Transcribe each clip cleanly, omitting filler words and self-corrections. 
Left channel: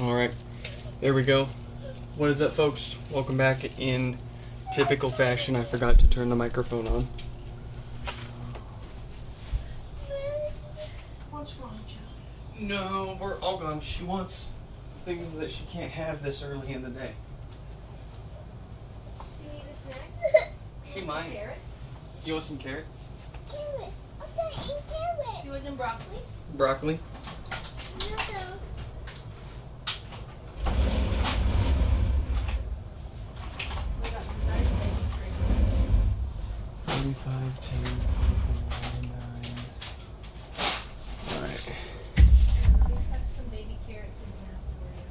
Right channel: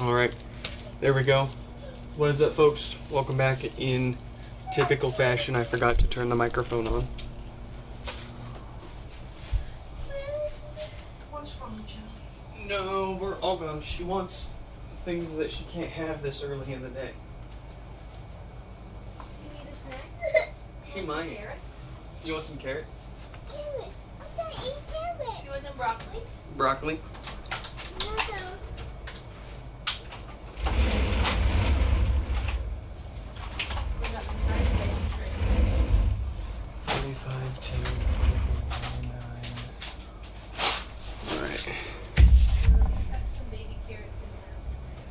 Alright, there we go. What is up, folks? Welcome back. In typical fashion, I forgot to turn the microphone on. What's wrong with you? No, we're all gone. She wants things that she can't have this early in the day. You need a snack? She might. Carrot? You want some carrots? Carrot. I'm gonna eat carrot. You want some broccoli? Broccoli? No. 45, 10, 44, 99. Alright. Let me pass some baby carrots in the microwave.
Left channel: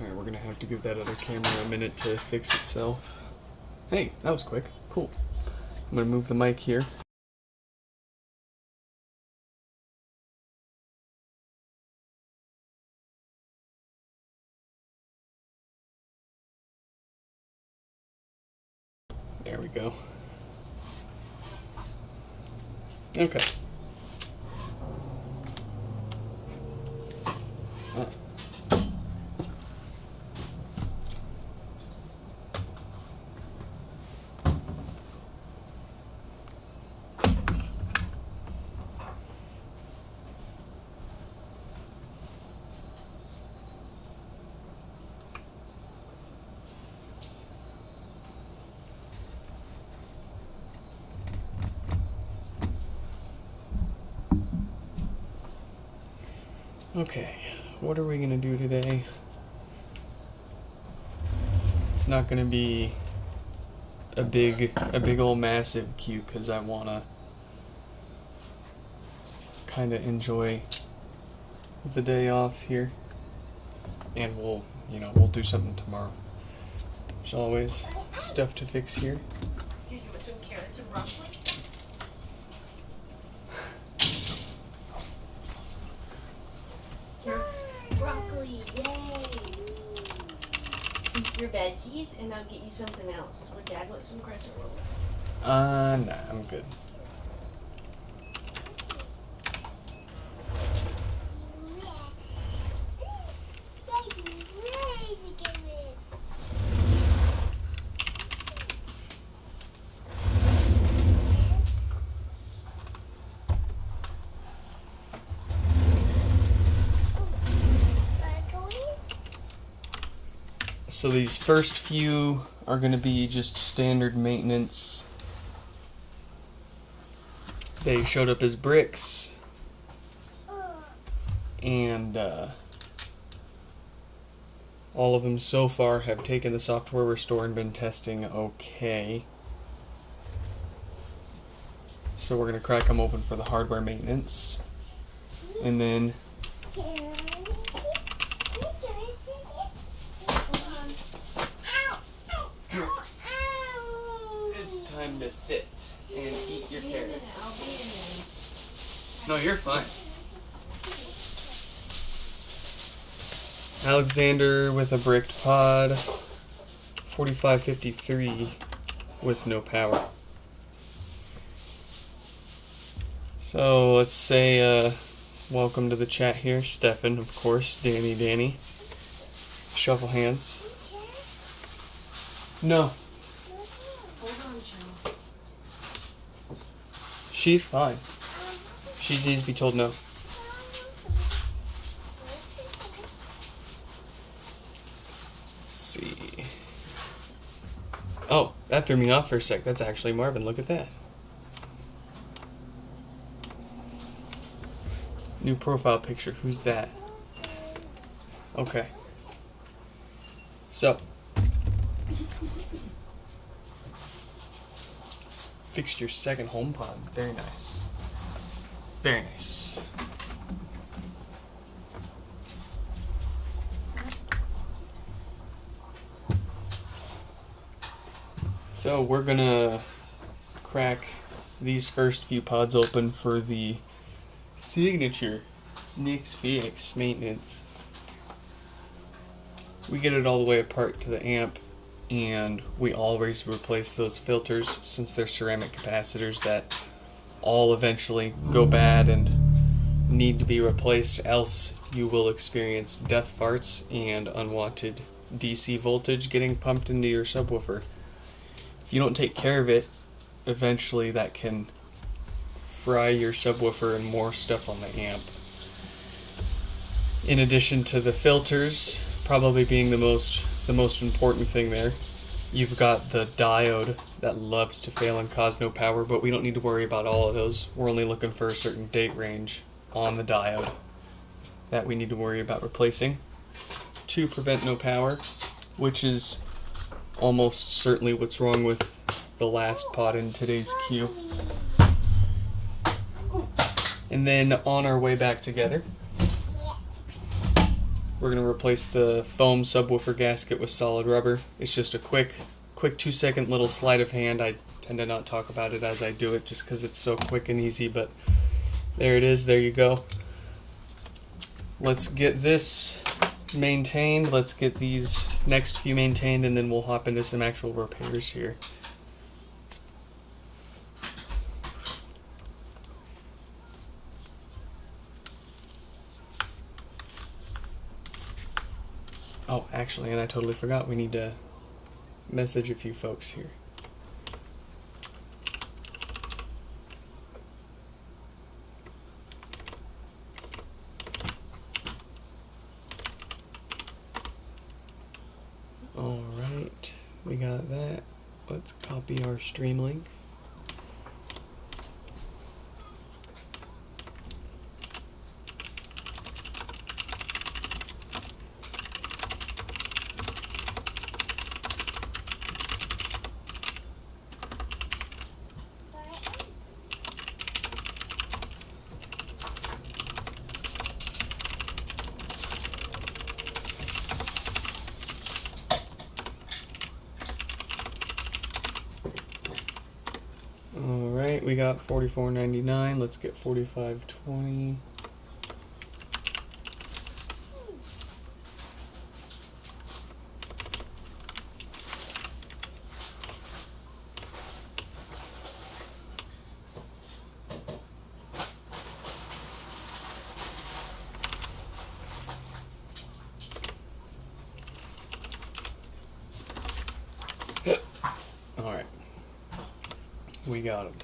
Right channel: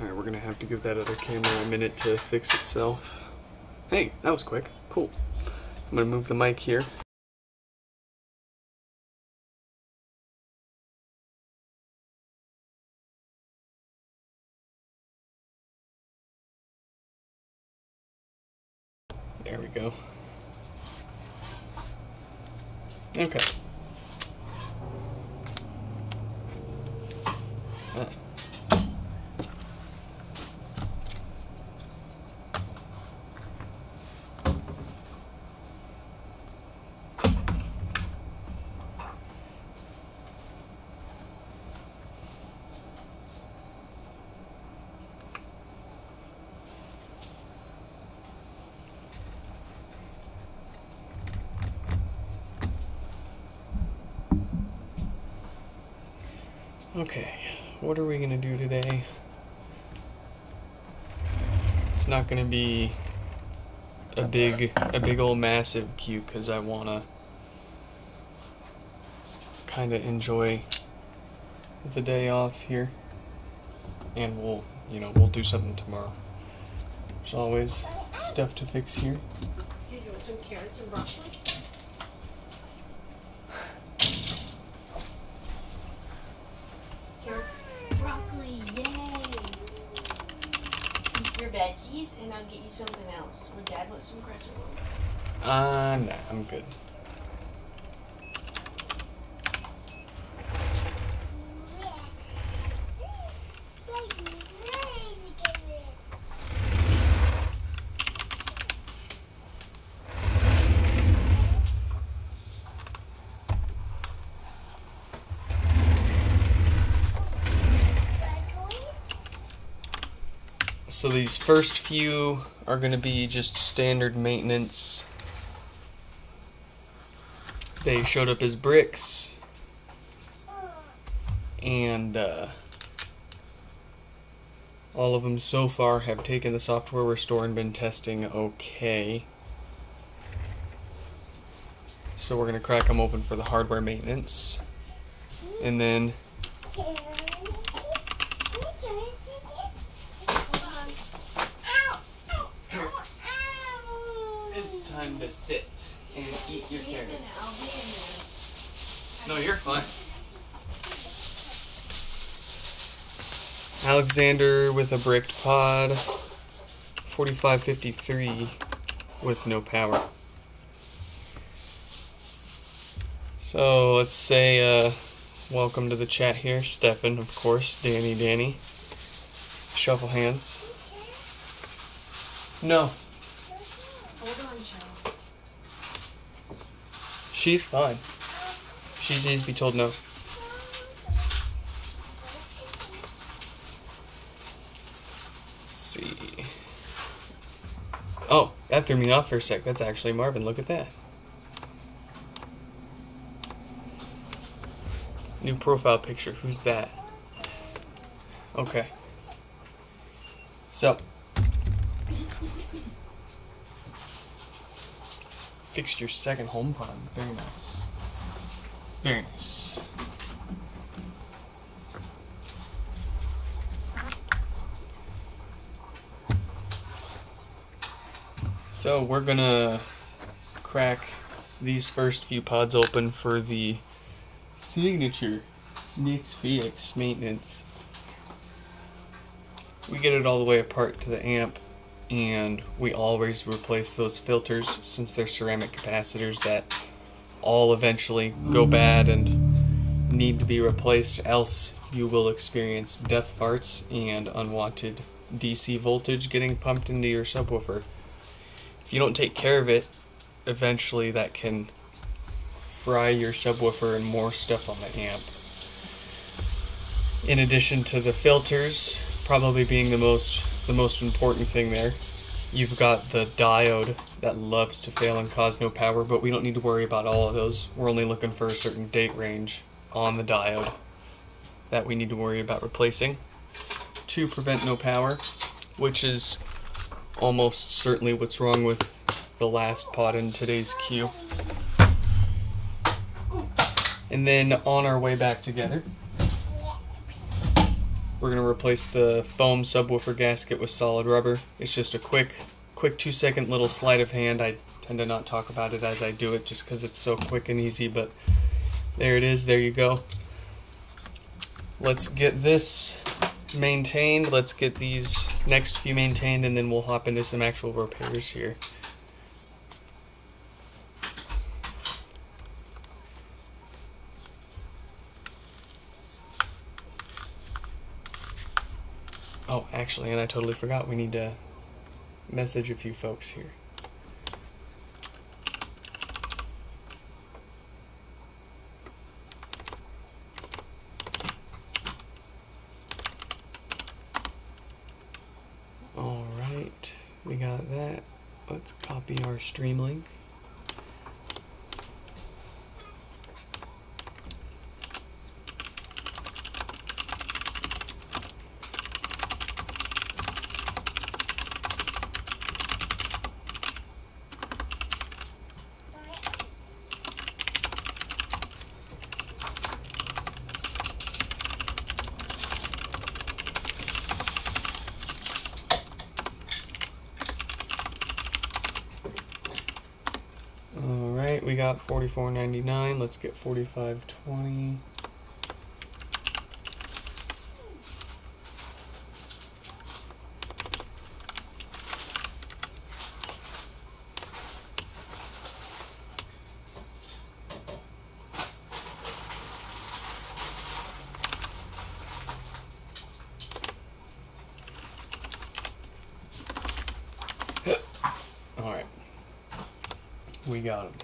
Alright, we're gonna have to give that other camera a minute to fix itself. Hey, that was quick. Cool. I'm gonna move the mic here. There we go. Okay. Ah. Okay, what are we gonna do today? It's not gonna be a big old massive cue because I wanna kind of enjoy the day off here, and we'll do something tomorrow. There's always stuff to fix here. Here, you want some carrots and broccoli? Carrots, broccoli, yay! Eat your veggies, and I'll get you something else. Would Dad want some crescent roll? Nah, I'm good. So these first few are going to be just standard maintenance. They showed up as bricks, and all of them so far have taken the software restore and been testing okay. So we're going to crack them open for the hardware maintenance, and then it's time to sit and eat your carrots. No, you're fine. Alexander with a bricked pod. 4553 with no power. So let's say welcome to the chat here. Stefan, of course. Danny. Shuffle hands. No. Hold on, child. She's fine. She needs to be told no. Let's see. Oh, that threw me off for a sec. That's actually Marvin. Look at that. New profile picture. Who's that? Okay. So. Fixed your second HomePod. Very nice. Very nice. So we're gonna crack these first few pods open for the signature Nix Fix maintenance. We get it all the way apart to the amp, and we always replace those filters since they're ceramic capacitors that all eventually go bad and need to be replaced, else you will experience death farts and unwanted DC voltage getting pumped into your subwoofer. If you don't take care of it, eventually that can fry your subwoofer and more stuff on the amp. In addition to the filters probably being the most important thing there, you've got the diode that loves to fail and cause no power, but we don't need to worry about all of those. We're only looking for a certain date range on the diode that we need to worry about replacing to prevent no power, which is almost certainly what's wrong with the last pod in today's queue. And then on our way back together, we're going to replace the foam subwoofer gasket with solid rubber. It's just a quick 2-second little sleight of hand. I tend to not talk about it as I do it just because it's so quick and easy, but there it is. There you go. Let's get this maintained. Let's get these next few maintained, and then we'll hop into some actual repairs here. Oh, actually, and I totally forgot, we need to message a few folks here. Alright, we got that. Let's copy our stream link. Alright, we got $44.99. Let's get $45.20. Alright. We got him.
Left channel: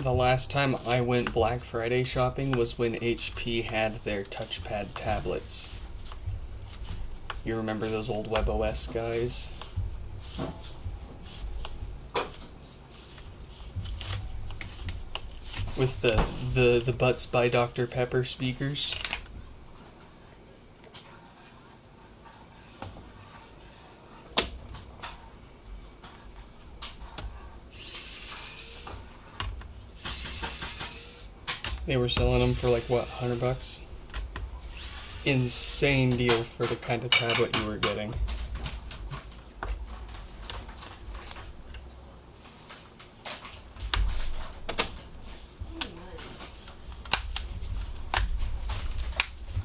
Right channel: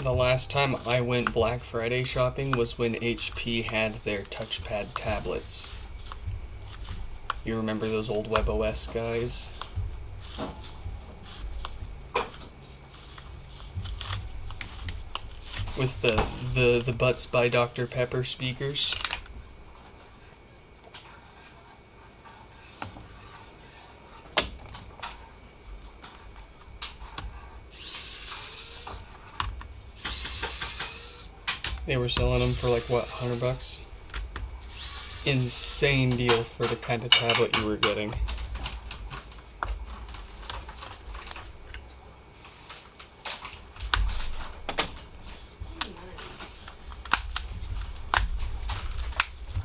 The last time I went Black Friday shopping was when HP had their touchpad tablets. You remember those old WebOS guys? With the Butts by Dr. Pepper speakers? They were selling them for like, what, $100? Insane deal for the kind of tablet you were getting.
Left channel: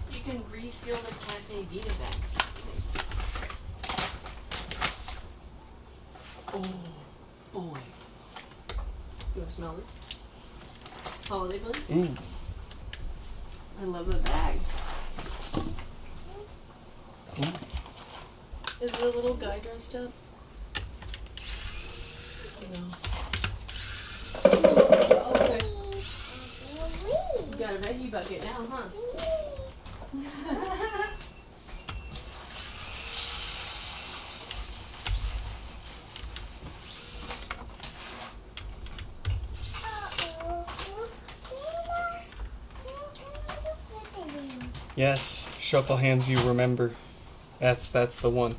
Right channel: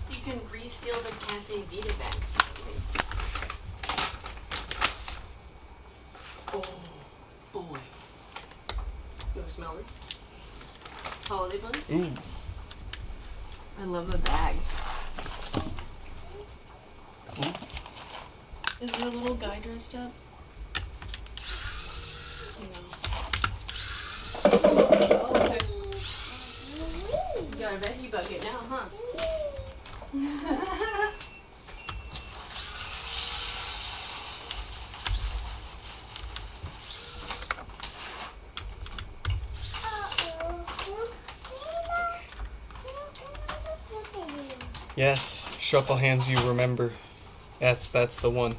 You can reseal the Cafe Vita bags. Oh, boy. You want to smell it? Holiday bunny? Ooh. I love the bag. Is the little guy dressed up? No. Oh, okay. You got a veggie bucket now, huh? Yes, shuffle hands you remember. That's the one.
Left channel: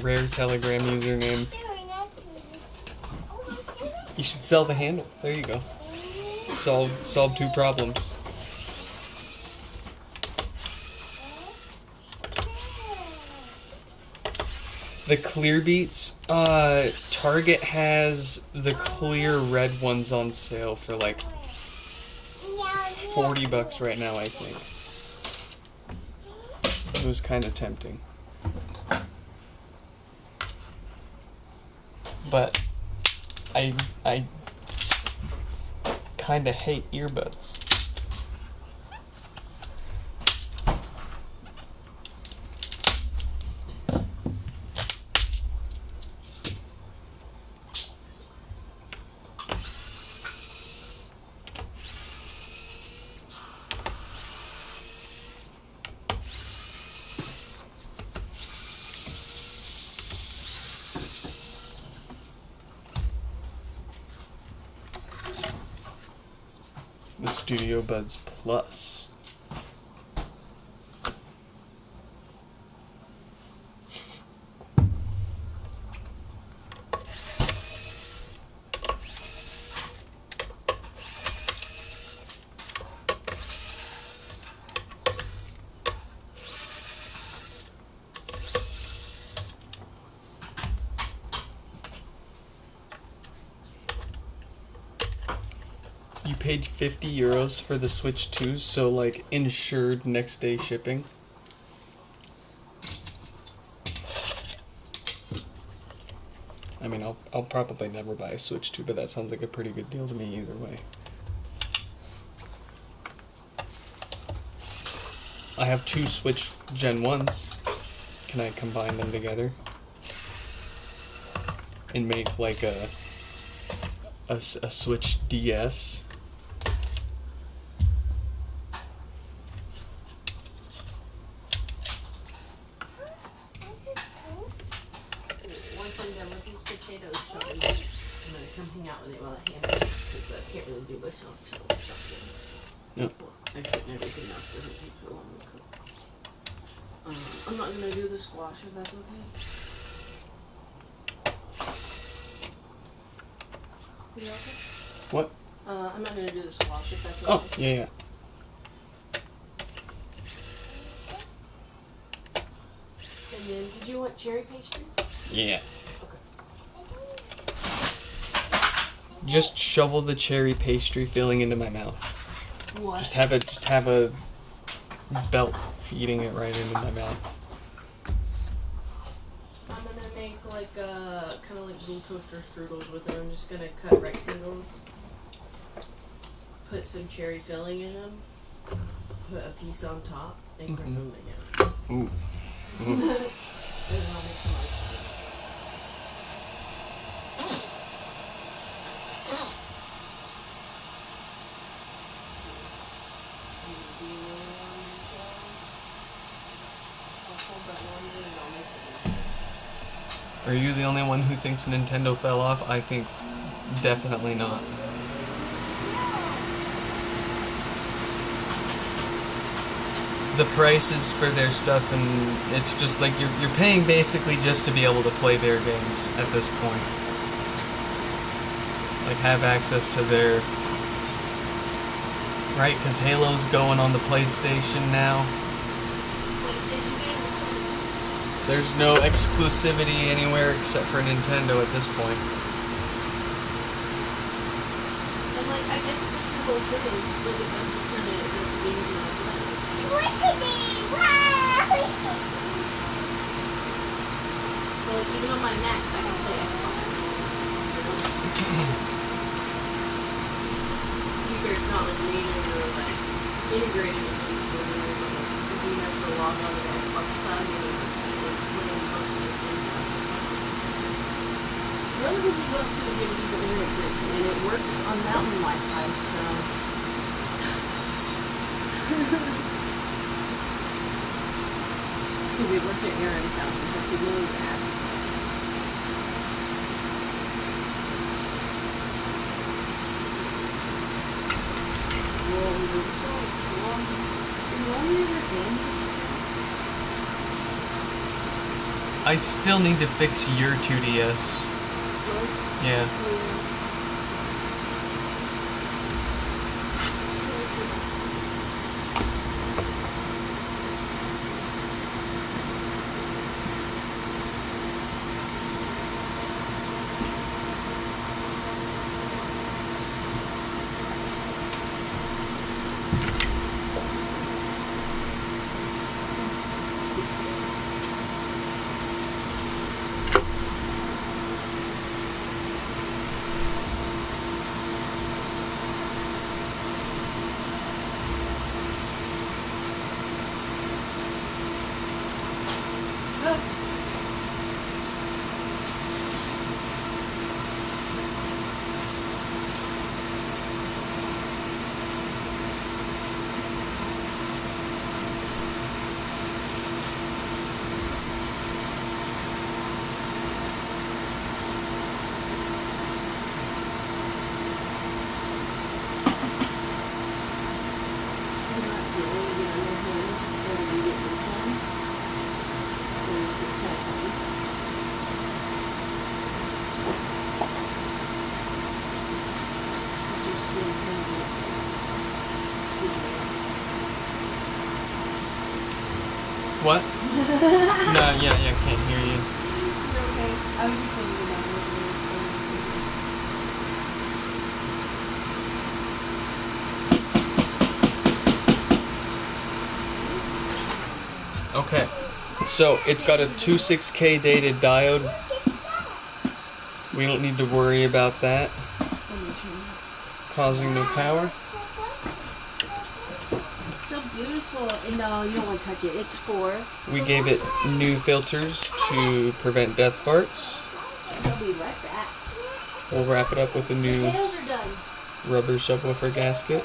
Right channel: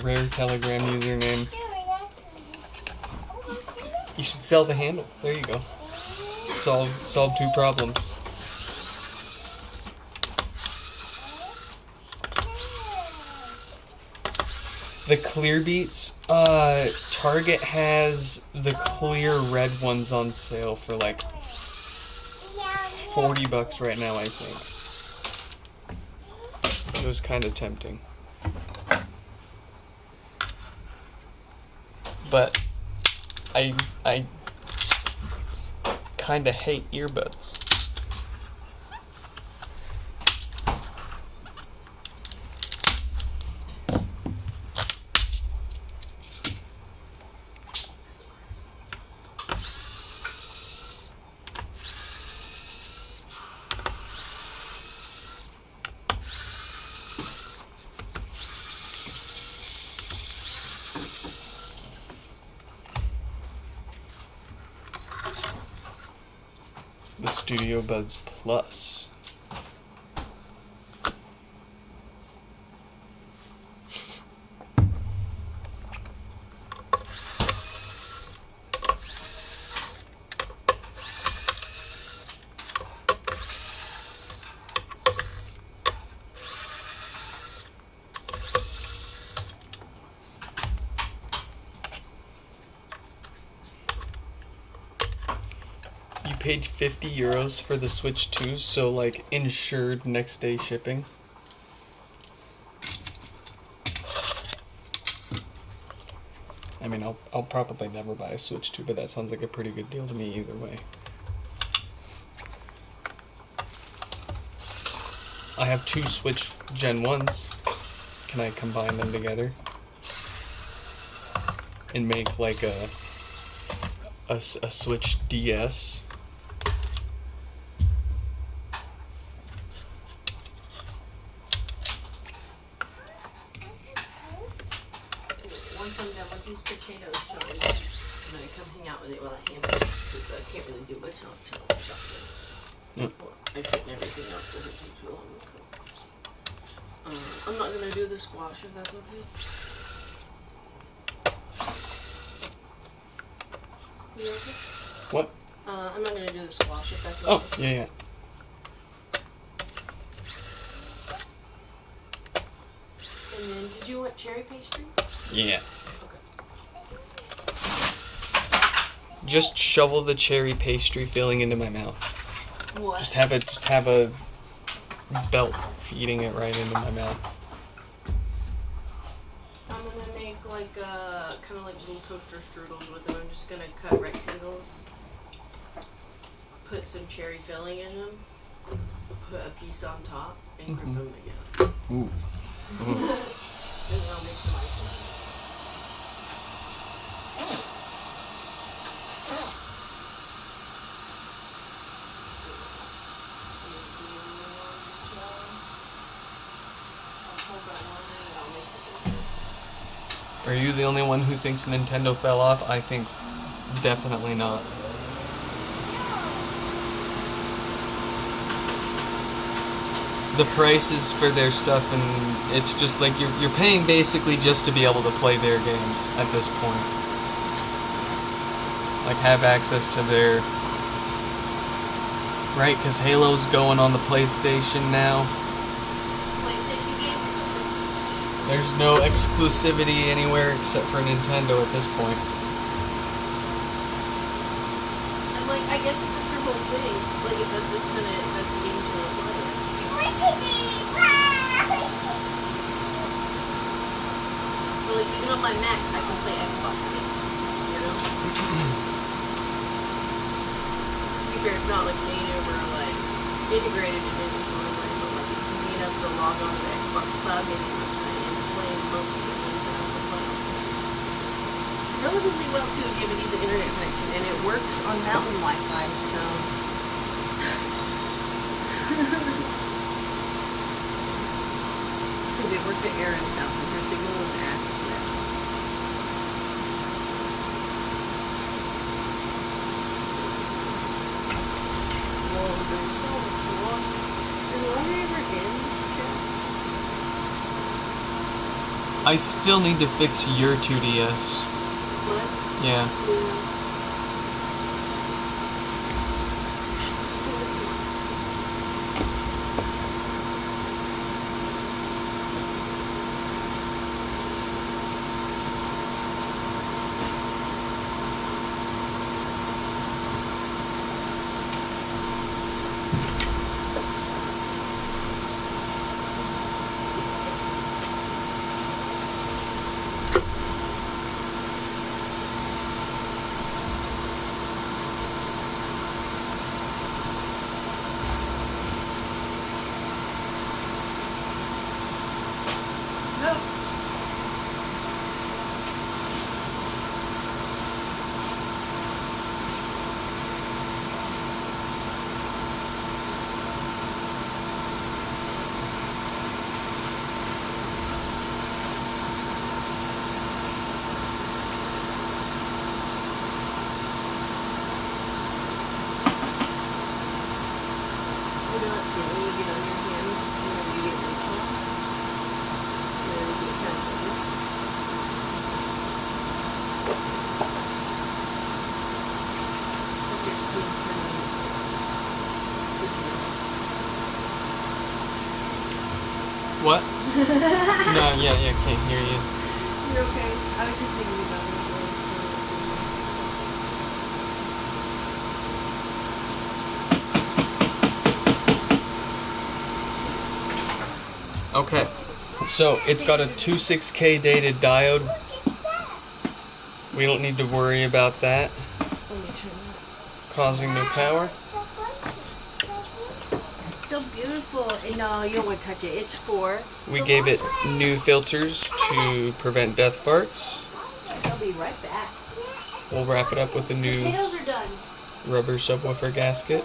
Rare Telegram username. You should sell the handle. There you go. Solve 2 problems. The clear beats, Target has the clear red ones on sale for like $40 right now, I think. It was kind of tempting. But I kind of hate earbuds. The Studio Buds Plus. You paid €50 for the Switch 2, so like insured next day shipping. I mean, I'll probably never buy a Switch 2, but that sounds like a pretty good deal to me either way. I have 2 Switch Gen 1s. Can I combine them together and make like a Switch DS? Yep. I'm not gonna do the squash if that's okay. You okay? What? I'm not gonna do the squash if that's Oh, okay. yeah. And then, did you want cherry pastry? Yeah. Okay. Just shovel the cherry pastry filling into my mouth. What? Just have a belt feeding it right into my mouth. I'm gonna make like kind of like blue toaster strudels with them. I'm just gonna cut rectangles, put some cherry filling in them, put a piece on top, and grip them again. Ooh. And I'll mix them like that. Are you the only one who thinks Nintendo fell off? I think definitely not. The prices for their stuff, and it's just like you're paying basically just to be able to play their games at this point. Like have access to their... Right, because Halo's going on the PlayStation now. There's no exclusivity anywhere except for Nintendo at this point. And like, I guess it's your whole thing. Like, it doesn't kind of, that's game to it. Well, even on my Mac, I can play Xbox games. You know? To be fair, it's not like native or like integrated into it. So it's easy enough to log on to the Xbox Cloud maybe website and play most of the games. The only thing you go to if you have a decent internet connection, and it works on mountain Wi-Fi, so. Because it worked at Aaron's house, and there's a really fast. I still need to fix your 2DS. Yeah. What? No, yeah, I can't hear you. You're okay. I was just thinking Okay, so it's got a 26K dated diode. We don't need to worry about that causing no power. so beautiful. No, you don't want to touch it. It's for. We gave it new filters to prevent death farts. I'll be right back. We'll wrap it up with a new Potatoes are done. rubber subwoofer gasket.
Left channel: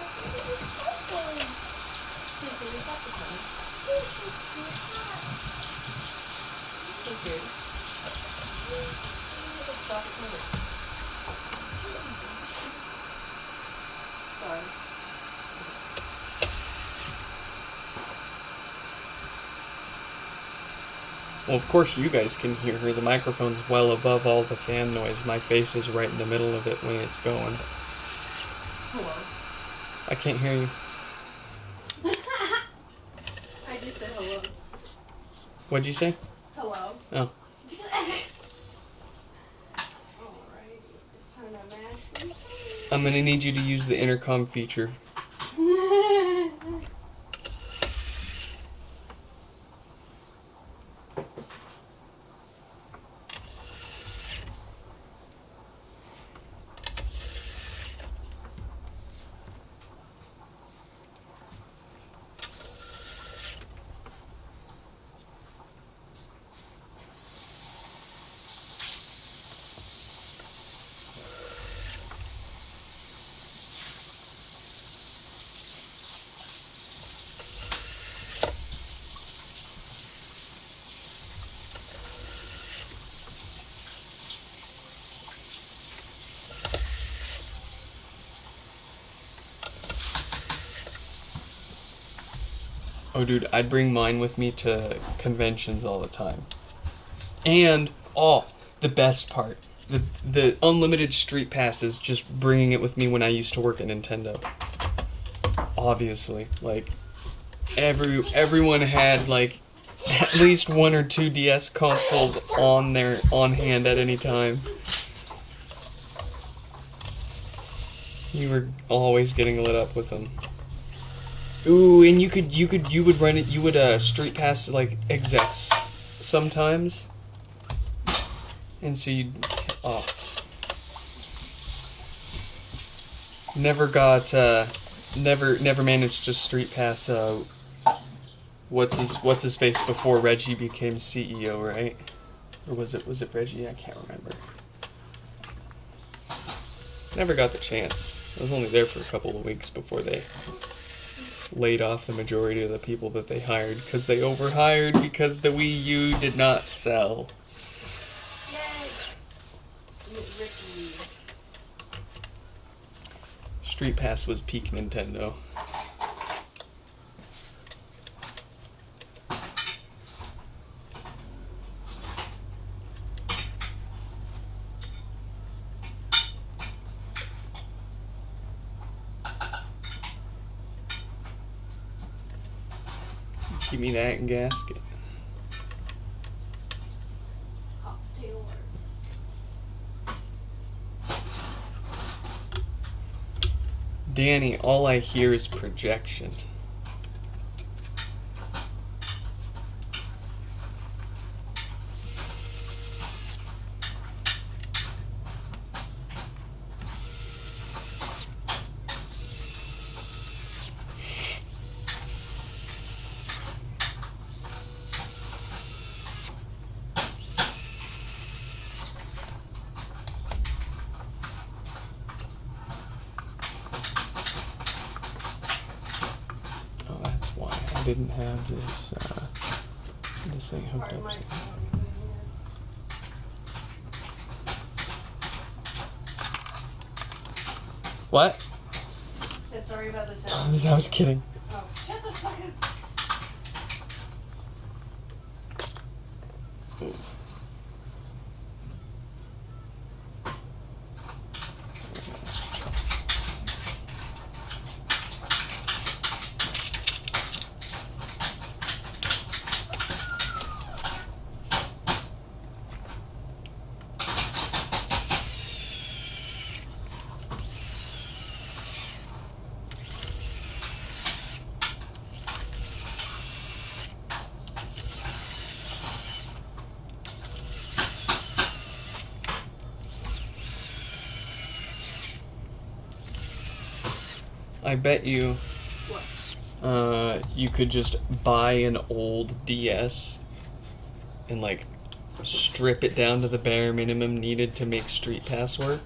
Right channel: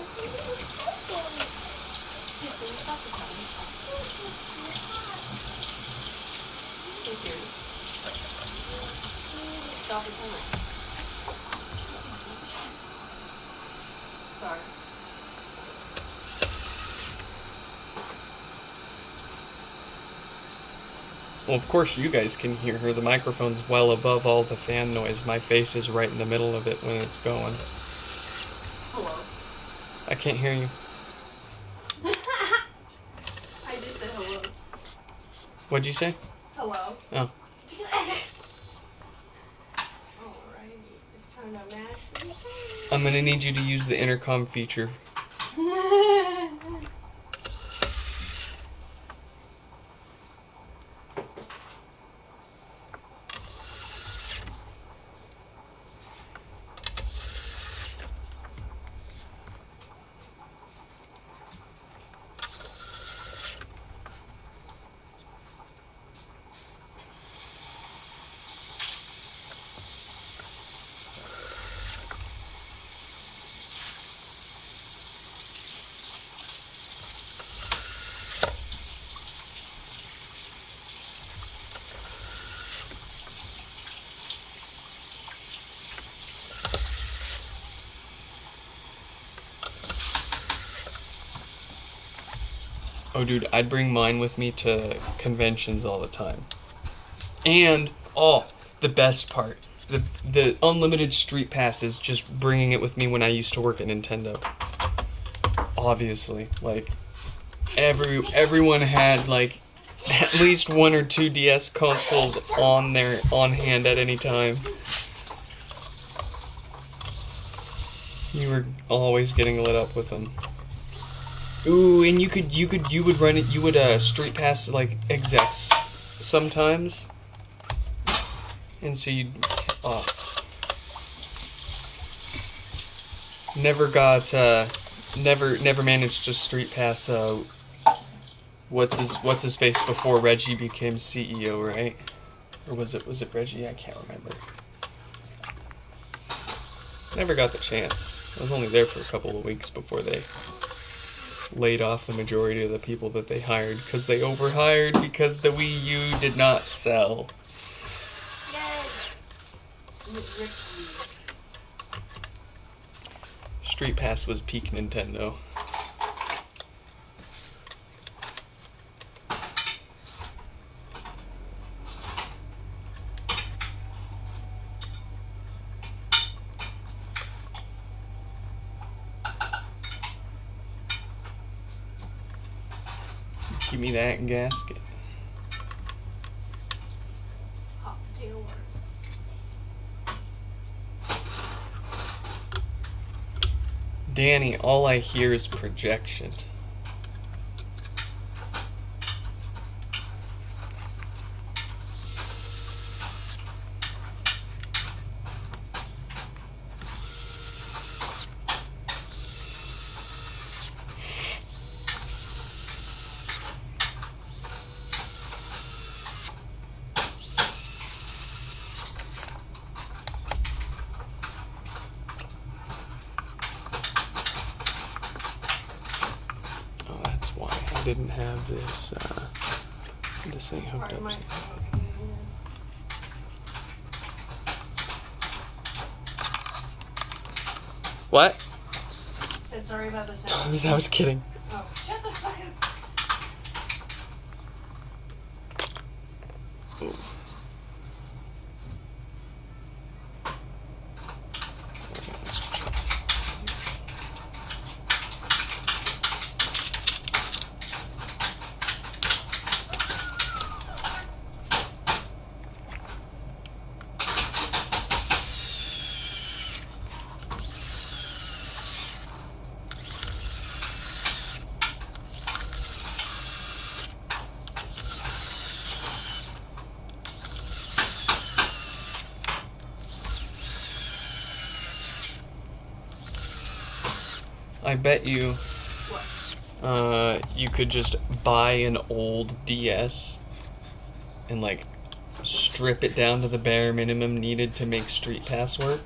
Well, of course you guys can hear her. The microphone's well above all the fan noise. My face is right in the middle of it when it's going. Hello. I can't hear you. I just said hello. What'd you say? Hello. Oh. Alrighty. It's time to mash these. I'm gonna need you to use the intercom feature. Oh, dude, I'd bring mine with me to conventions all the time. And, the best part, the unlimited street passes, just bringing it with me when I used to work at Nintendo. Obviously, like, everyone had, like, at least 1 or 2 DS consoles on hand at any time. You were always getting lit up with them. Ooh, and you would run it. You would street pass like execs sometimes, and so you'd never managed to street pass what's his face before Reggie became CEO, right? Or was it Reggie? I can't remember. Never got the chance. I was only there for a couple of weeks before they laid off the majority of the people that they hired because they overhired because the Wii U did not sell. Street Pass was peak Nintendo. Give me that gasket. Danny, all I hear is projection. I didn't have this, this ain't hooked up to. What? Said sorry about the sound. I was kidding. Oh, shut the fuck up. Ooh. I bet you you could just buy an old DS and like strip it down to the bare minimum needed to make Street Pass work.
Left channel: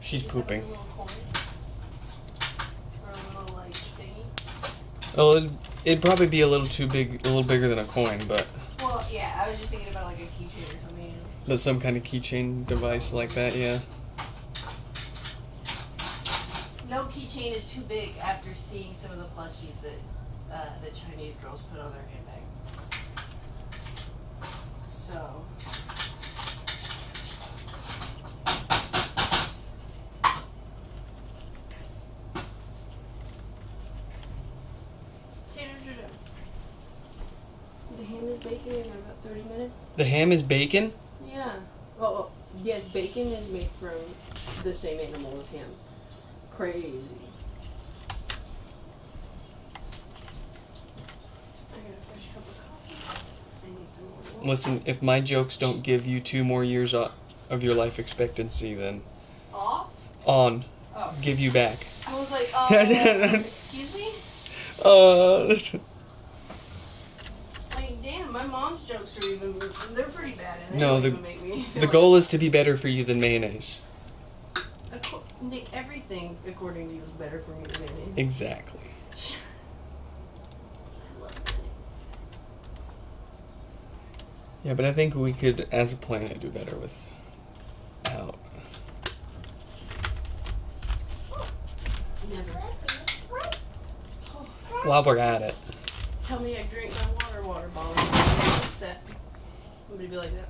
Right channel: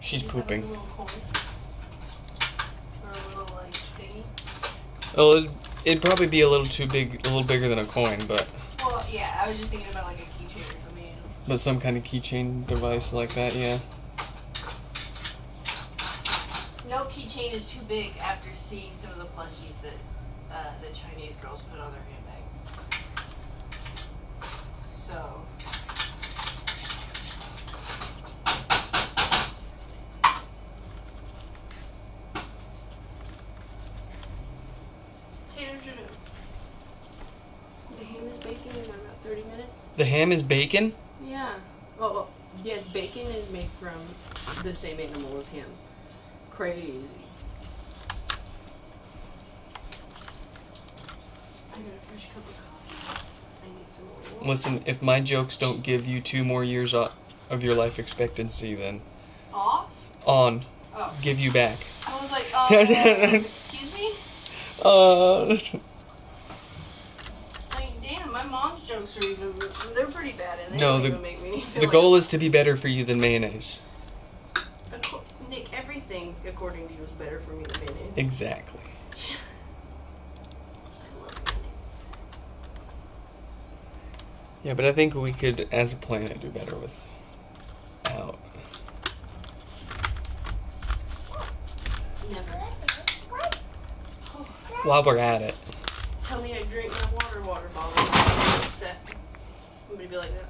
She's pooping. Oh, it'd probably be a little too big, a little bigger than a coin, but. Well, yeah, I was just thinking about like a keychain or something. But some kind of keychain device like that, yeah. No keychain is too big after seeing some of the plushies that the Chinese girls put on their handbags. So. The ham is baking in about 30 minutes. The ham is bacon? Yeah. Well, yes, bacon is made from the same animal as ham. Crazy. I got a fresh cup of coffee. I need some more. Listen, if my jokes don't give you 2 more years of your life expectancy, then Off? on. Oh. Give you back. I was like, excuse me? Like, damn, my mom's jokes are even, they're pretty bad and they No, don't even make me feel the like- goal is to be better for you than mayonnaise. Nick, everything according to you is better for me than mayonnaise. Exactly. I love mayonnaise. Yeah, but I think we could, as a planet, do better without. Never. While we're at it. Tell me I drink my water bottle. I'm upset. I'm gonna be like that.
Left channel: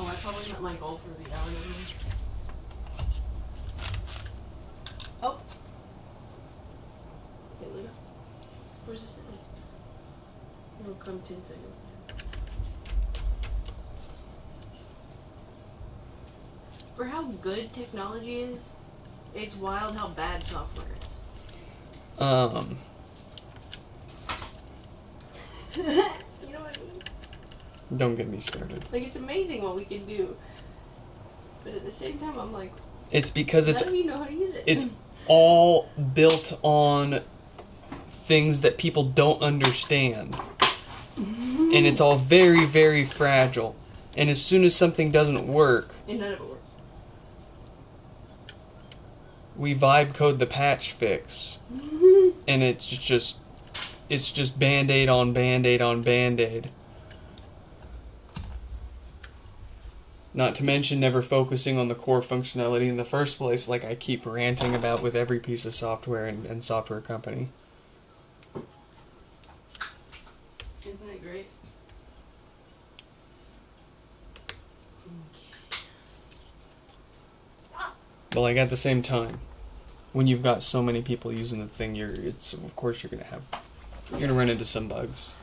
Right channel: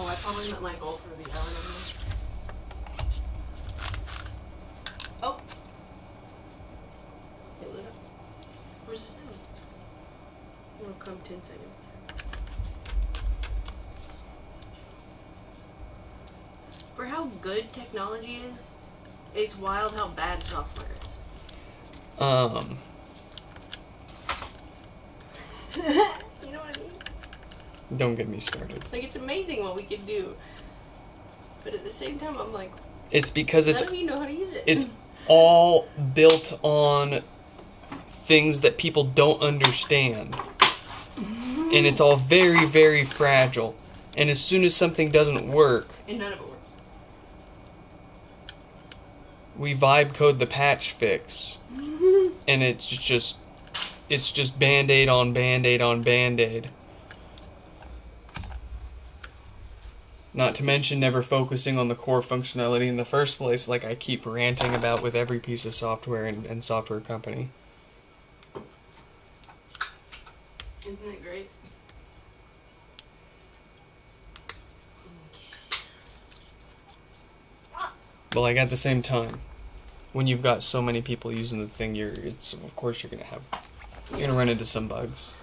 Oh, I probably meant my goal for the album. Oh, 10 seconds. For how good technology is, it's wild how bad software is. You know what I mean? Don't get me started. Like, it's amazing what we can do. But at the same time, I'm like, It's because none of you know how to use it. it's all built on things that people don't understand. And it's all very, very fragile. And as soon as something doesn't work, And none of it works. we vibe code the patch fix. And it's just Band-Aid on Band-Aid on Band-Aid. Not to mention never focusing on the core functionality in the first place, like I keep ranting about with every piece of software and software company. Isn't that great? But like at the same time, when you've got so many people using the thing, of course you're gonna run into some bugs.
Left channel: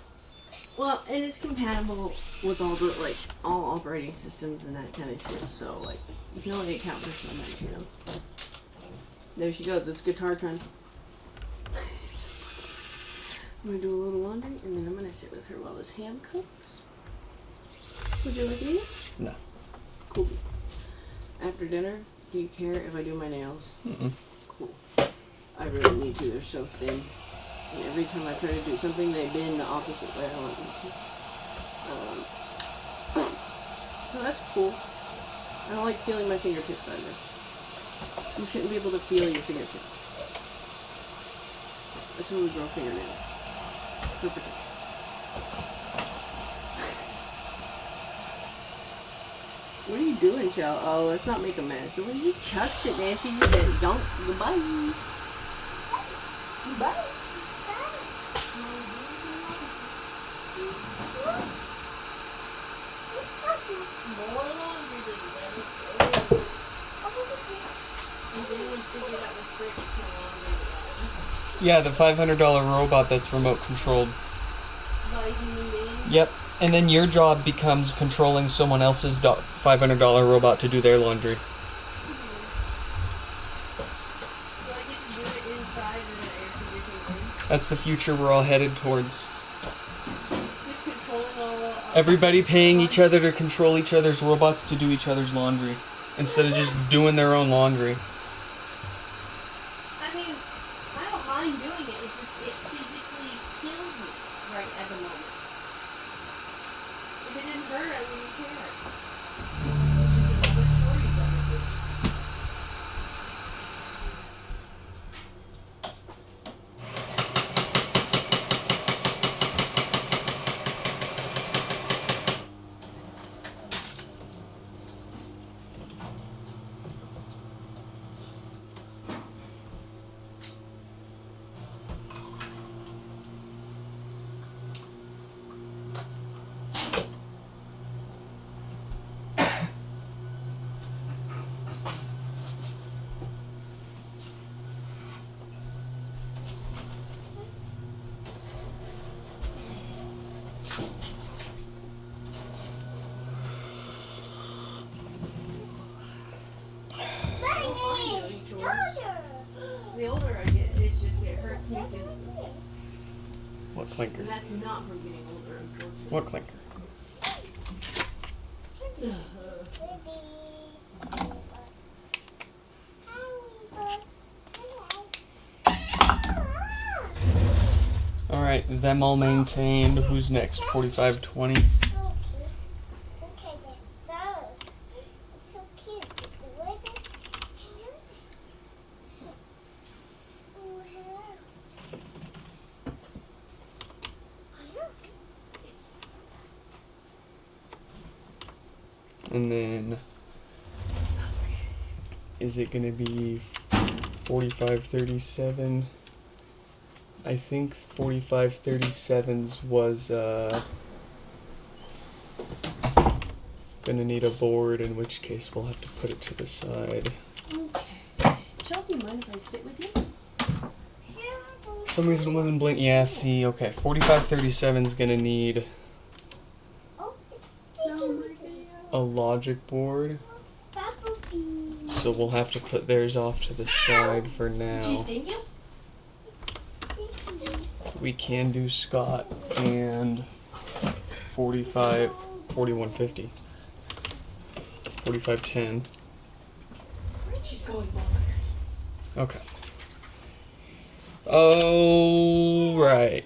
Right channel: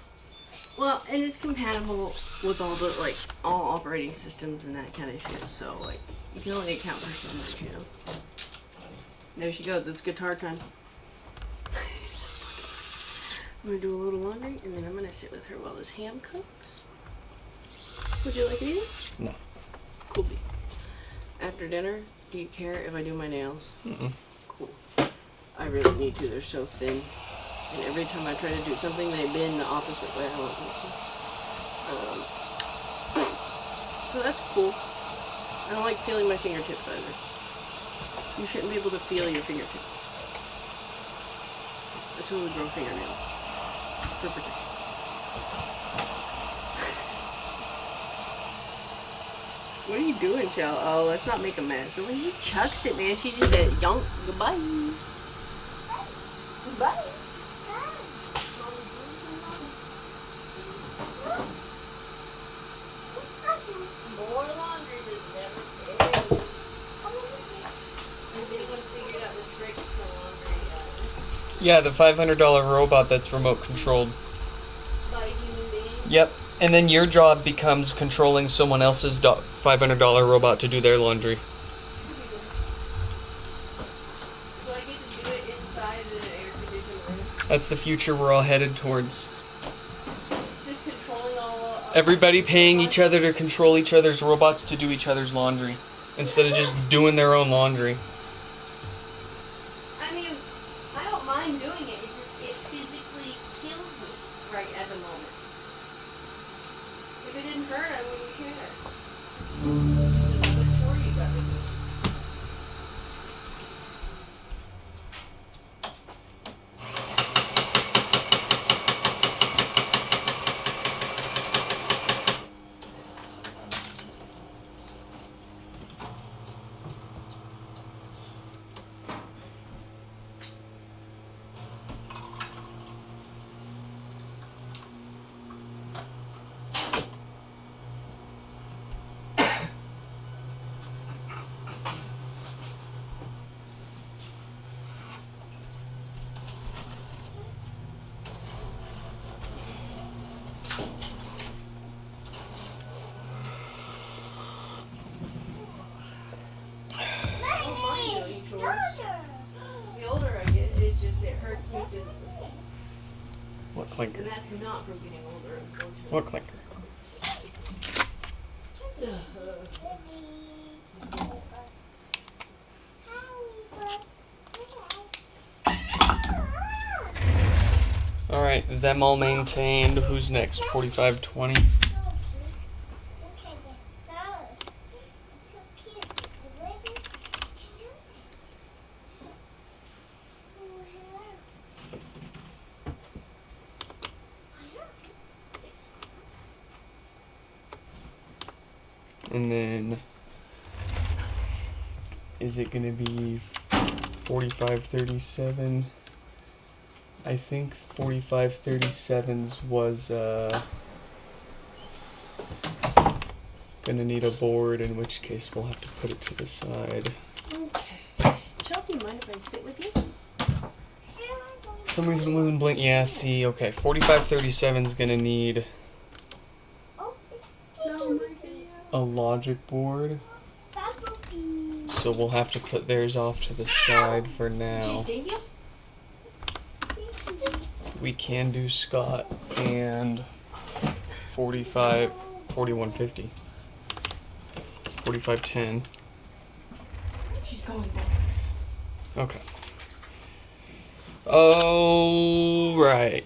Well, and it's compatible with all the, like, all operating systems and that kind of shit, so, like, you can only account for so much, you know? There she goes, it's guitar time. I'm gonna do a little laundry, and then I'm gonna sit with her while this ham cooks. Would you like to eat? No. Cool. After dinner, do you care if I do my nails? Mm-mm. Cool. I really need to, they're so thin. And every time I try to do something, they bend the opposite way. So that's cool. I don't like feeling my fingertips either. You shouldn't be able to feel your fingertips. That's when we grow fingernails. For protection. What are you doing, Chow? Oh, let's not make a mess. When you chucks it, man, she just said, "Yonk, goodbye." Goodbye. More laundry than never. Has anyone figured out the trick to laundry device? Yeah, the $500 robot that's remote controlled. By human beings? Yep. And then your job becomes controlling someone else's $500 robot to do their laundry. So I get to do it inside with the air conditioning room. That's the future we're all headed towards. Just controlling all. Everybody paying each other to control each other's robots to do each other's laundry, instead of just doing their own laundry. I mean, I don't mind doing it. It's just it physically kills me right at the moment. If it didn't hurt, I wouldn't care. The majority of it is. The older I get, it's just it hurts me physically. What clinker? And that's not from getting older, unfortunately. What clinker? Alright, them all maintained. Who's next? 4520. And then, is it going to be 4537? I think 4537's was going to need a board, in which case we'll have to put it to the side. Okay. Chuck, do you mind if I sit with you? some reason it wasn't blink. Yeah, see, okay. 4537 is gonna need Oh, it's No, sticking my with me. a logic board. Bumblebee. So we'll have to put theirs off to the side for Did you now. sting him? We can do Scott and 4150. 4510. She's going back. Okay. Oh, right.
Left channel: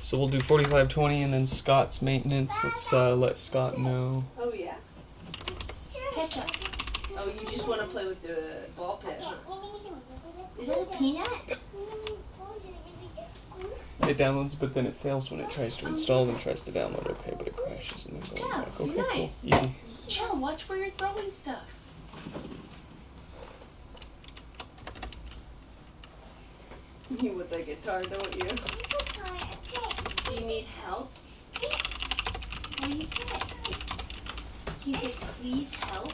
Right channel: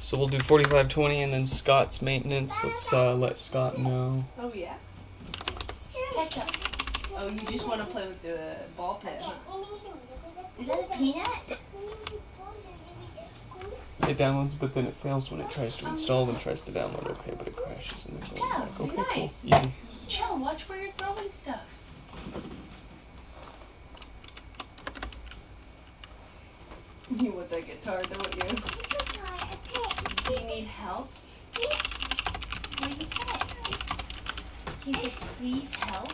So we'll do 4520 and then Scott's maintenance. Let's let Scott know. Oh, yeah? Ketchup. Oh, you just want to play with the ball pit, huh? Is that a peanut? It downloads, but then it fails when it tries to install and tries to download. Okay, but it crashes and then goes Yeah, back. Okay, cool. nice. Easy. Chill, watch where you're throwing stuff. You want that guitar, don't you? Do you need help? What do you say? Can you say, please help?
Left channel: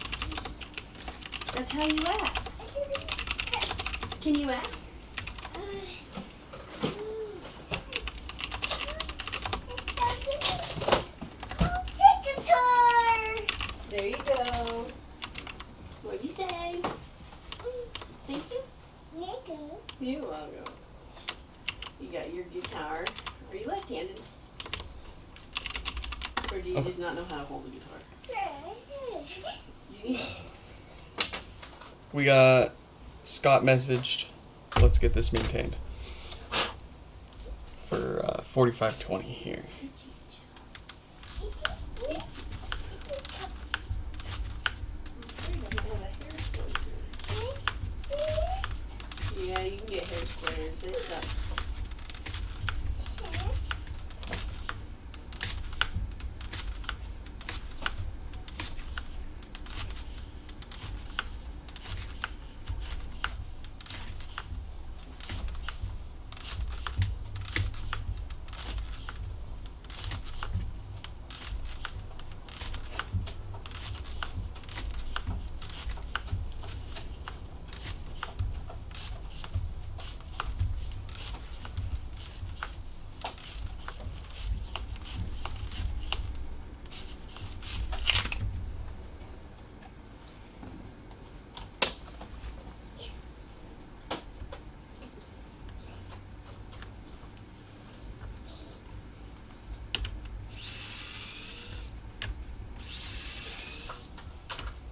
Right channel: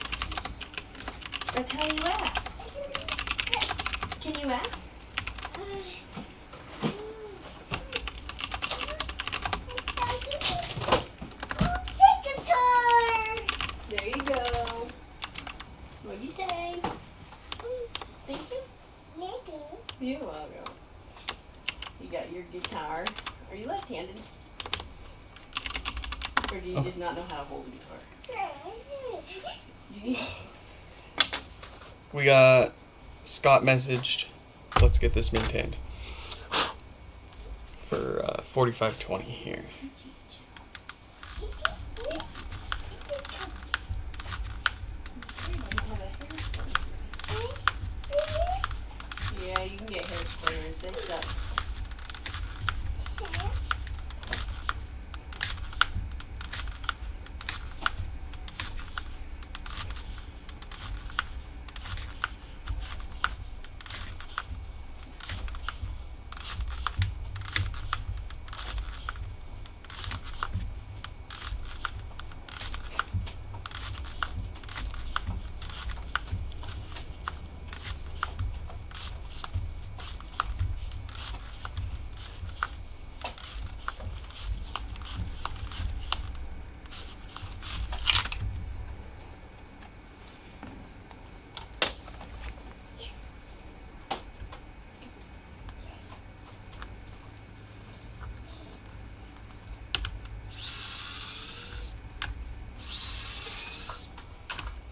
That's how you ask. Can you ask? There you go. What do you say? Thank you. You're welcome. You got your guitar. Are you left-handed? Or do you Okay. just not know how to hold a guitar? Do you need... We got Scott messaged. Let's get this maintained. For 4520 here. Yeah, you can get hair splitters. They suck.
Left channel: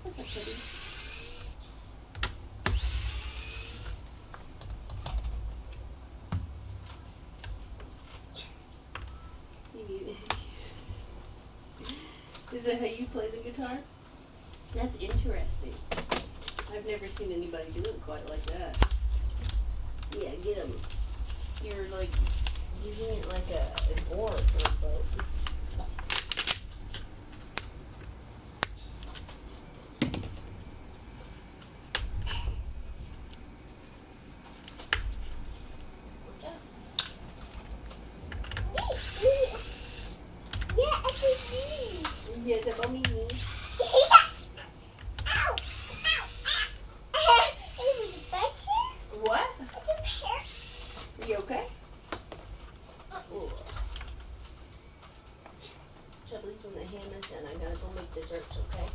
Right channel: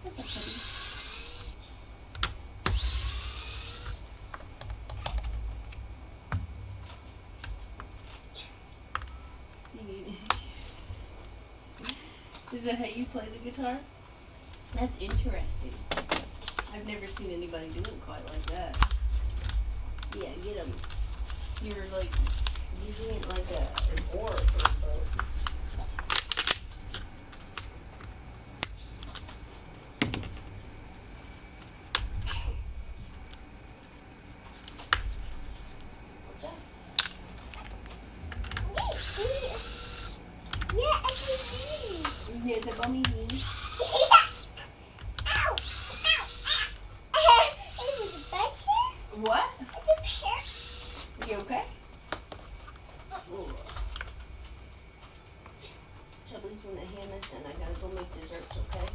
That's a pretty. Is that how you play the guitar? That's interesting. I've never seen anybody do it quite like that. Yeah, get him. You're like using it like an oar for a boat. Yeah, the mommy knee. What? You okay? Chubbly's when the ham is done, I gotta go make desserts, okay?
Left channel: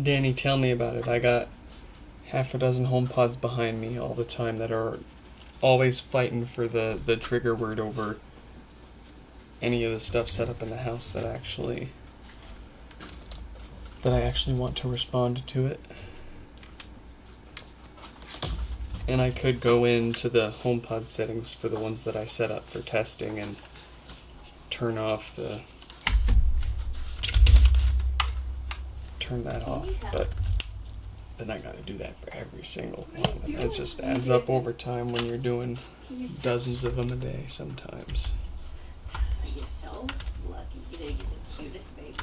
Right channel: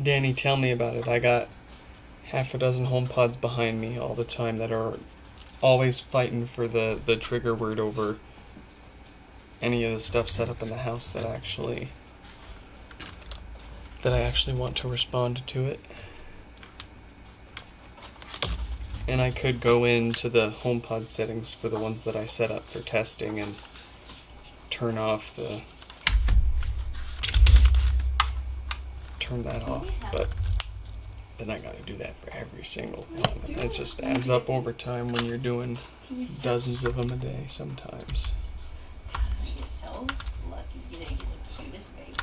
Danny, tell me about it. I got half a dozen HomePods behind me all the time that are always fighting for the trigger word over any of the stuff set up in the house that I actually want to respond to it. And I could go into the HomePod settings for the ones that I set up for testing and turn that off, but then I gotta do that for every single one. And that just adds up over time when you're doing dozens of them a day sometimes. You're so lucky. You're the cutest baby.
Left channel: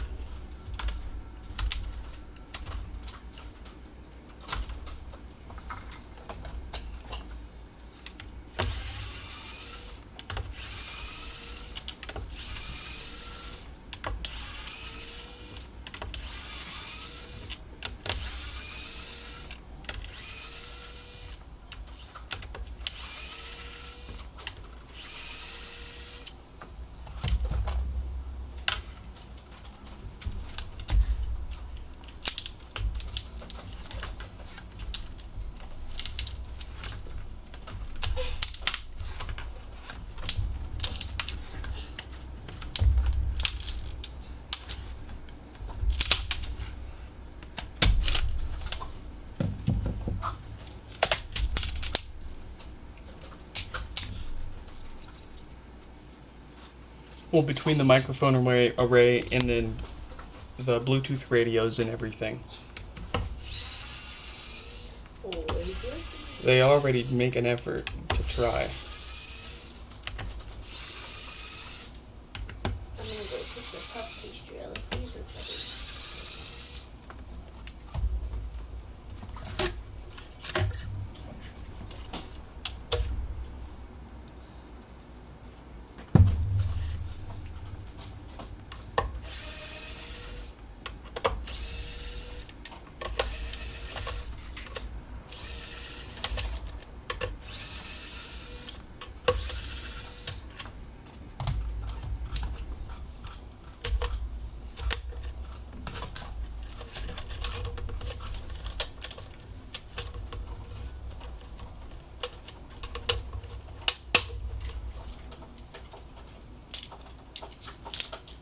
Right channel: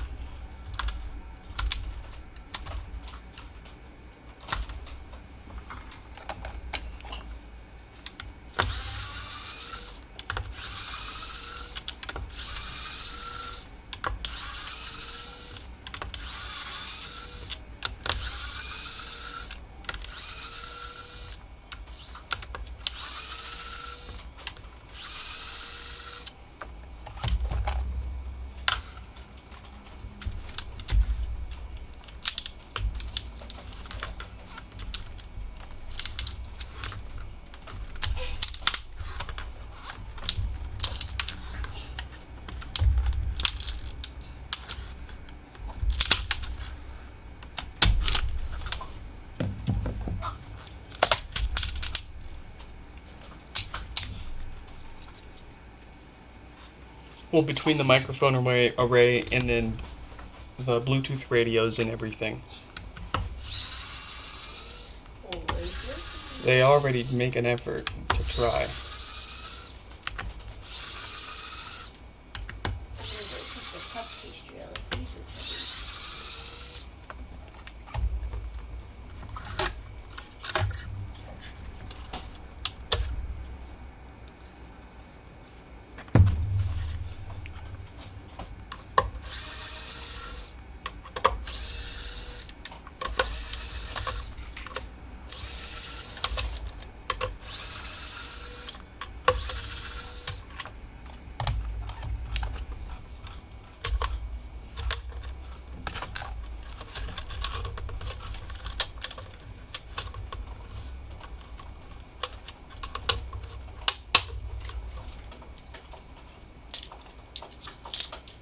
Well, between the microphone array and then the Bluetooth radios and everything, they already make an effort to try. I'm gonna go put the puff pastry out of the freezer for you.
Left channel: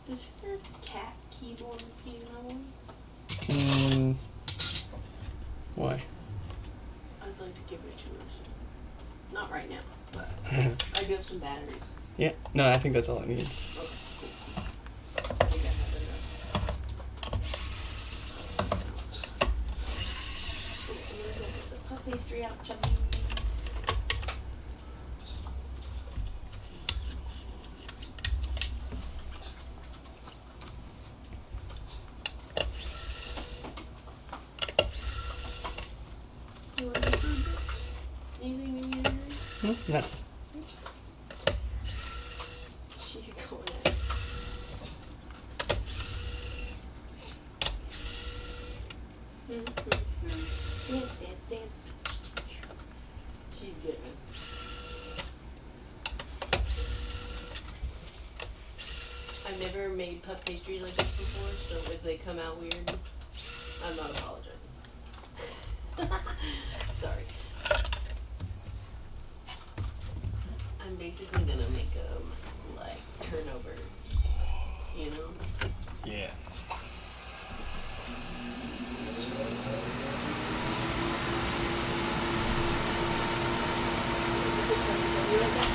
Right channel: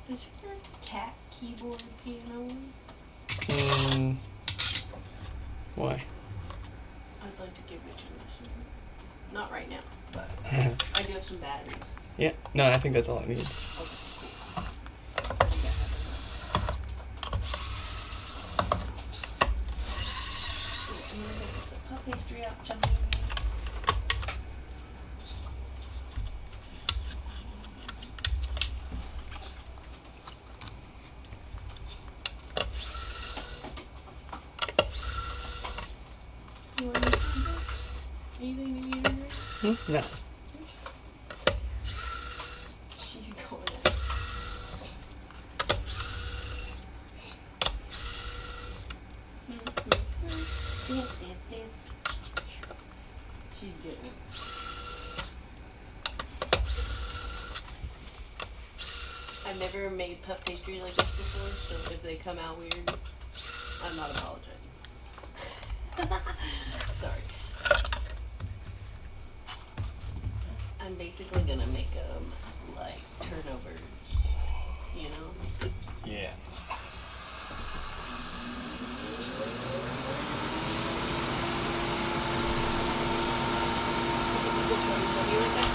Is your cat keyboard piano one? Why? I'd like to give it to her soon. Not right now, but I do have some batteries. Yeah, no, I think that's all it needs. I think I have enough. I'm gonna go get the puff pastry out, chubbies. You want any food? Anything maybe you're hungry? No. She's going at it. Dance, dance, dance. She's giving. I've never made puff pastries like this before, so if they come out weird, I'm not apologizing. Sorry. I'm basically gonna make them like turnovers, you know? Yeah. I'll be right back.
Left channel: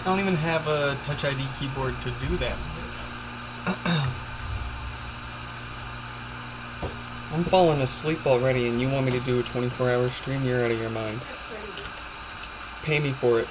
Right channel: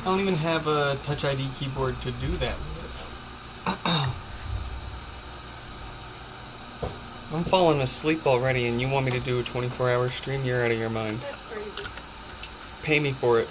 I don't even have a Touch ID keyboard to do that with. I'm falling asleep already, and you want me to do a 24-hour stream? You're out of your mind. That's crazy. Pay me for it.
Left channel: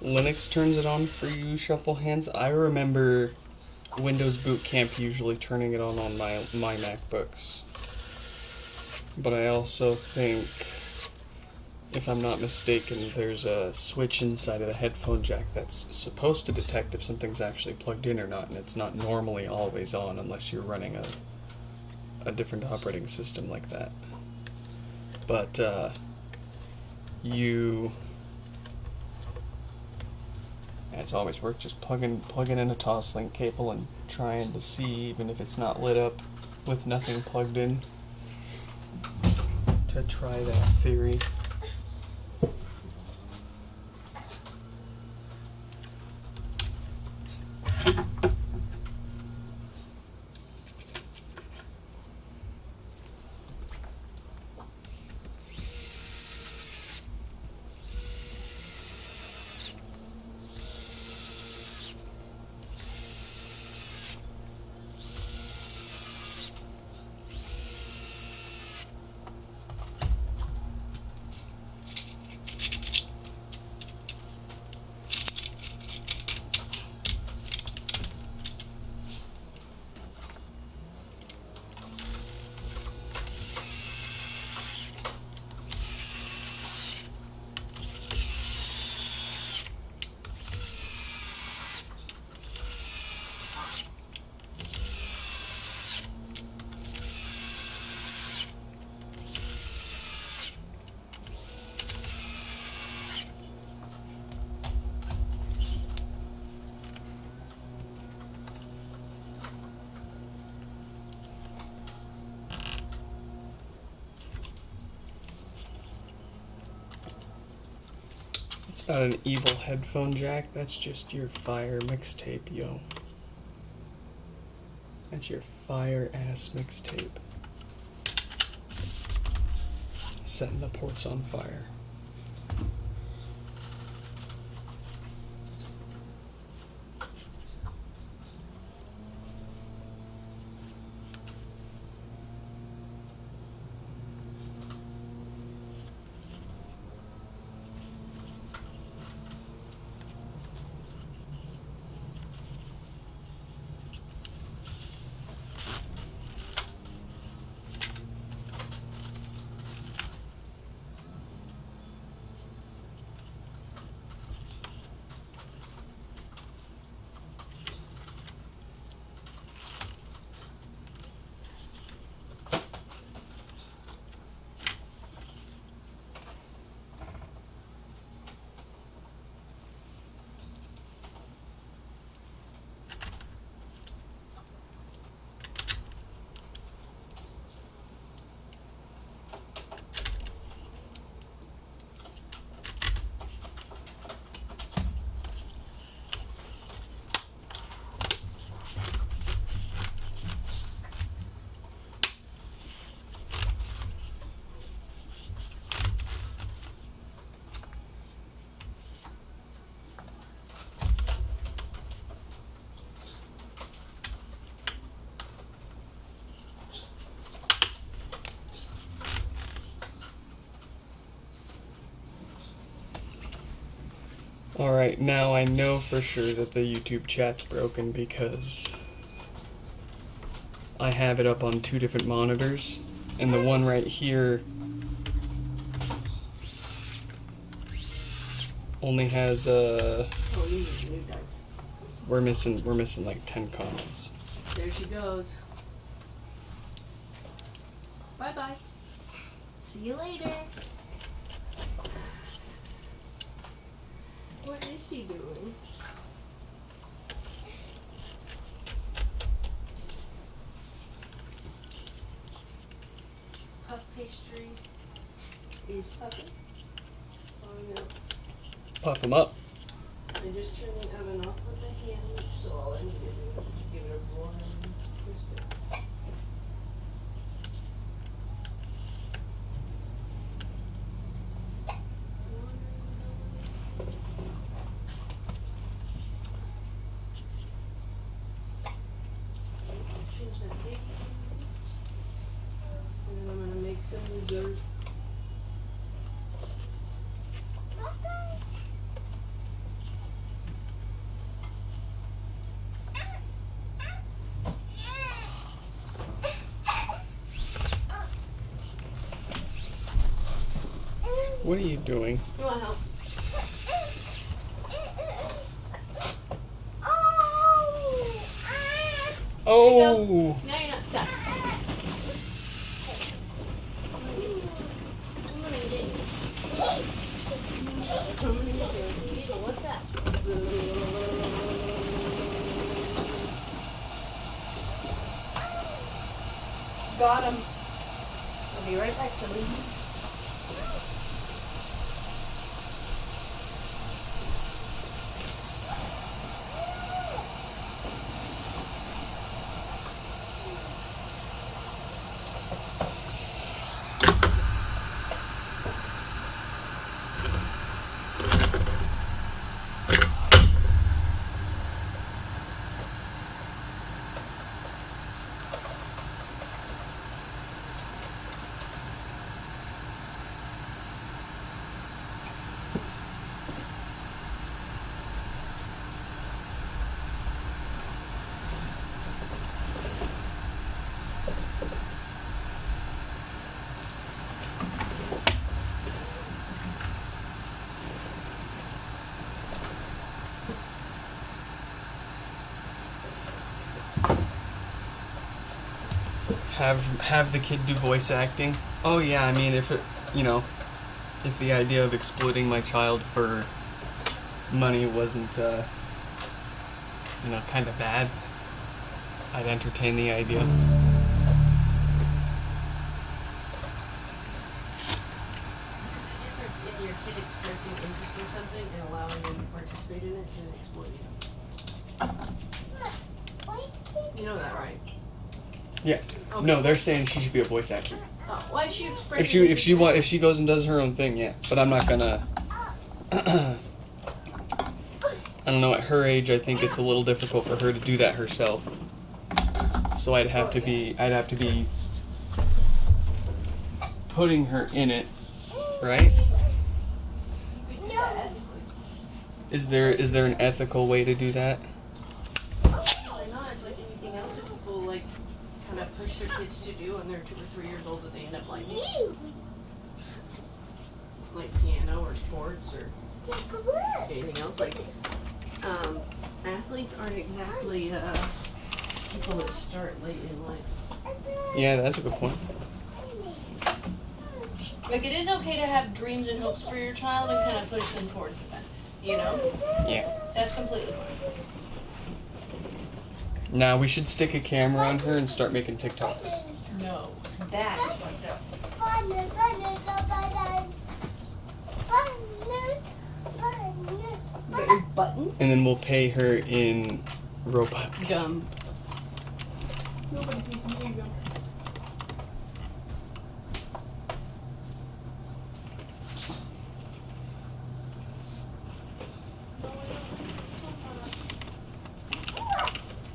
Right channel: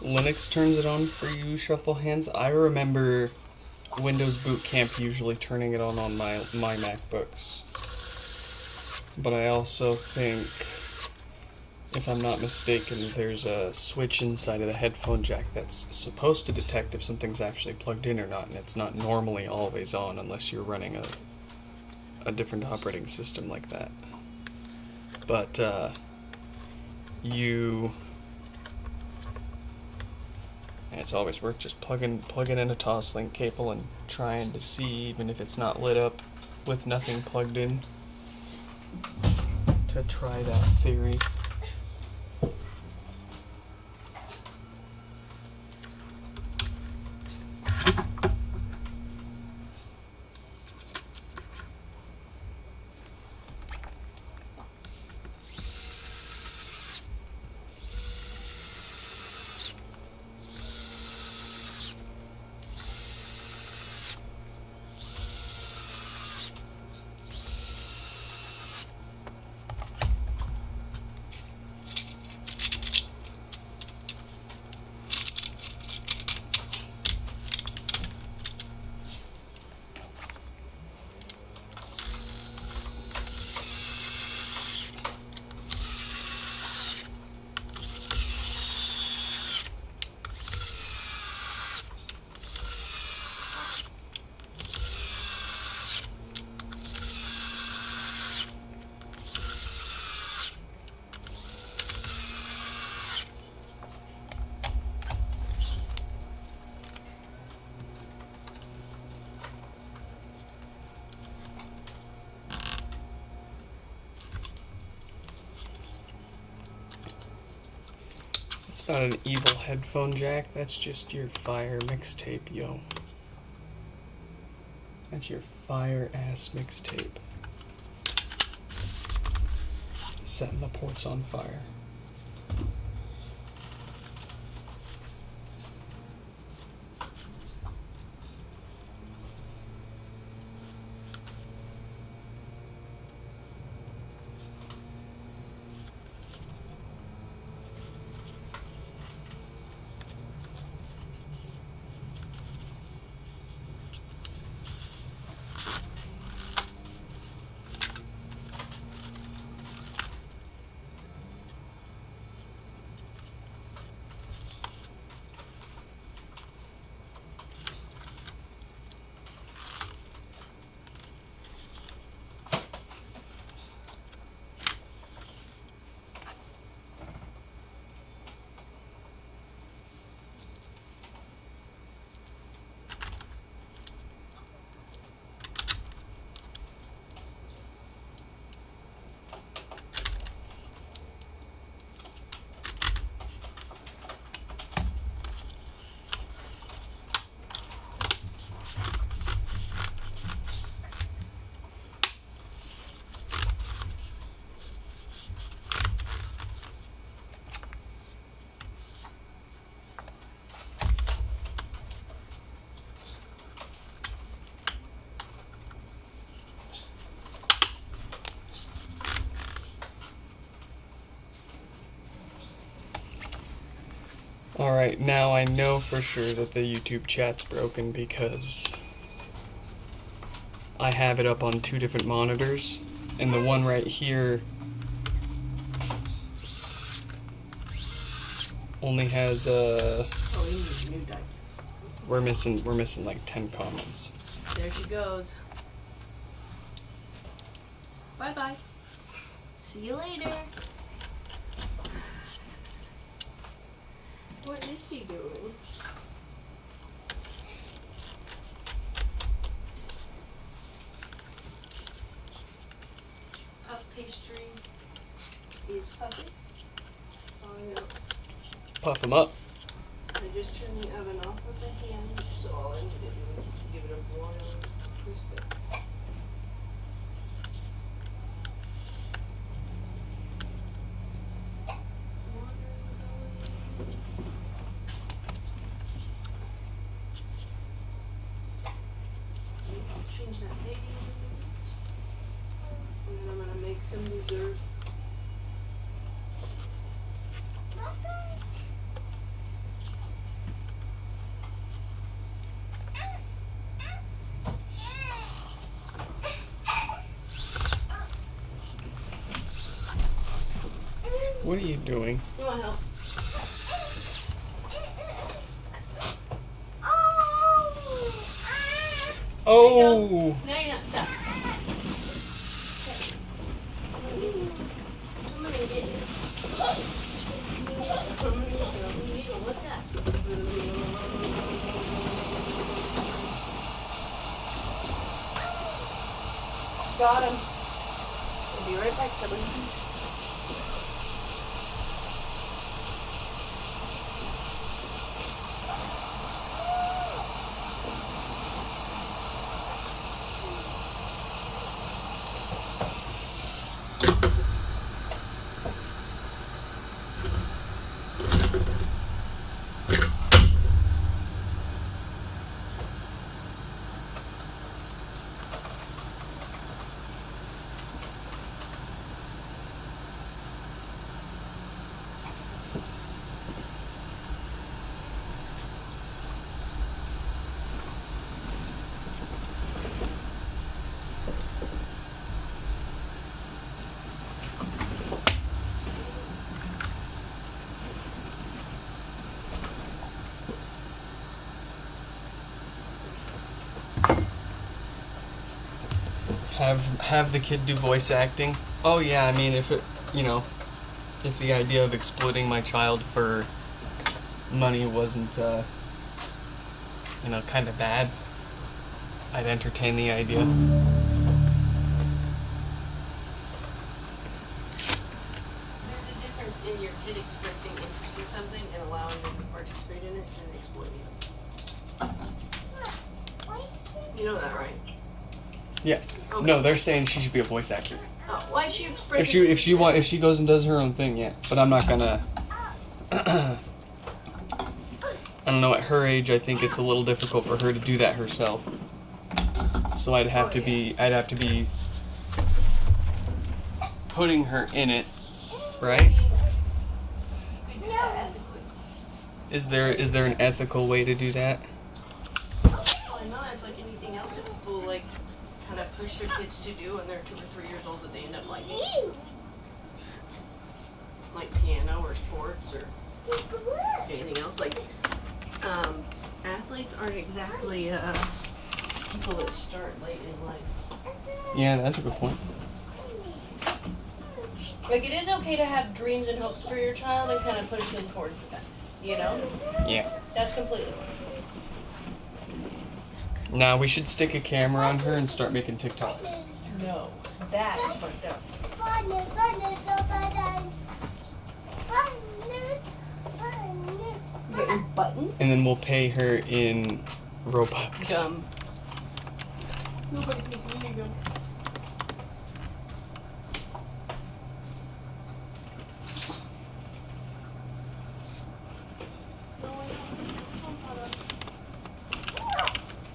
Linux turns it on for you, Shuffle Hands. I remember Windows Boot Camp usually turning it on my MacBooks. But I also think, if I'm not mistaken, there's a switch inside of the headphone jack that's supposed to detect if something's actually plugged in or not, and it's not normally always on unless you're running a different operating system like that. But it's always worth just plugging in a Toslink cable and trying to see, even if it's not lit up with nothing plugged in, to try that theory. It's not an evil headphone jack, that's just your fire mixtape, yo. That's your fire ass mixtape. Setting the ports on fire. Alright, now I know for sure that the YouTube chat's broken because I have it up on 2 different monitors, and the one right here only has Oh, you need a new diaper. we're missing like 10 comments. There she goes. Bye bye. See you later. What is she doing? Puff pastry is puffing. Oh no. Puff them up. I just turned the oven off with a hand, so all I need to do is give it a broiling crispy. Change that date. And then I'm gonna make some dessert. What are you doing? Come on, help. Oh! Now you're not stuck. I'm gonna get you. What's that? Got him. I'll be right back, Billy. Have the kid do voice acting. Oh yeah, I mean if if the idea of exploiting my child for money wasn't kind of bad, I'd entertain the idea. There's a difference in your kid expressing interest in something and allowing them to participate in it and exploiting it. You know that, right? Yeah. Okay. No, they're saying she should be a voice actor. Oh, why is she expressing If she goes and does her own thing, yeah. But I'm not gonna. I don't know. At her age, I think it's a little difficult for her to do that herself. So I'd have to be putting her in it, right? You could do that ethically. Is there an ethical way to do that? Probably not. It's like anything else that people like kind of push their kids to do when they're 2 or 3 years old that they end up liking. Like piano or sports or anything else. Like athletes aren't exactly people that start late in life. Yeah, that's a good point. Like it is okay to have dreams and hopes for your child and kind of push them towards that. You know? Yeah. That's completely fine. Now we should stick a camera on her and start making TikToks. No, that is fucked up. Get your button. And then we'll pay her in Robux. Gum. Nobody pays me gum.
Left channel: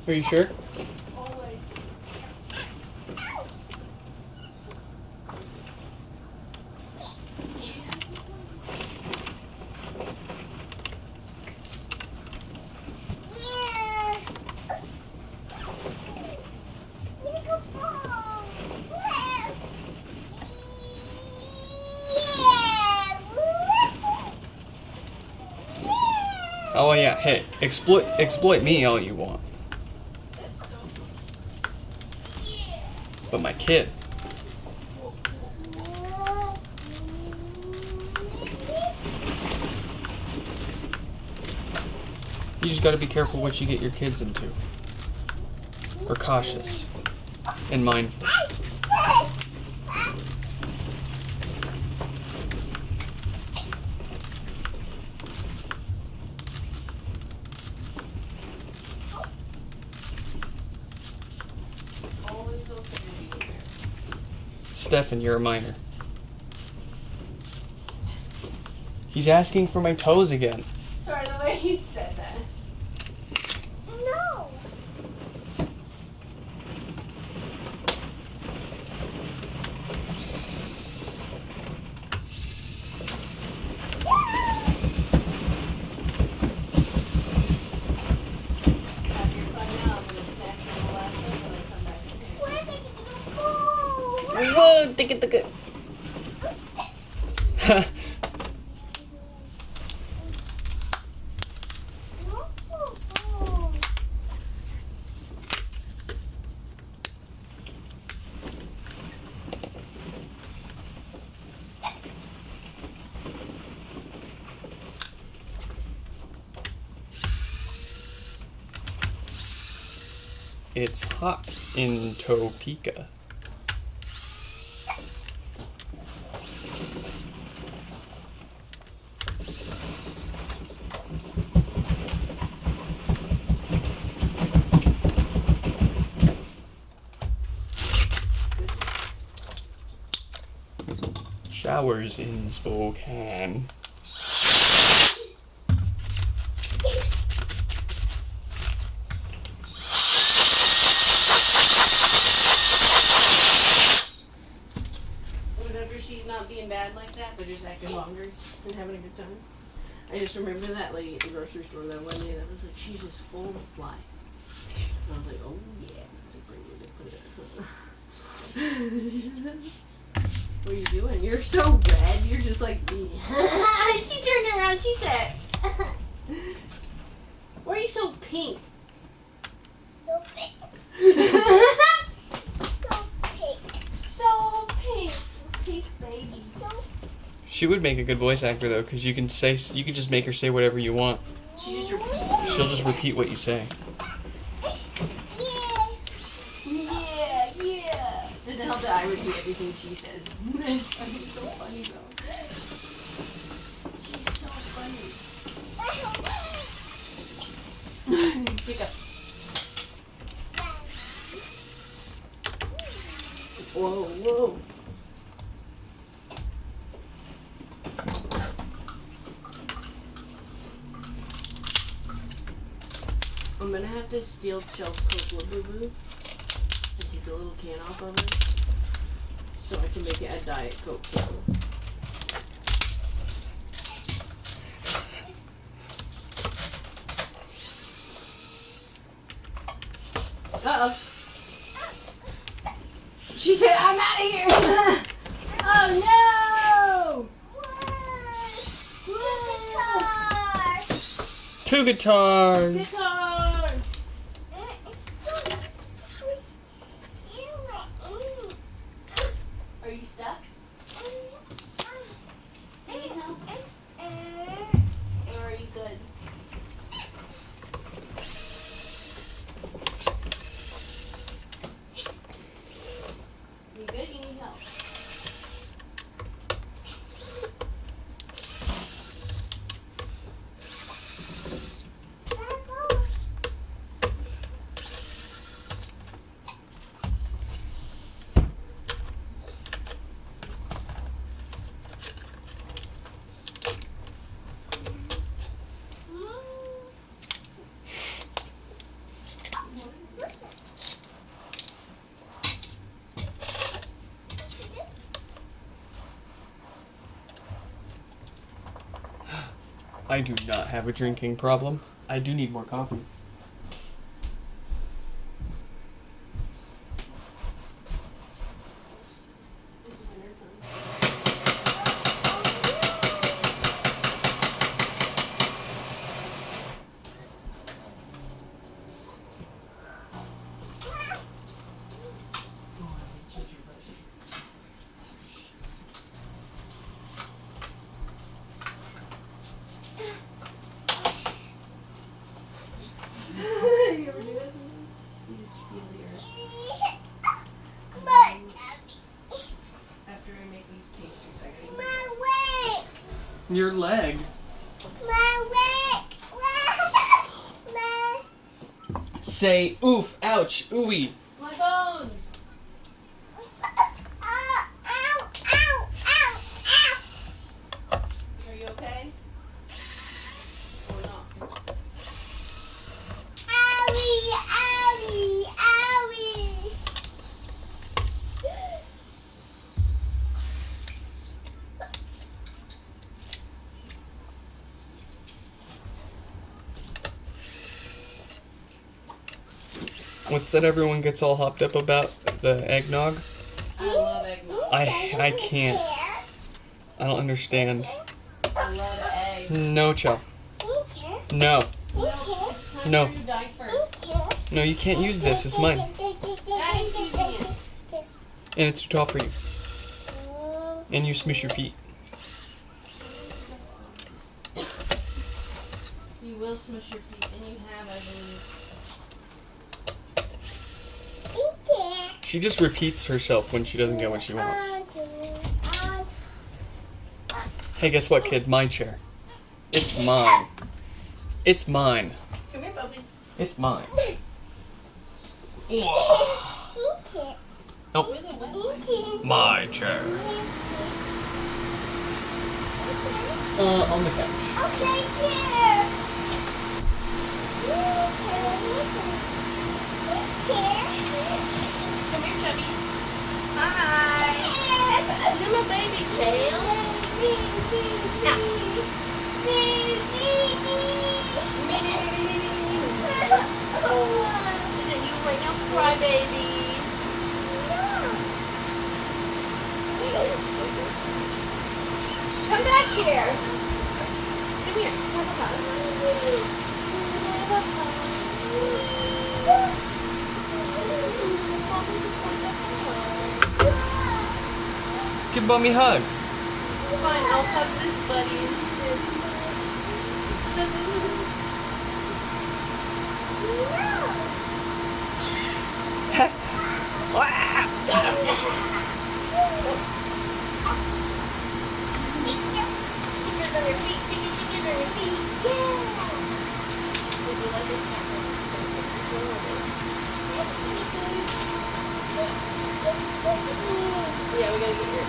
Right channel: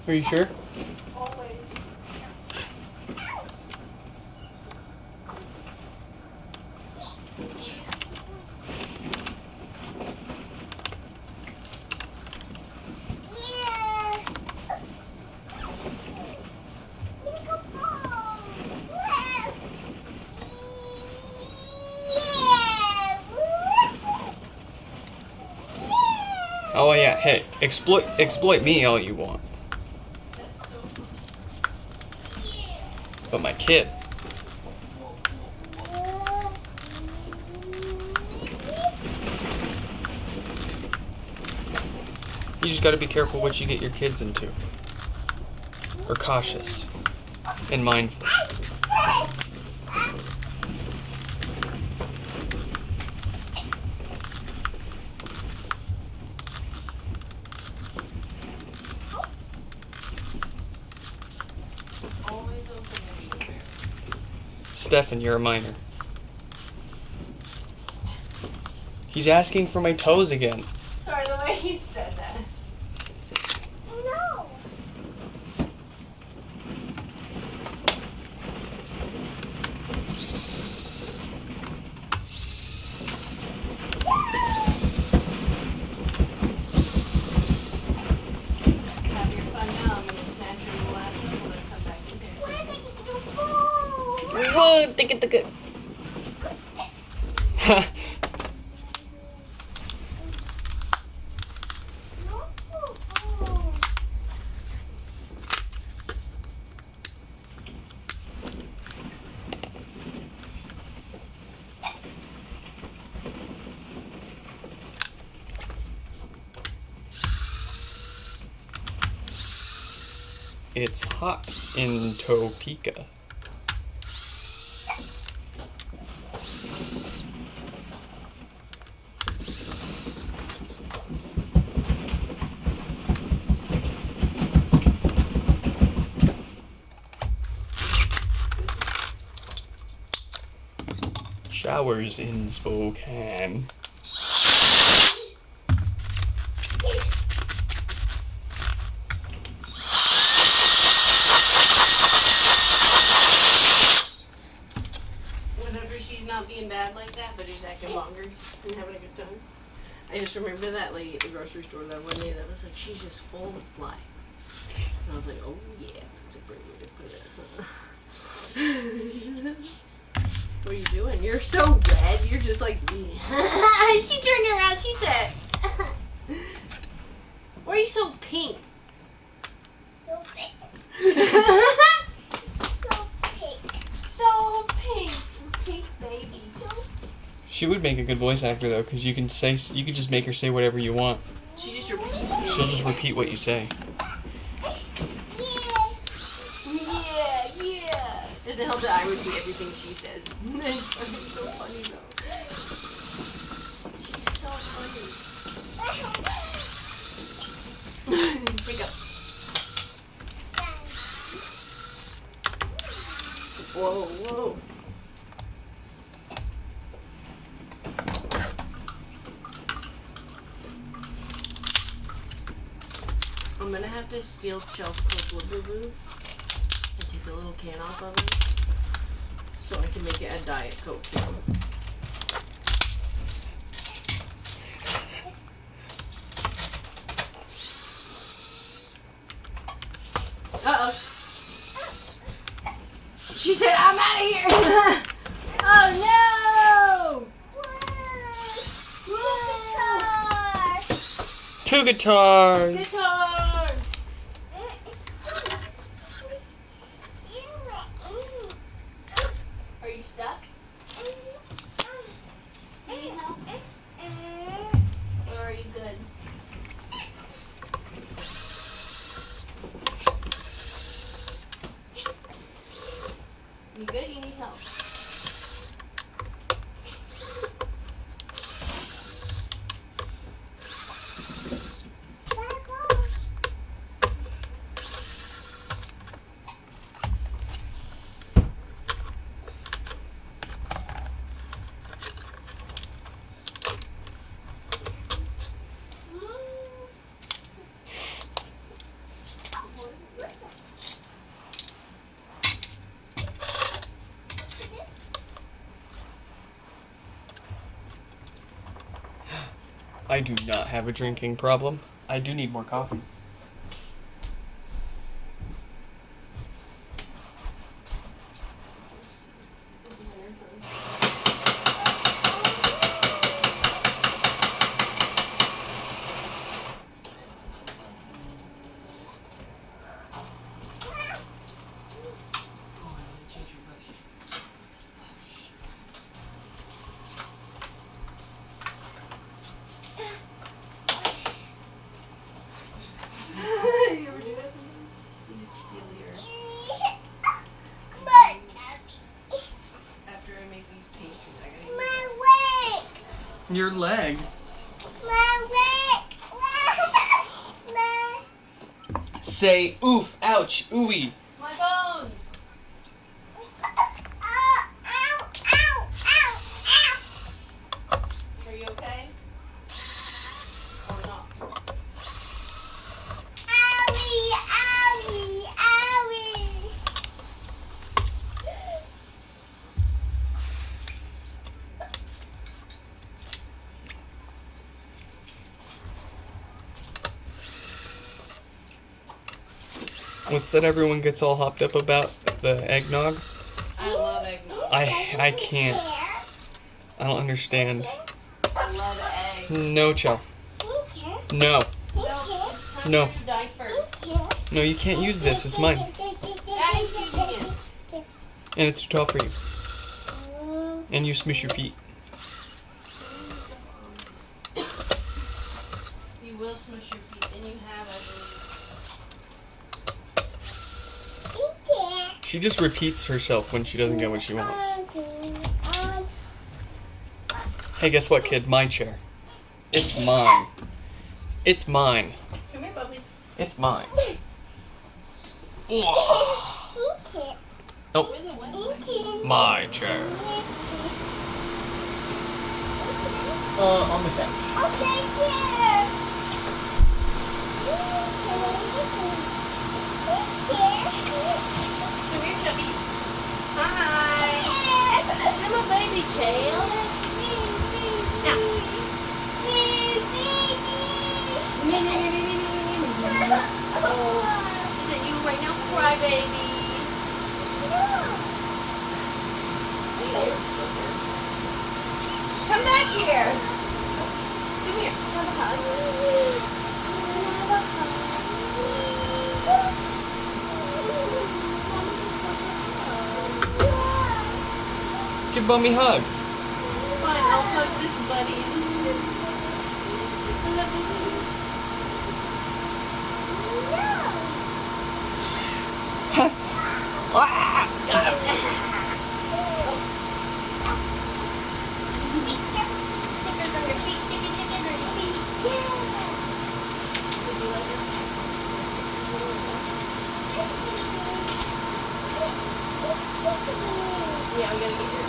Are you sure? Always. Hey, exploit me all you want, That's so but my kid. You just gotta be careful what you get your kids into. Or cautious. And mindful. always okay. Stefan, you're a minor. He's asking for my toes again. Sorry, the way you said that. No. Have your fun now. I'm gonna snatch your last one and come back in here. Where did you go? Whoa, ticket. It's hot in Topeka. Showers in Spokane. Whenever she's not being bad like that, but just acting bonkers and having a good time. I just remember that lady at the grocery store that one day that was like, she's just full of life. And I was like, oh yeah, that's a great way to put it. What are you doing? You're so red. You're just like me. She turned around. She said, why are you so pink? So big. So big. So pink. Pink baby. So She would make a good voice actor though, because you can just make her say whatever you want. She just repeats. She'll just repeat what you say. yeah. Yeah. Does it help that I repeat everything she says? It's so funny though. She's so funny. Pick up. Whoa. I'm gonna have to steal Chunk's Coke Boo and take the little can off of it so I can make it a Diet Coke can. Uh-oh. She said, I'm out of here. Oh no! Two guitars. Guitar! Are you stuck? Need help? Or are you good? You good? You need help? I do not have a drinking problem. I do need more coffee. Your leg. My leg. My. Say oof, ouch, ooey. My bones. Ow, ow, ow, ow. Are you okay? Or not? Owie, owie, owie. What's that everyone gets all hopped up about? The eggnog? I love eggnog. I can't. I don't understand. I love eggs. No, Chell. No. No. No, you can't use this. It's mine. Daddy's using it. And it's too tall for you. And you smush your feet. You will smush your feet, and you have, I believe. She just repeats herself when she doesn't get what she wants. Hey, guess what, kid? My chair. It's mine. It's mine. Come here, puppy. It's mine. Where the wet wipes? My chair. On the couch. Come here, chubbies. Hi. You're my baby tail. Is it you right now, cry baby? Come back here. Come here. Have a hug. Give Mommy a hug. Fine, I'll hug this buddy instead. Yeah, we gotta get your.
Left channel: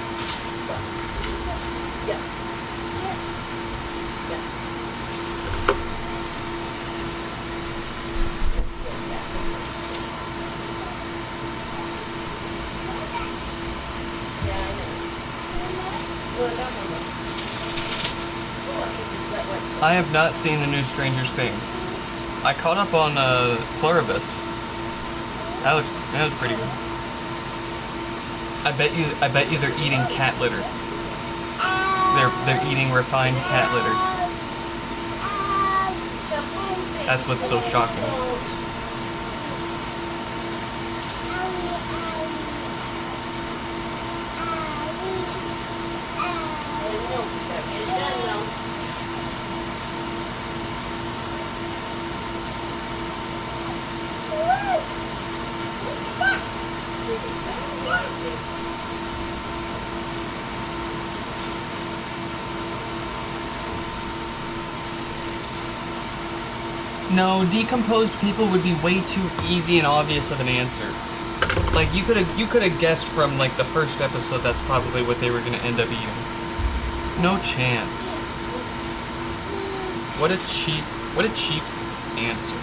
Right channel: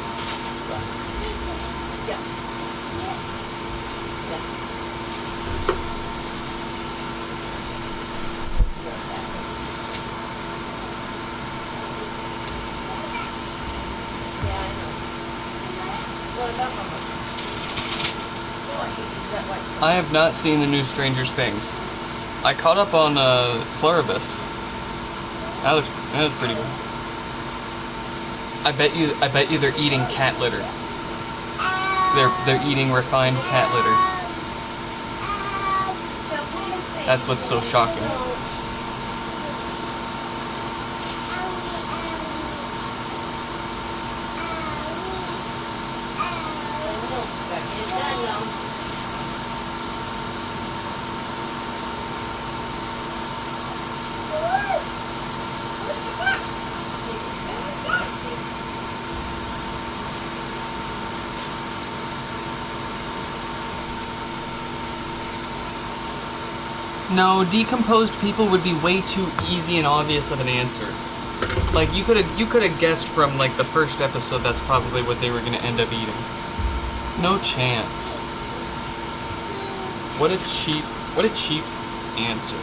Yeah. Yeah. Yeah, I know. What about Mama? I have not seen the new Stranger Things. I caught up on Pluribus. That looks pretty good. I bet you they're eating cat litter. They're eating refined cat litter. That's what's so shocking. No, decomposed people would be way too easy and obvious of an answer. Like you could have guessed from like the first episode that's probably what they were gonna end up eating. No chance. What a cheap answer.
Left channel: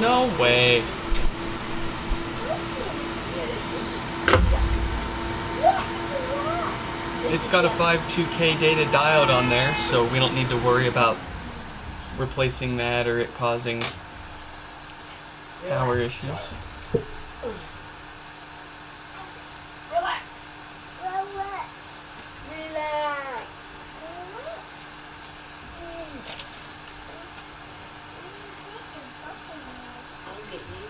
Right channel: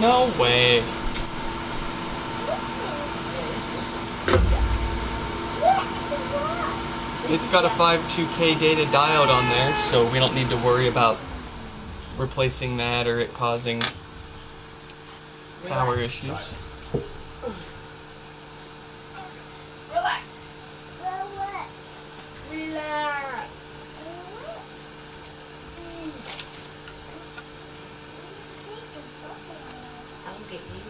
No way. It's got a 52K data diode on there, so we don't need to worry about replacing that or it causing power issues. Relax. Relax. I'll get you.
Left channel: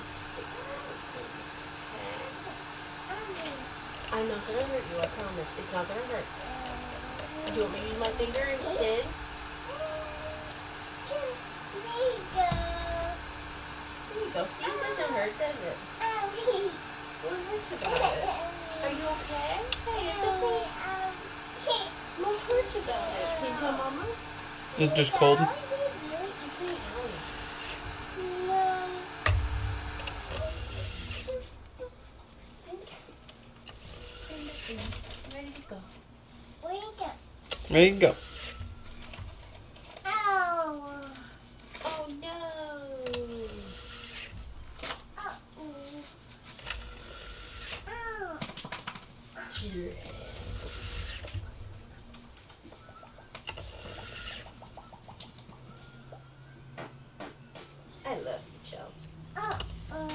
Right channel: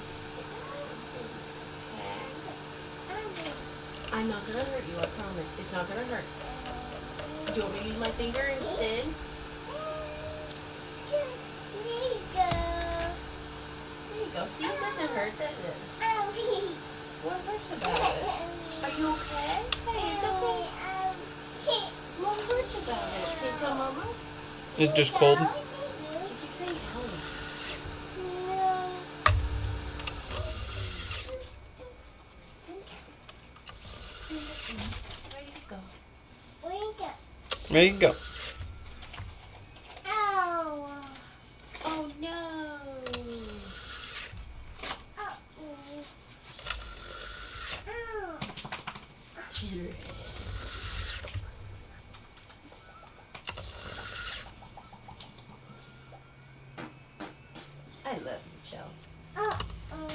I'm not gonna hurt you, I promise. It's not gonna hurt. Do you want me to use my finger instead? There you go. See, it doesn't hurt, does it? you okay? Hey, it's okay. Mom hurt you about it. Can you tell Mama? It's just cold. She keeps saying owie. No. Ready to go. Wake up. There you go. Ow. Oh no. Uh-oh. Ow. I love you, Joe. Uh-oh.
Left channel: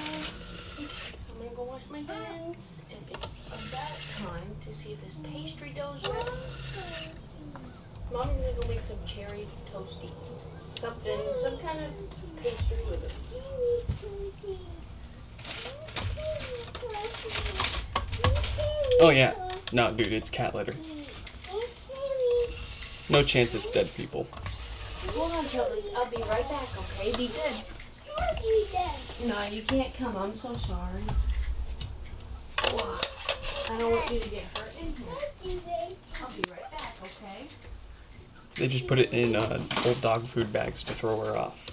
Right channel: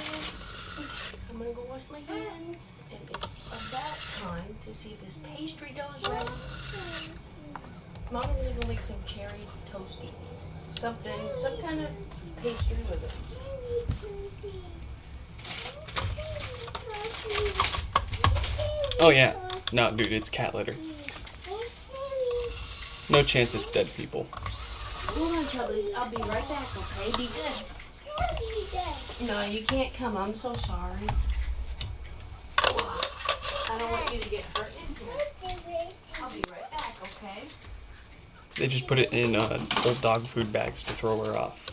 I'm gonna go wash my hands, and it's about time to see if this pastry dough's ready. Mommy's gonna go make some cherry toasties. Something, some kind of pastry with it. Oh yeah. No, dude, it's cat litter. No chance it's dead people. Hold on, Charlie. I'll be right back, okay? Be good. No, you can't come. I'm so sorry. I don't want you to get hurt in here. I'll be right back, okay? They just put it in old dog food bags to throw her off.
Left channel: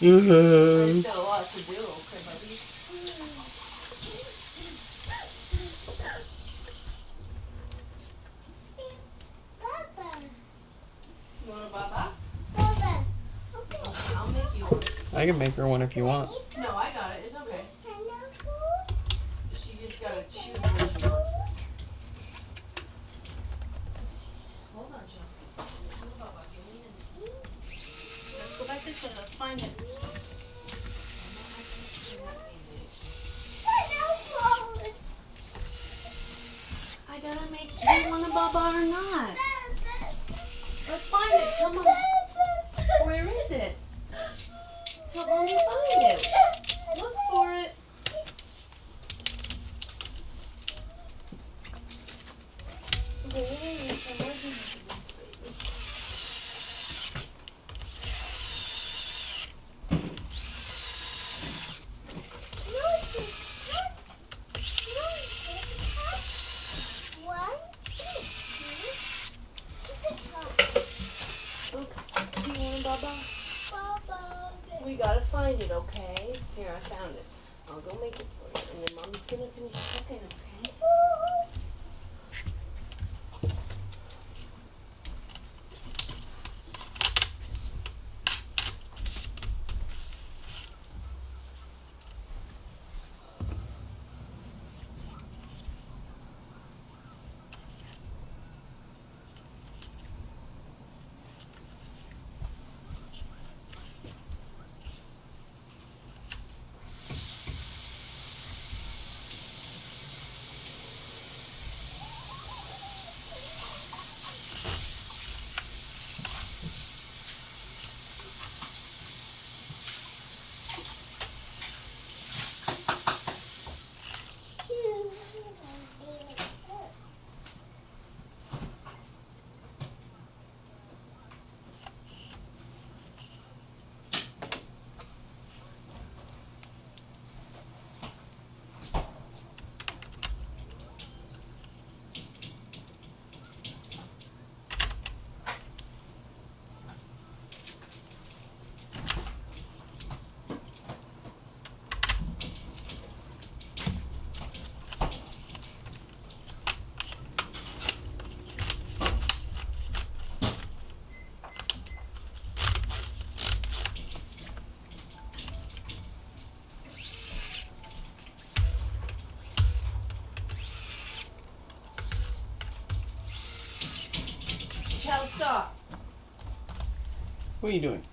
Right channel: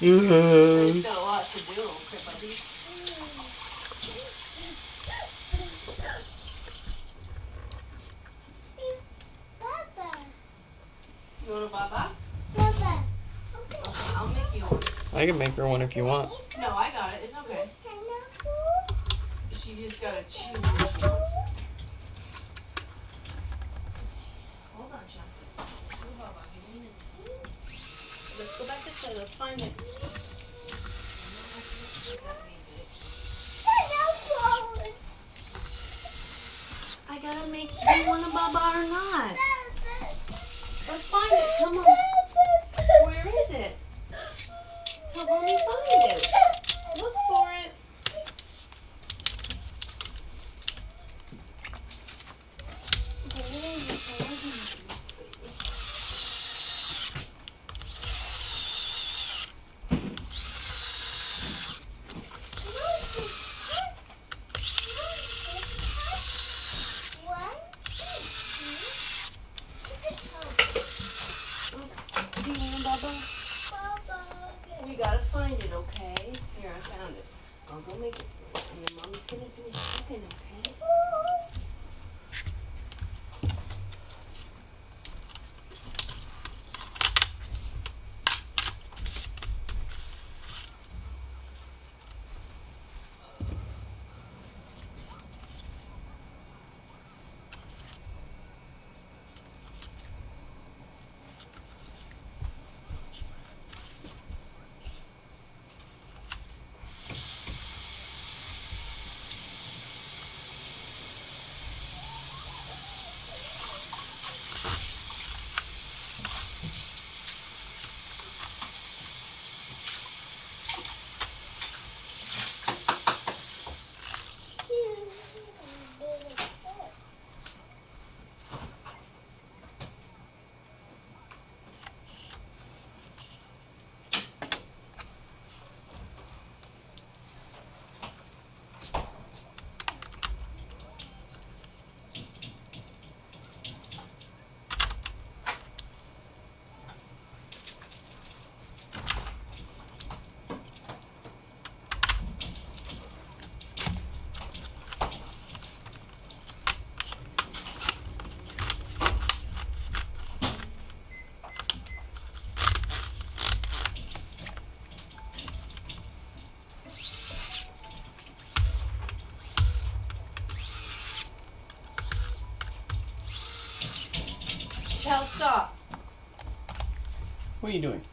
Still a lot to do, okay, buddy? You want a baba? I'll make you one. I can make her one if you want. No, I got it. It's okay. She just gotta choose what she wants. Hold on, Chuck. Oh, Baba, give me a- Let's go back this way. Let's find it. I gotta make you want a baba or not. Let's find it. Come on. Where is it? Help me find it. Look for it. Do you want a baba? We gotta find it, okay? Here, I found it. I'll go make it for you, and then Mom's gonna finish cooking, okay? Cal, stop. What are you doing?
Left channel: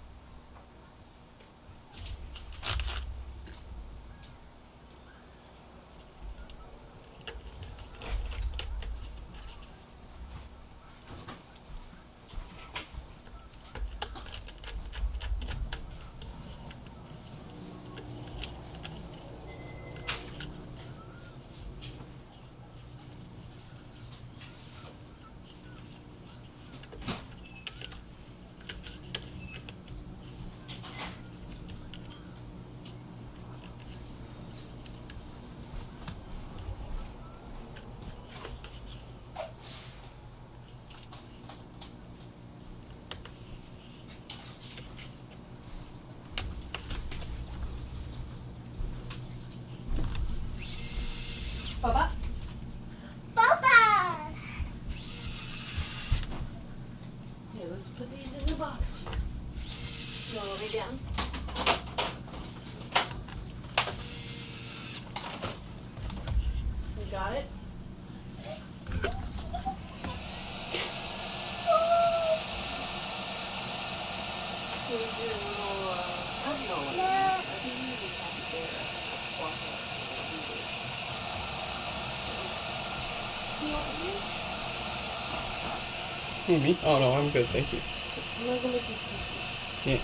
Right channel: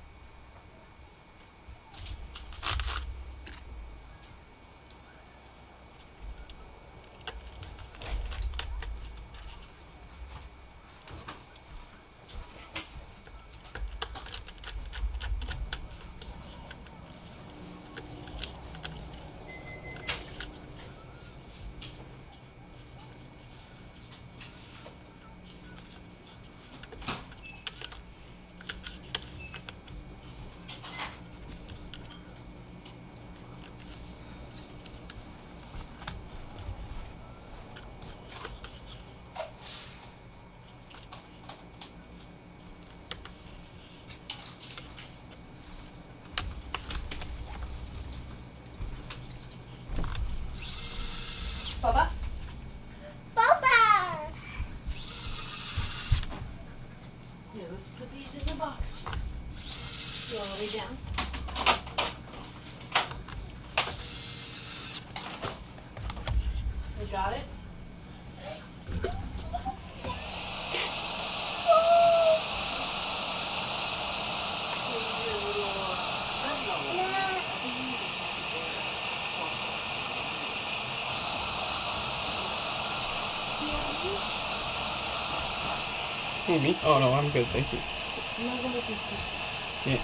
You want to lay down? You got it? Here's your little Who, me? Oh no, I'm good, thank you. Yeah.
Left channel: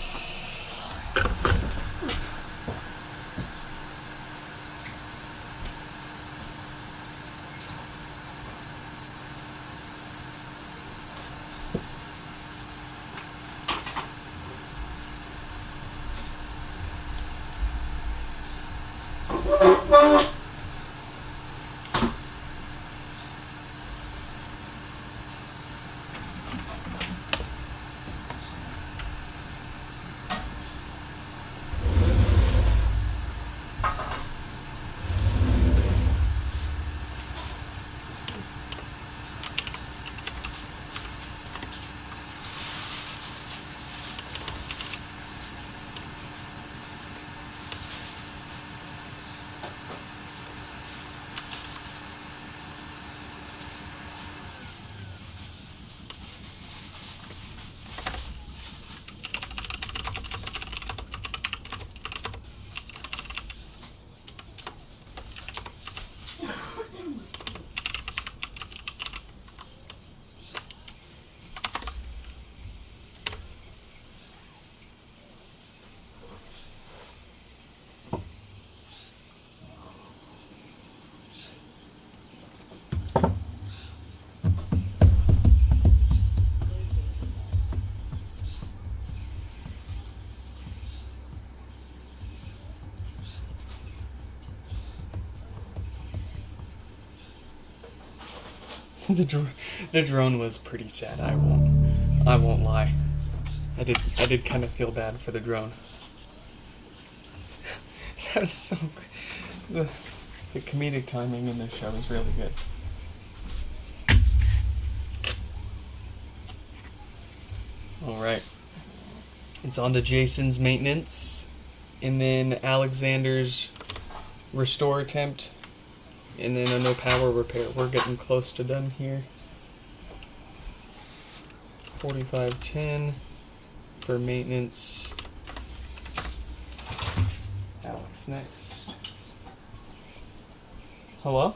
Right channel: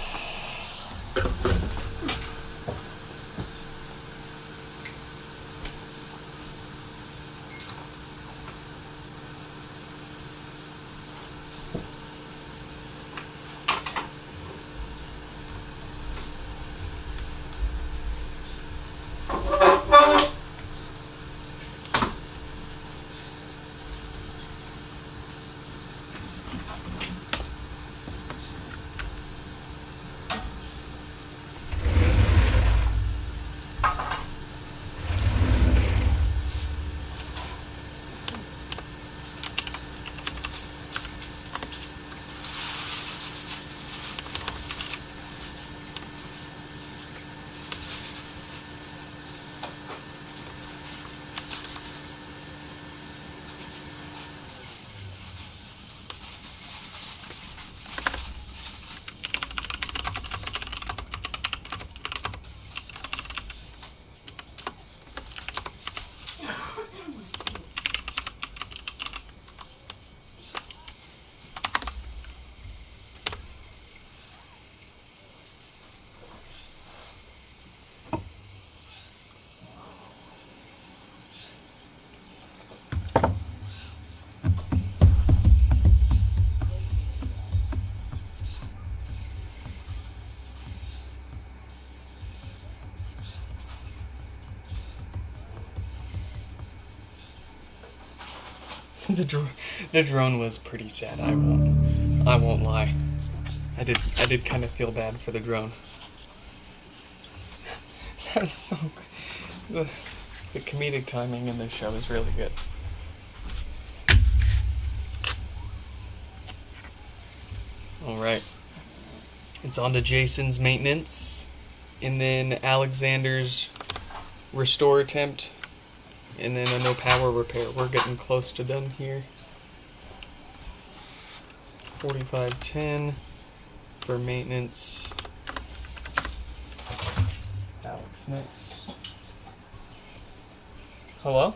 The drone was pretty sad. I won't lie. I did kind of feel bad for the drone. That's so the comedic timing in this show is really good. All right, it's on to Jason's maintenance, and then Alexander's restore attempt. And then a no power repair. We're getting close to done here. 4510 for maintenance. Alex next. Hello?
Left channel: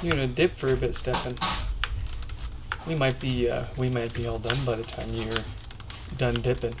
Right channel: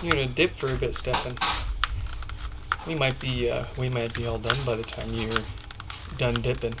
You're gonna dip for a bit, Stefan. We might be all done by the time you're done dipping.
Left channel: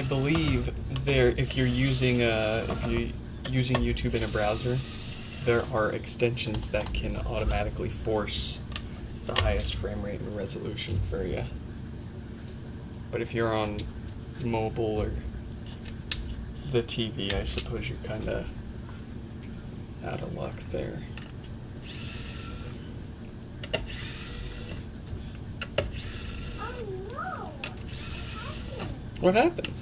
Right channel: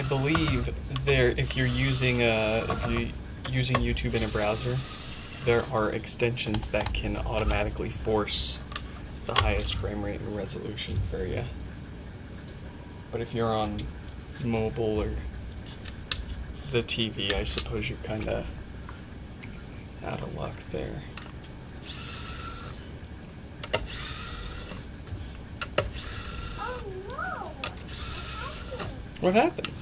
I believe if you're using YouTube in a browser, there are extensions that can automatically force the highest frame rate and resolution for you. But if you're on mobile or the TV, I suppose you're kind of out of luck there. Oh no! What happened?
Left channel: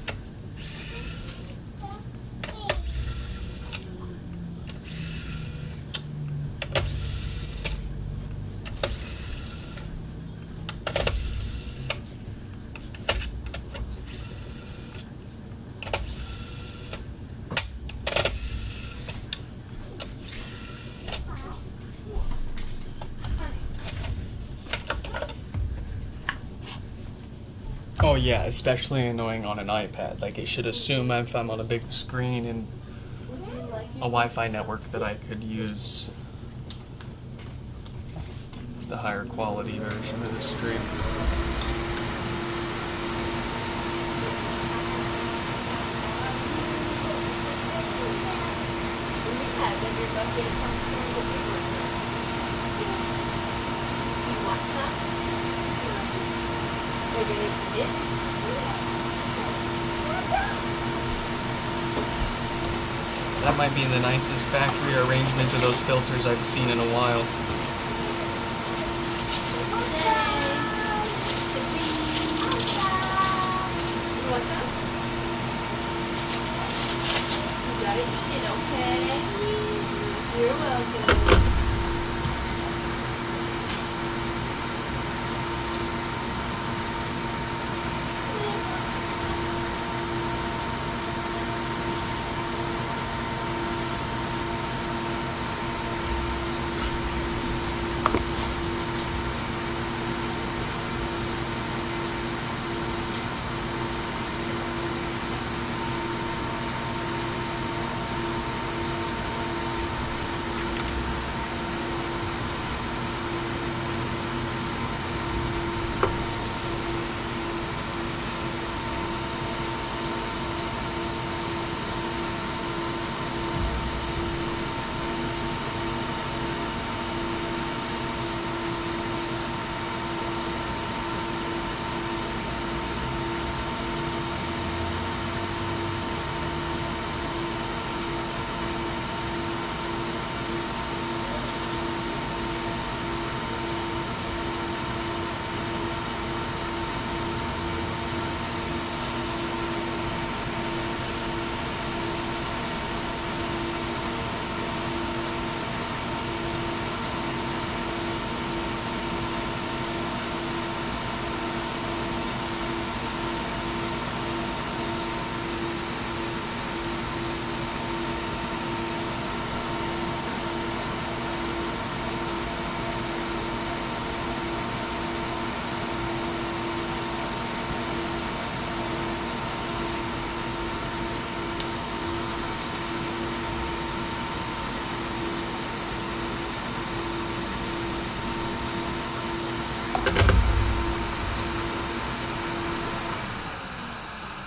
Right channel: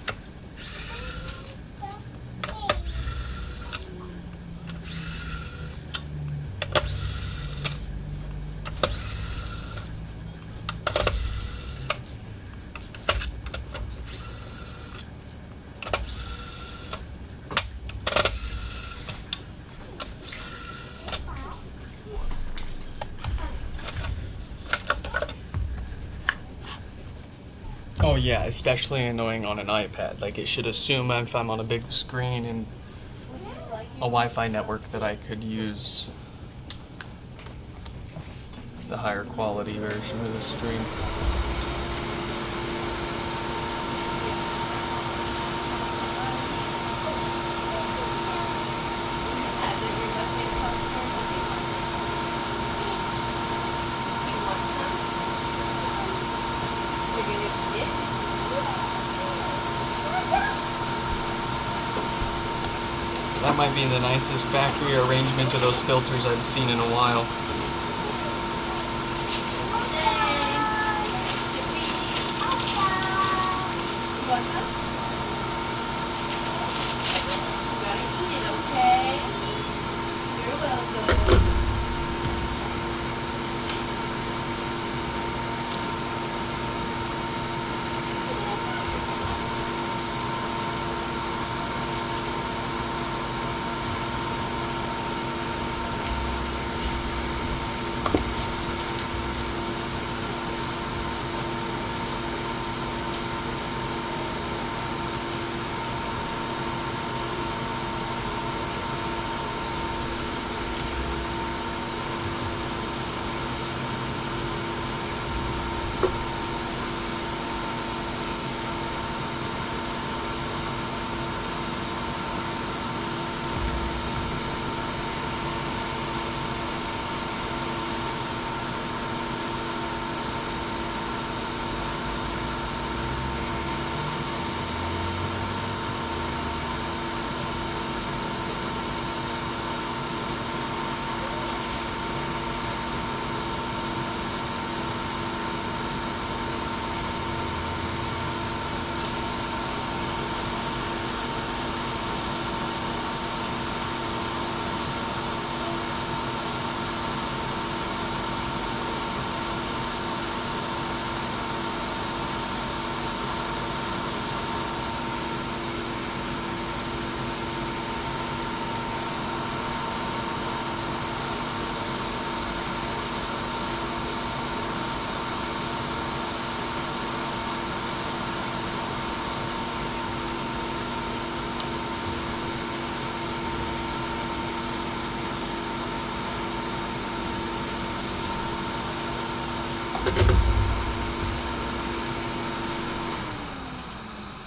Oh yeah, especially annoying on an iPad. Like, it should assume if I'm on a big screen and a Wi-Fi network that I could use the higher quality version of the stream. That might be the nicest factory arrangement of those filters I've seen in a while.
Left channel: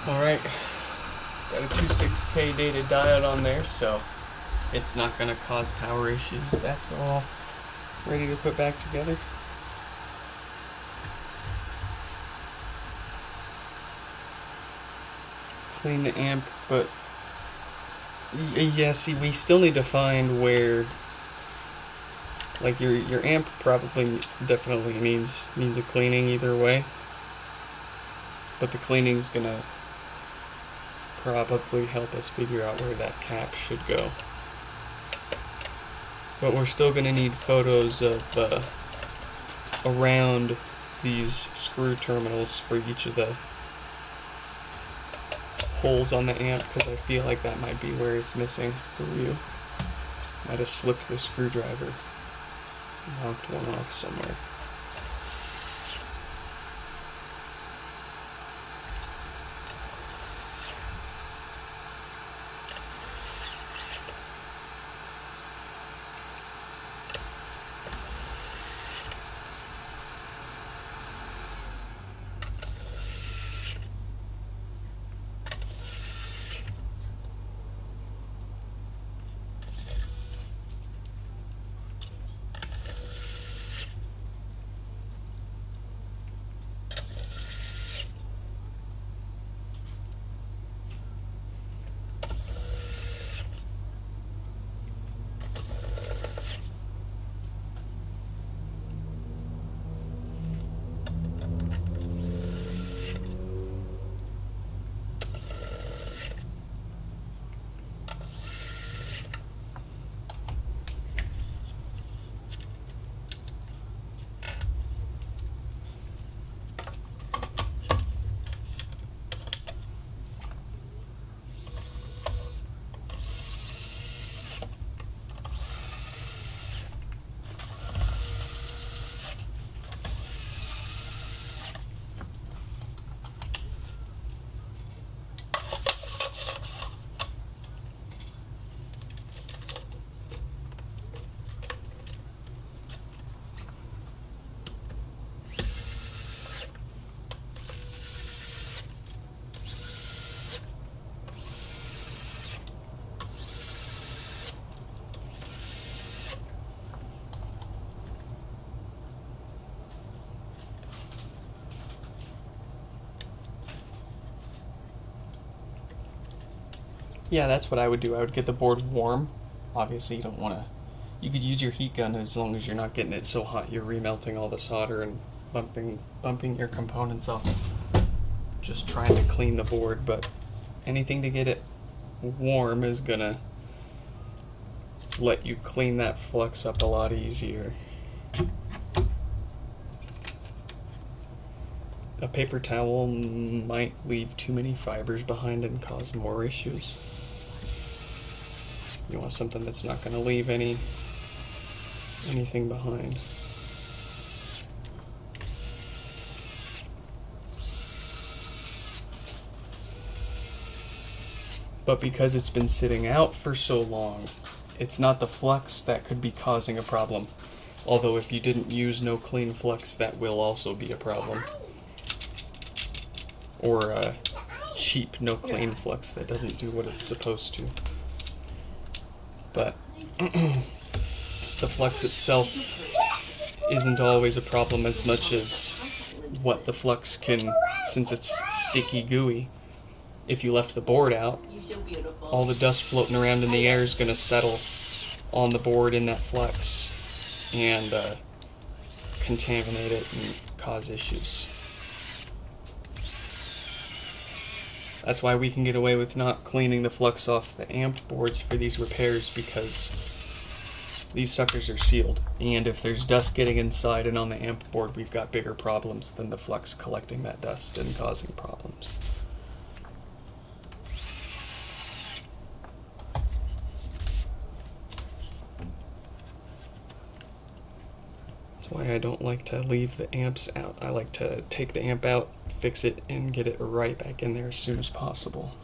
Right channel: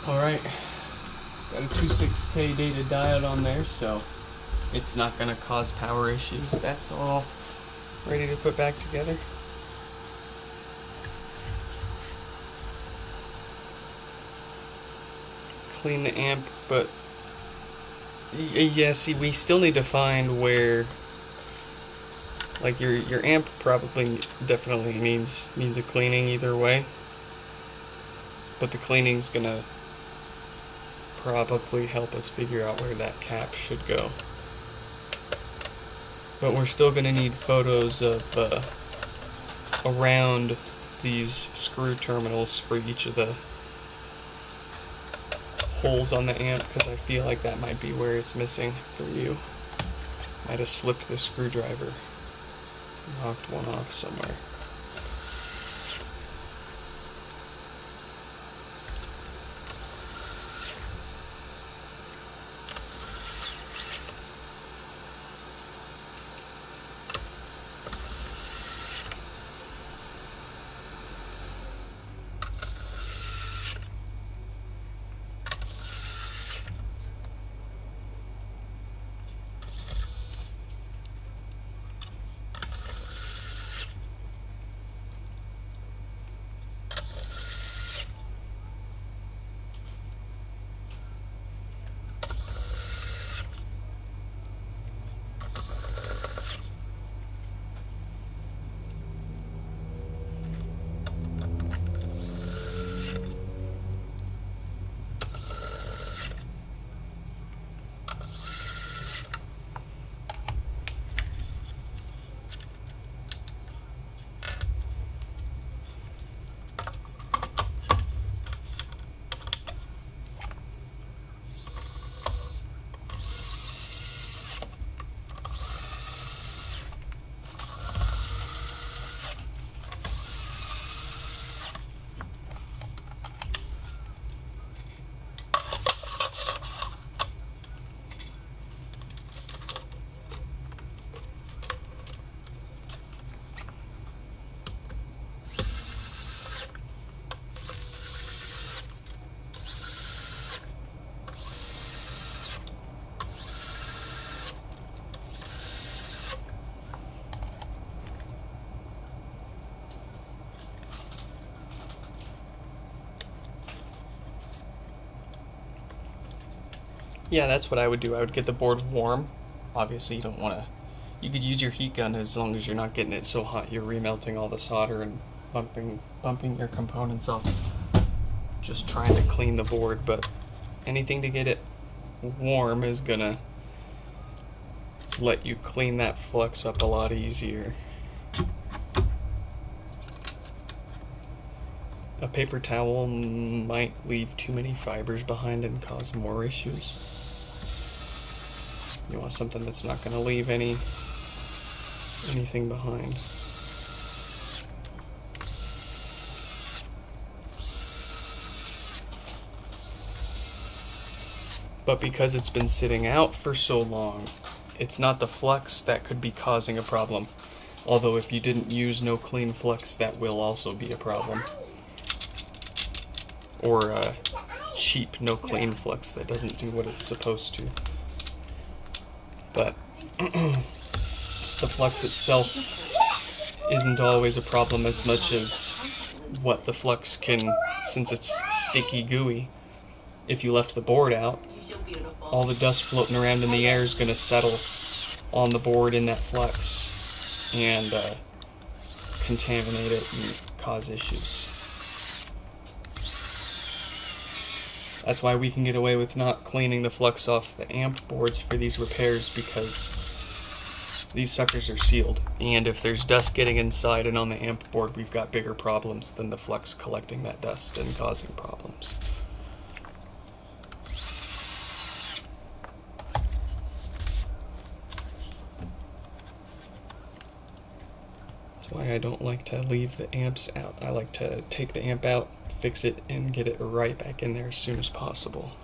Alright, got a 26K dated diode on there, so it's not going to cause power issues. That's all ready to put back together. Clean the amp, but yeah, see, we still need to find where, like, your amp probably definitely needs a cleaning either way, but the cleaning's gonna probably help us figure out where that cap should go. But we're still gonna need photos of around these screw terminals for each of the holes on the amp, because I feel like that might be where it's missing for you. Might have slipped the screwdriver, knocked one off somewhere. Yeah, that's what I would do. I would get the board warm. Obviously, you don't want to. You could use your heat gun as long as you're not getting it so hot you're remelting all the solder and bumping your components off. Just trying to clean the board, but anything to get it warm is gonna let you clean that flux up a lot easier. A paper towel might leave too many fibers behind and cause more issues. You want something that's not going to leave anything behind. But because it's been sitting out for so long, it's not the flux that could be causing a problem. Although if you didn't use no clean flux, that will also be a problem. Or cheap no clean flux that doesn't do what it's supposed to. But the flux itself isn't always a problem as much as what the flux can, since it's sticky gooey. If you left the board out, all the dust floating around in the air is going to settle on the board in that flux and contaminate it and cause issues. That's why we can get away with not cleaning the flux off the amp boards for these repairs, because these suckers are sealed. And if there's dust getting inside and on the amp board, we've got bigger problems than the flux collecting that dust and causing problems. That's why I don't like to leave the amps out. I like to take the amp out, fix it, and get it right back in there as soon as possible.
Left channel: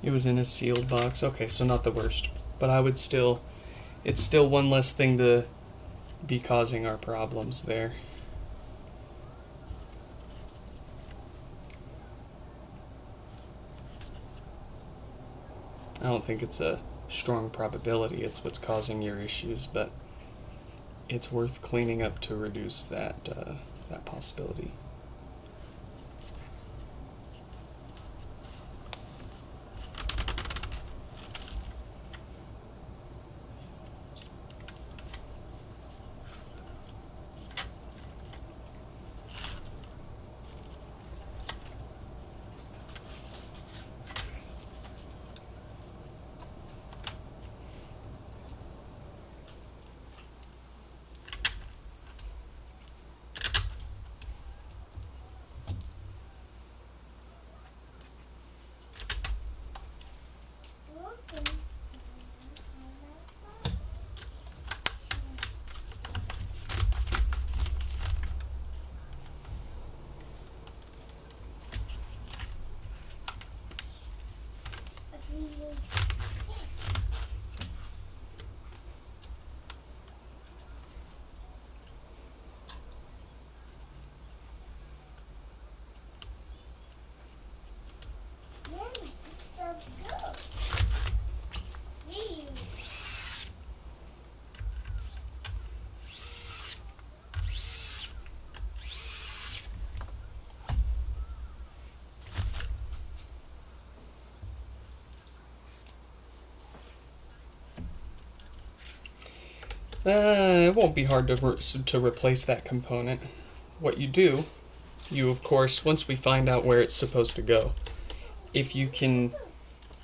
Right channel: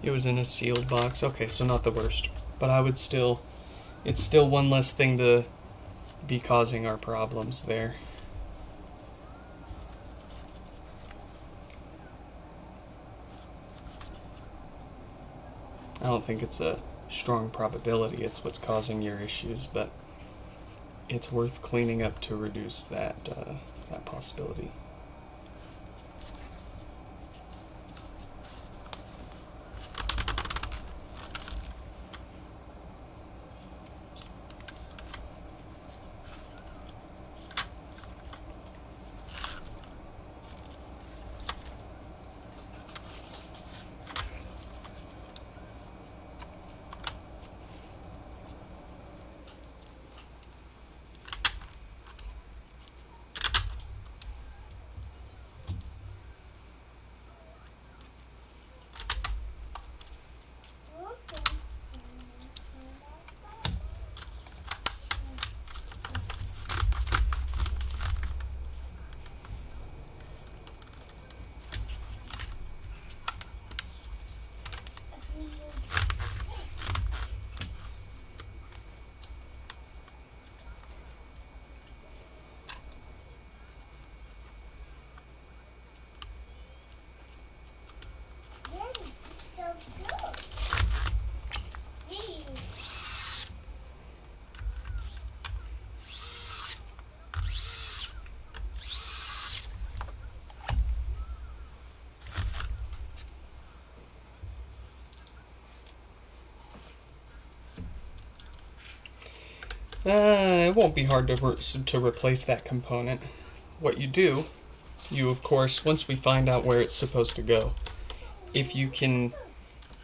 It was in a sealed box. Okay, so not the worst. But I would still, it's still one less thing to be causing our problems there. I don't think it's a strong probability it's what's causing your issues, but it's worth cleaning up to reduce that possibility. It won't be hard to replace that component. What you do, you of course, once we find out where it's supposed to go, if you can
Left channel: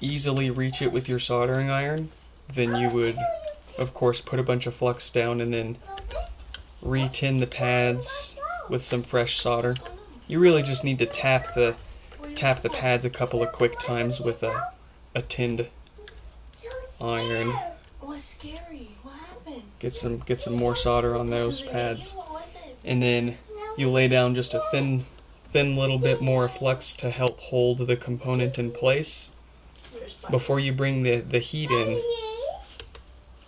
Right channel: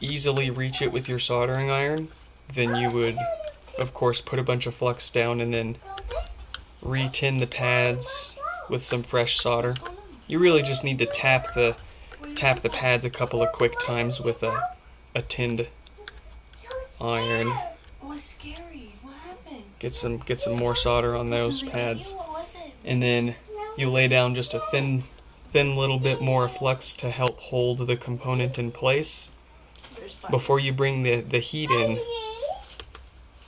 easily reach it with your soldering iron, then you would of course put a bunch of flux down and then re-tin the pads with some fresh solder. You really just need to tap the pads a couple of quick times with a tinned iron. Get some more solder on those pads, and then you lay down just a thin little bit more flux to help hold the component in place. Before you bring the heat in,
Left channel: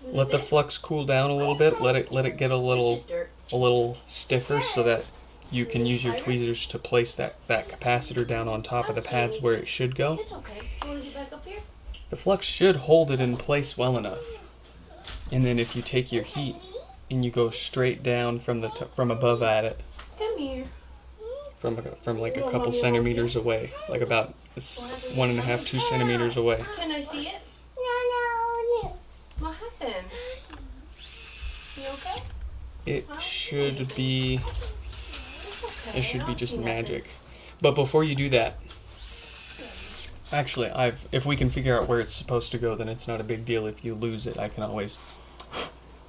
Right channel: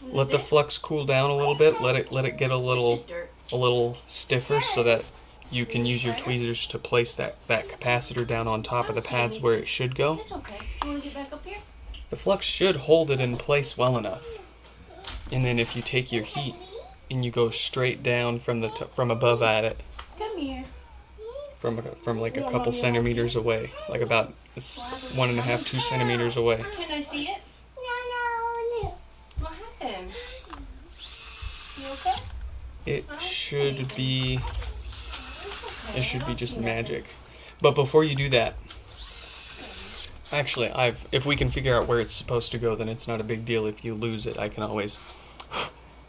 let the flux cool down a little bit. Let it get a little stiffer so that you can use your tweezers to place that capacitor down on top of the pads where it should go. The flux should hold it in place well enough. And then if you take your heat and you go straight down from above at it, Come here. from like a couple centimeters away, like about 1.5, 2 centimeters away. Can I see it? No. What happened? You okay? It should be just magic. But before you do that, actually, if we can figure out where it's supposed to go, then it's not a big deal. If you lose it, I can always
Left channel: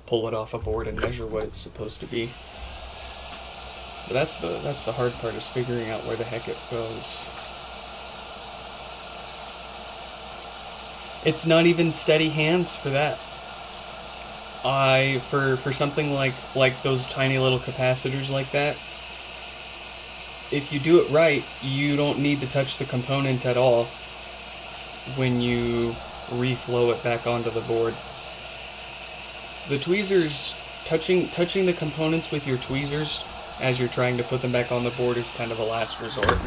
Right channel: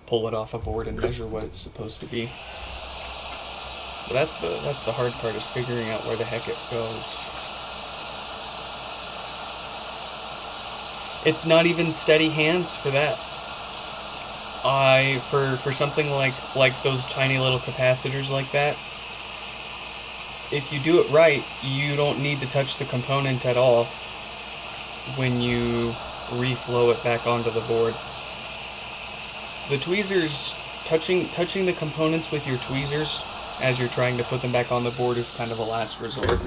pull it off a board and measure what it's supposed to be. But that's the hard part, is figuring out where the heck it goes. It's not even steady hands for that. For something like those tiny little capacitors like that, if you do it right, you don't need to touch the component at all when you reflow it back onto the board. The tweezers, touching the components with your tweezers as you're trying to put them back on the board is kind of a last resort.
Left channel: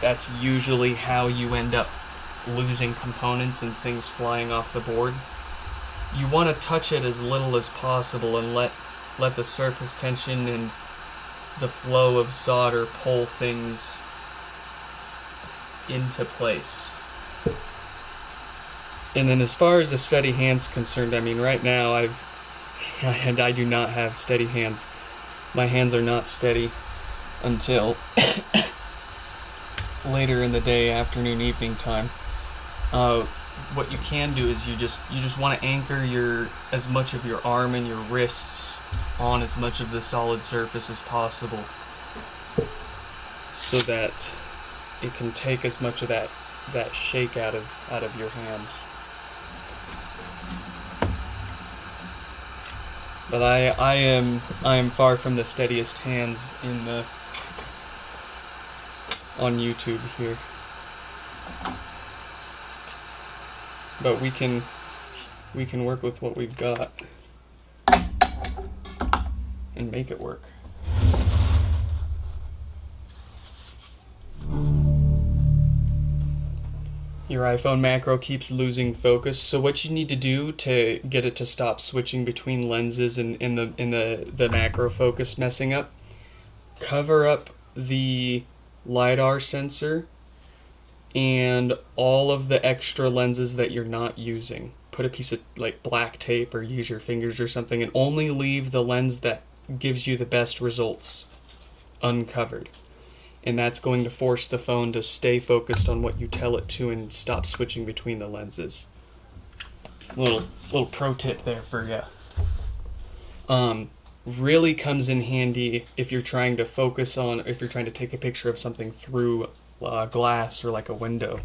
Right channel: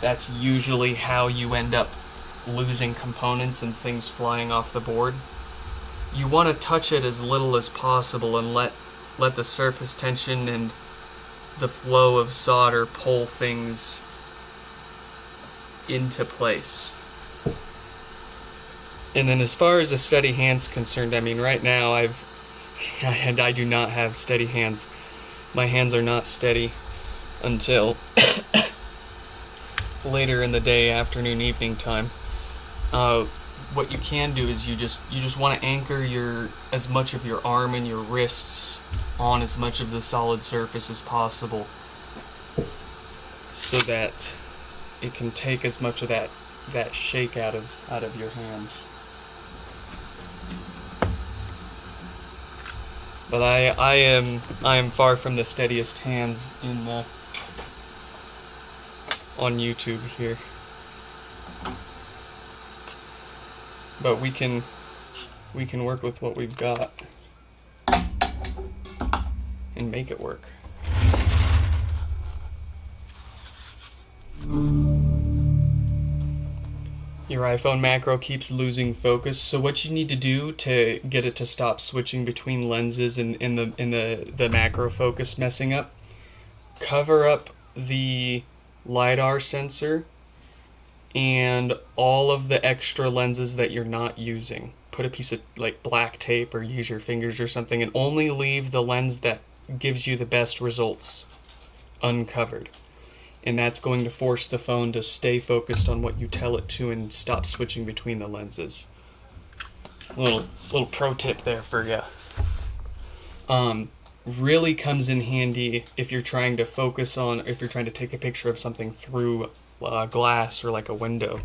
That's usually how you end up losing components and things flying off the board. You want to touch it as little as possible and let the surface tension and the flow of solder pull things into place. And then as far as a steady hand's concerned, I mean, right now I do not have steady hands. My hands are not steady until later in the day, afternoon, evening time. What you can do is you just want to anchor as much of your arm and your wrists on as much of the solid surface as possible, so that it can take as much of that shake out of your hands. But I am far from the steadiest hands on YouTube here. But we can work with what we've got and make it work. Your iPhone macro keeps losing focus, so what you need to do to get it to stop switching between lenses and the macro focus messing up, cover up the LiDAR sensor and all of the extra lenses that you're not using. Put a piece of like black tape or use your fingers or something, and only leave the lens that gives you the best results uncovered. And that's going to force the phone to stay focused on what you tell it to and stop switching between the lenses. Little pro tip there for you. Really comes in handy if you're trying to if you're trying to take a picture of something through glass or like a window.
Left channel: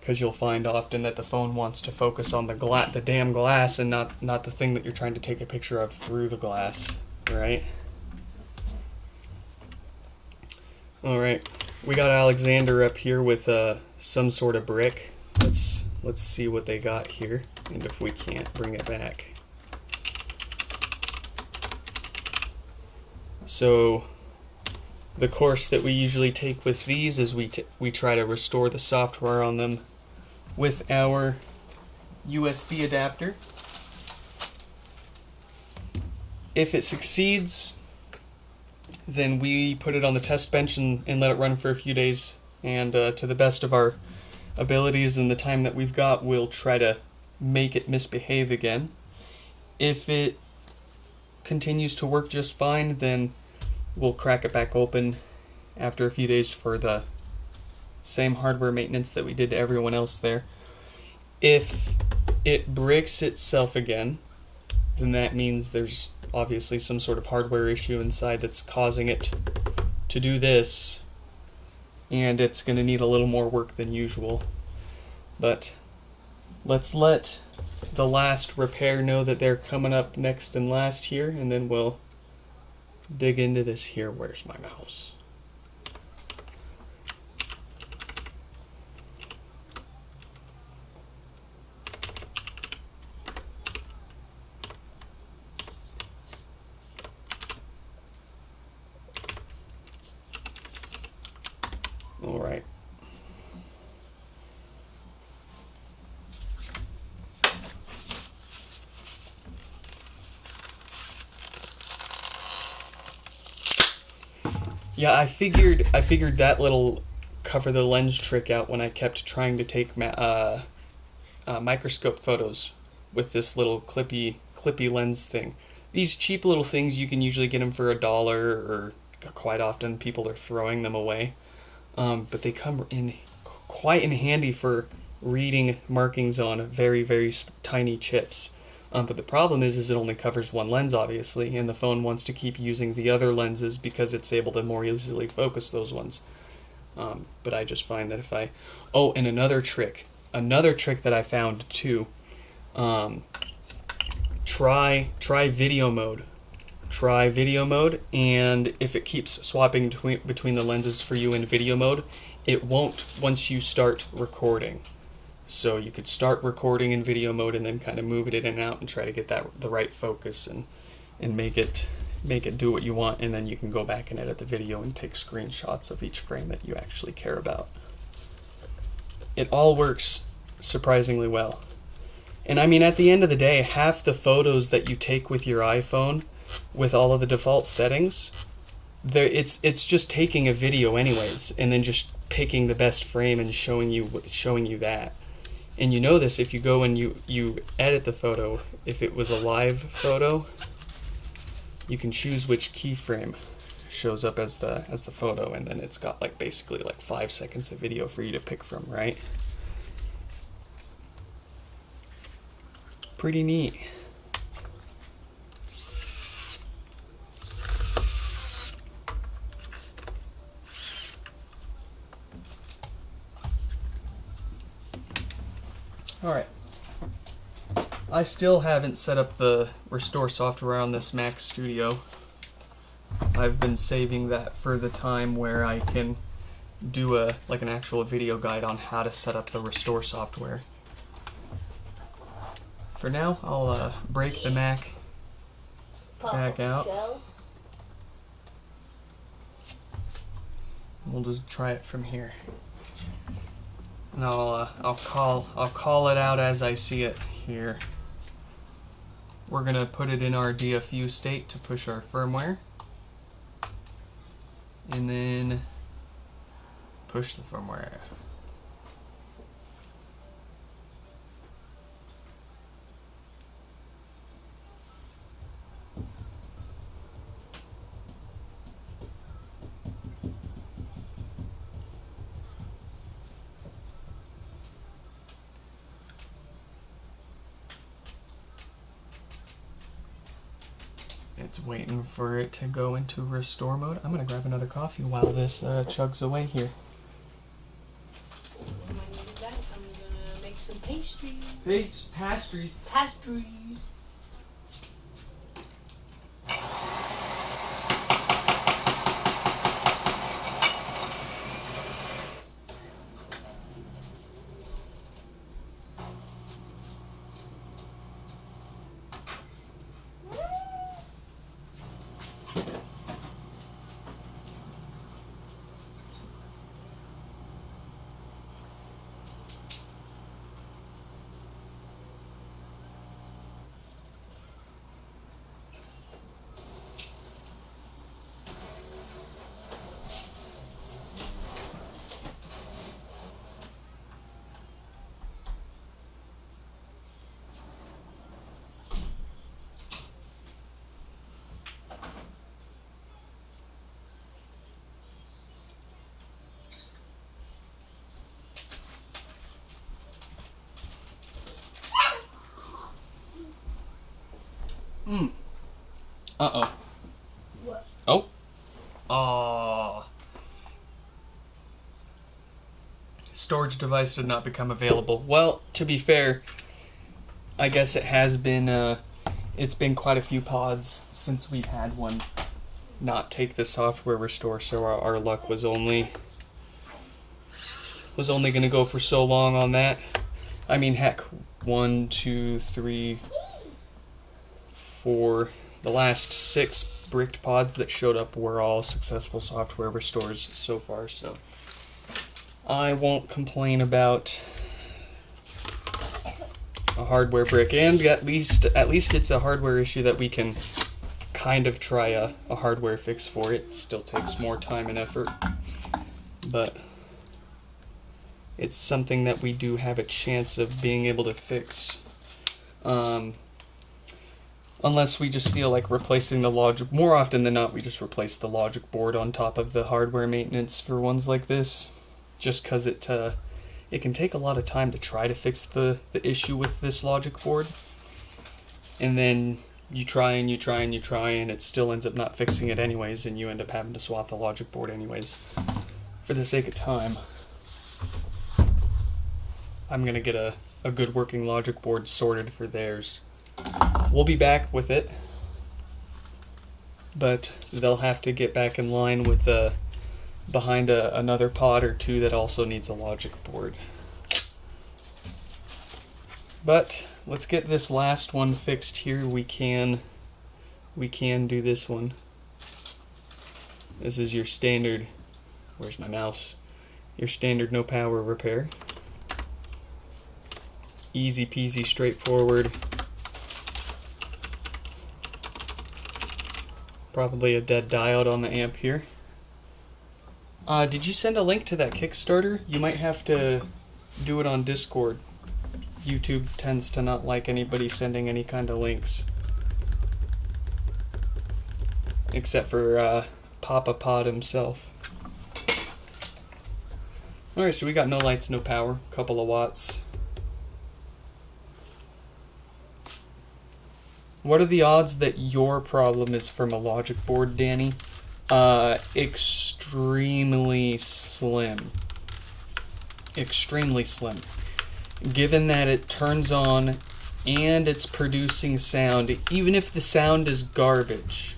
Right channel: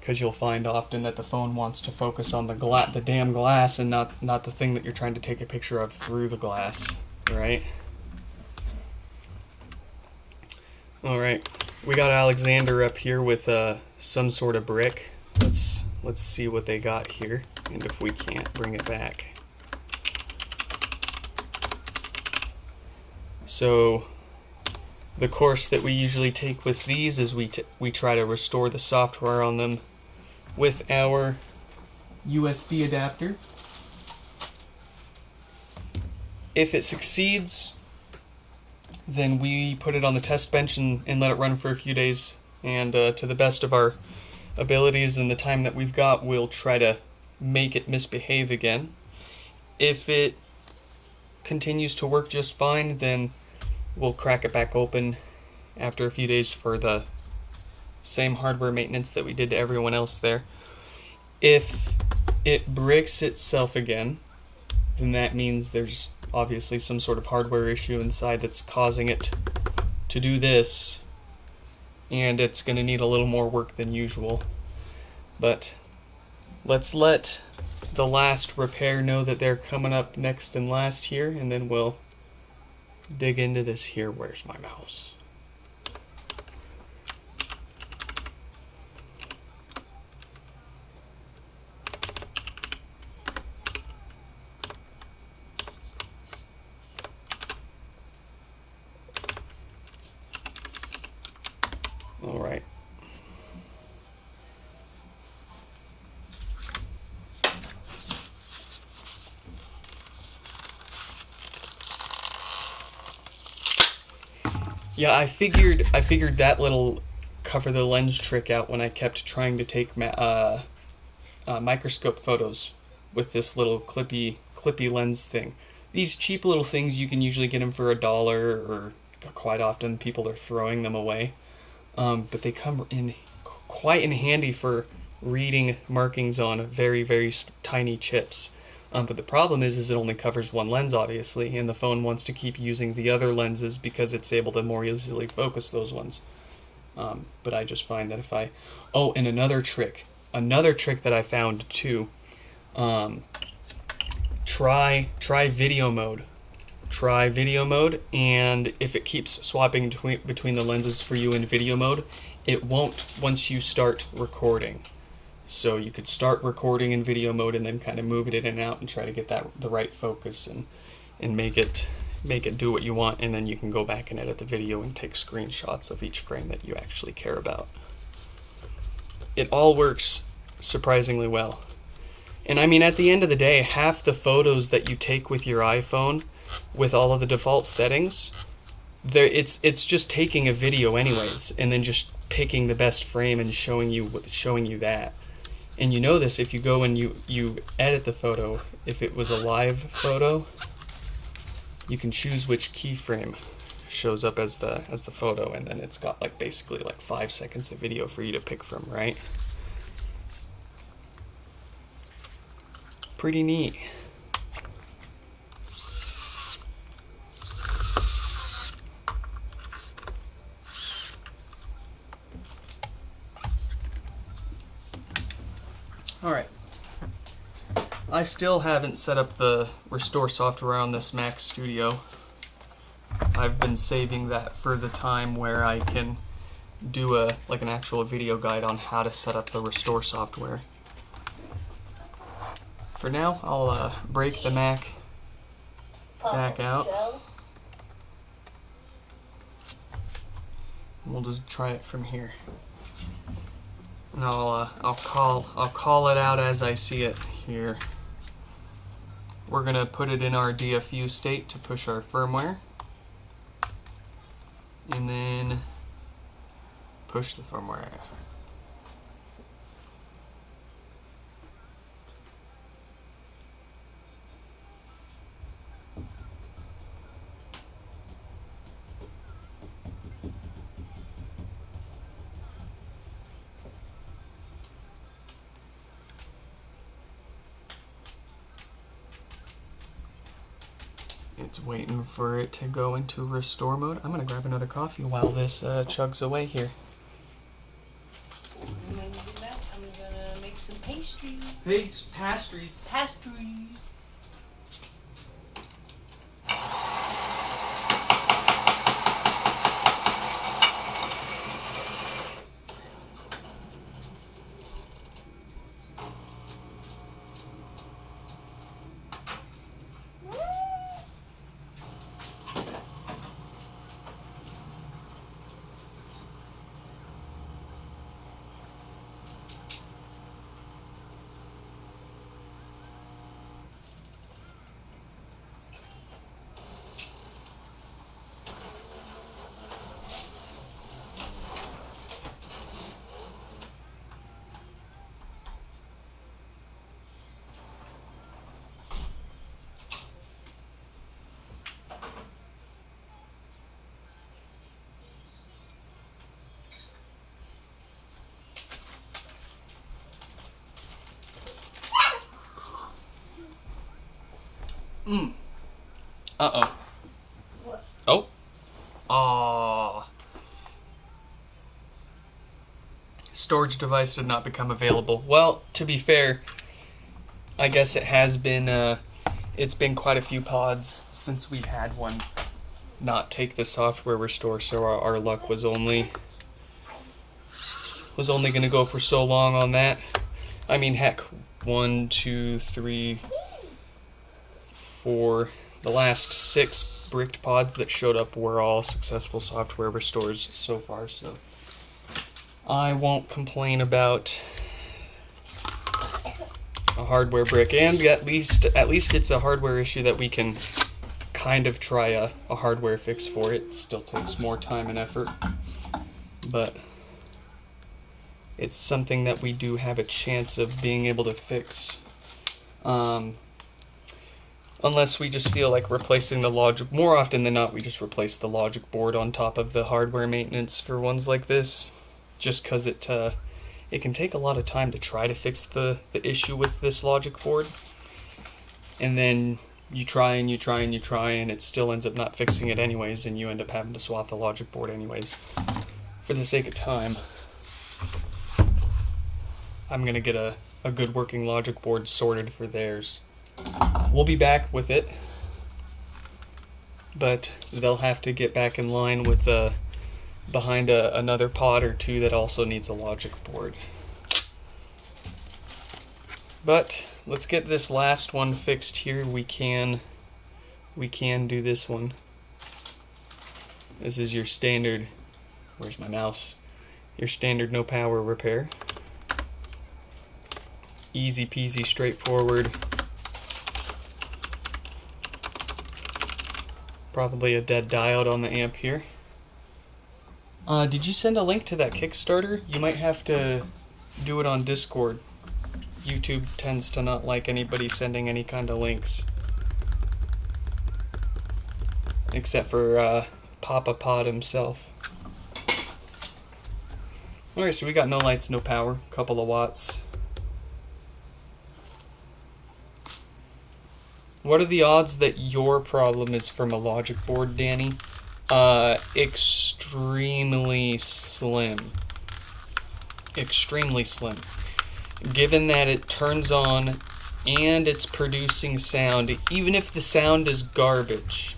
Because you'll find often that the phone wants to focus on the damn glass and not the thing that you're trying to take a picture of through the glass, right? All right, we got Alexander up here with some sort of brick. Let's see what they got here, and if we can't, bring it back. So the course that we usually take with these is we try to restore the software on them with our USB adapter. If it succeeds, then we put it on the test bench and let it run for a few days, and to the best of our abilities and the time that we've got, we'll try to make it misbehave again. If it continues to work just fine, then we'll crack it back open after a few days for the same hardware maintenance that we did to everyone else there. If it breaks itself again, then that means there's obviously some sort of hardware issue inside that's causing it to do this, and it's going to need a little more work than usual. But let's let the last repair know that they're coming up next and last here, and then we'll dig into this here. Where's my mouse? All right. Yeah, I figured that little cover the lens trick out when I kept trying to take microscope photos with this little clippy lens thing. These cheap little things, you can usually get them for $1, or quite often people are throwing them away. But they come in quite in handy for reading markings on very, very tiny chips. But the problem is it only covers one lens, obviously, and the phone wants to keep using the other lenses because it's able to more easily focus those ones. But I just find that if I... Oh, and another trick that I found too. Try video mode. Try video mode, and if it keeps swapping between the lenses for you in video mode, it won't once you start recording. So you could start recording in video mode and then kind of move it in and out and try to get the right focus and make it do what you want, and then you can go back and edit the video and take screenshots of each frame that you actually care about. It all works surprisingly well. And I mean, at the end of the day, half the photos that you take with your iPhone with all of the default settings, it's just taking a video anyways, and then just picking the best frame and showing you that. And you know this if you go and you edit the photo. If it was a live photo, you can choose which keyframe shows up as the photo, and then it's got like basically like 5 seconds of video for you to pick from, right? Pretty neat. Alright, I still haven't set up the restore software on this Mac Studio. I've been saving that for the time where I can do an actual video guide on how to set up the restore software. For now, I'll break the Mac back out. And we'll just try it from here. And I'll call it out as I see it here. We're gonna put it in our DFU state to push our firmware, and then push the firmware. It's waiting for it to go into restore mode. I'm gonna grab another coffee while this chugs away here. When you do that, I'm gonna make some pastries. Pastries. Pastries. Uh-oh. What? Oh. Aww. Storage device did not become available. Well, to be fair, I guess it has been, it's been quite a few pods since we had one not take the software restore, so our luck was only going to go for so long on that. I mean, heck, 1, 2, 3, 4, the last 6 bricked pods that showed up were all successful software restores so far, so I won't complain about a hardware brick, and at least it's a hardware issue that we can kind of try a hardware fix for it. It still takes more time and effort, but it's something that we do have a chance of being able to fix. Unless we just feel like replacing the logic. More often than not, we just replace the logic board on top of the hardware maintenance for ones like this, just because it can take a lot of time to try to fix the issue with this logic board, and then you try and you try and you try, and it still ends up not fixing it anyways, and you end up having to swap the logic board anyways. For the sake of time, I'm gonna get a good working logic board sorted for theirs. We'll be back with it, but they'll have to get back in line with behind another pod or two that also needs a logic board. But let's get this last one fixed here. We can do this one. This is your standard, where's my mouse? Your standard no power repair. Easy peasy, straightforward. Probably a dead diode on the amp here. Did you send a link to that Kickstarter? You might have to do it on Discord. YouTube tends to not like anybody sending any kind of links. Except for Papa Pod himself. Alright, so we got no lights, no power, couple of watts. What are the odds that your problem is from a logic board, Danny? Extremely slim. Extremely slim. Given that it turns on and it's producing sound, even if the sound is garbage,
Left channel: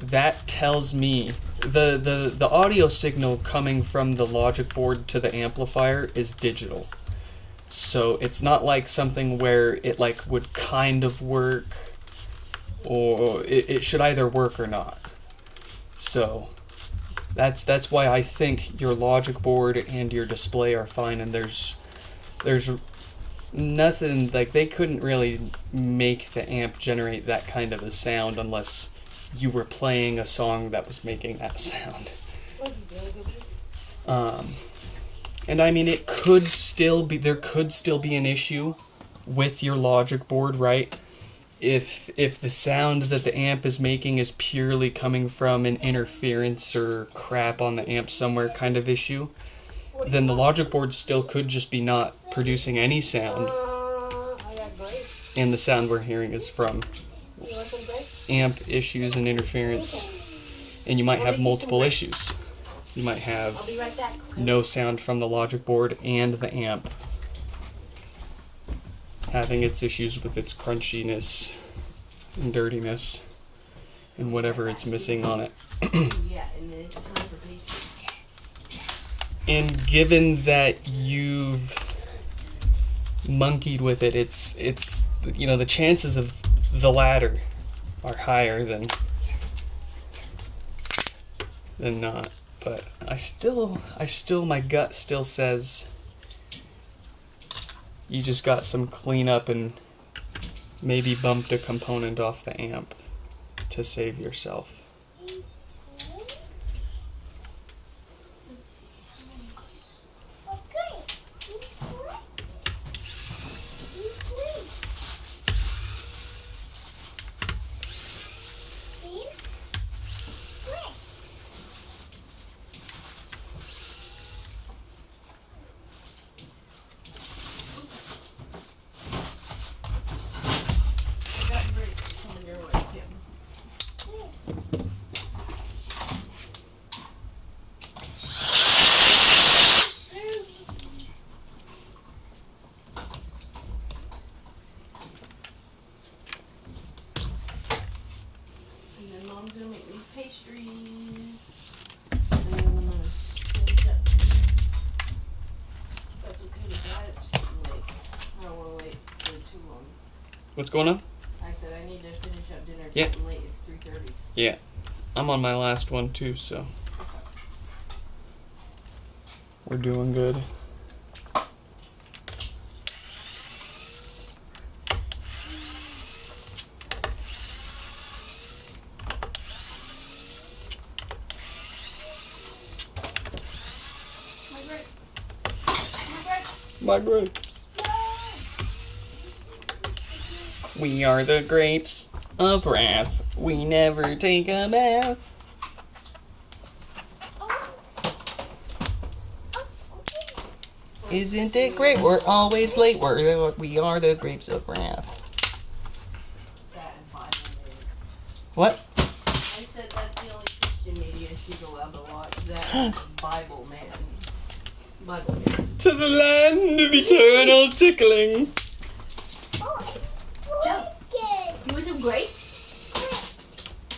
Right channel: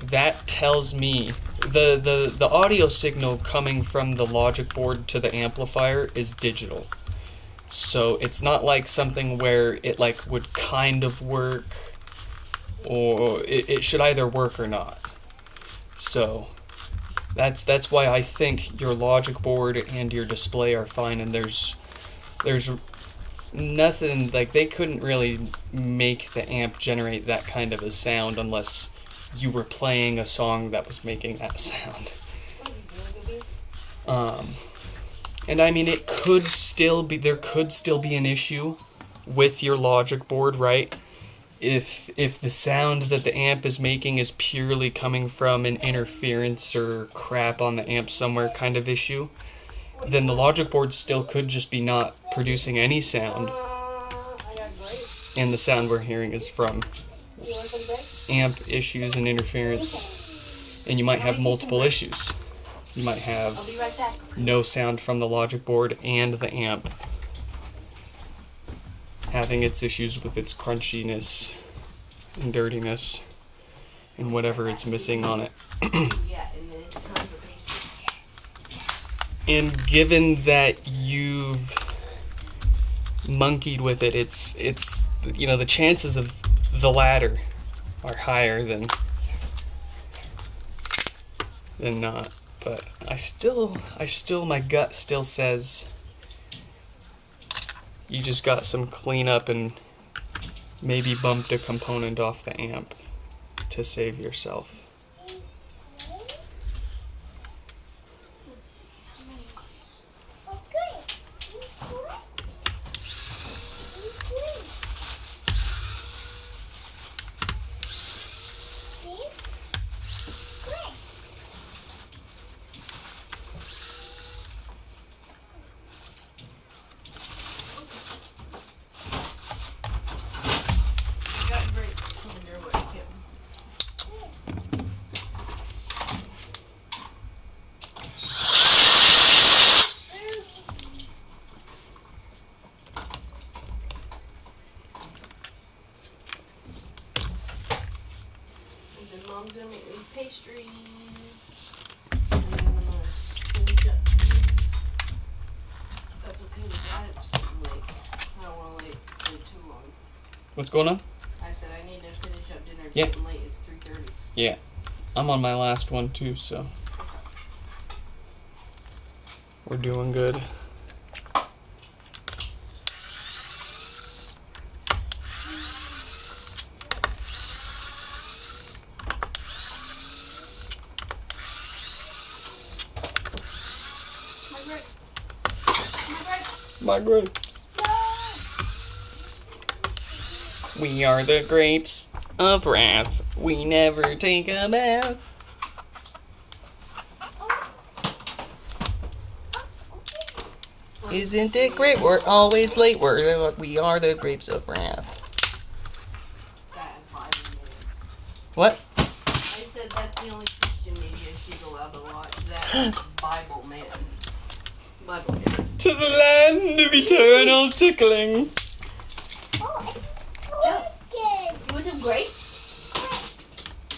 that tells me the audio signal coming from the logic board to the amplifier is digital. So it's not like something where it like would kind of work, or it should either work or not. So that's why I think your logic board and your display are fine, and there's nothing, like they couldn't really make the amp generate that kind of a sound unless you were playing a song that was making that sound. And I mean, it could still be, there could still be an issue with your logic board, right? If the sound that the amp is making is purely coming from an interference or crap on the amp somewhere kind of issue, then the logic board still could just be not producing any sound. And the sound we're hearing is from amp issues and interference. And you might have multiple issues. You might have no sound from the logic board and the amp having its issues with its crunchiness and dirtiness and whatever it's missing on it. And given that you've monkeyed with it, it's you know, the chances of the latter are higher than not. But I still, my gut still says you just got some cleanup and maybe bumped a component off the amp to save yourself. Mom's gonna make me pastries. And then I'm gonna finish up. That's okay with that. It's getting late. I don't want to wait for too long. What's going on? I said I need to finish up dinner. It's Yeah. getting late. It's 3:30. Yeah. I'm on my last one too, so we're doing good. my grapes. We are the grapes of wrath. We never take a bath. Isn't it great? We're always late. We are the grapes of wrath. What? I said that's the only Christian media she's allowed to watch. That Bible man. Bible man. To the land of eternal tickling. Oh, it's Joe, wicked. you want some grapes?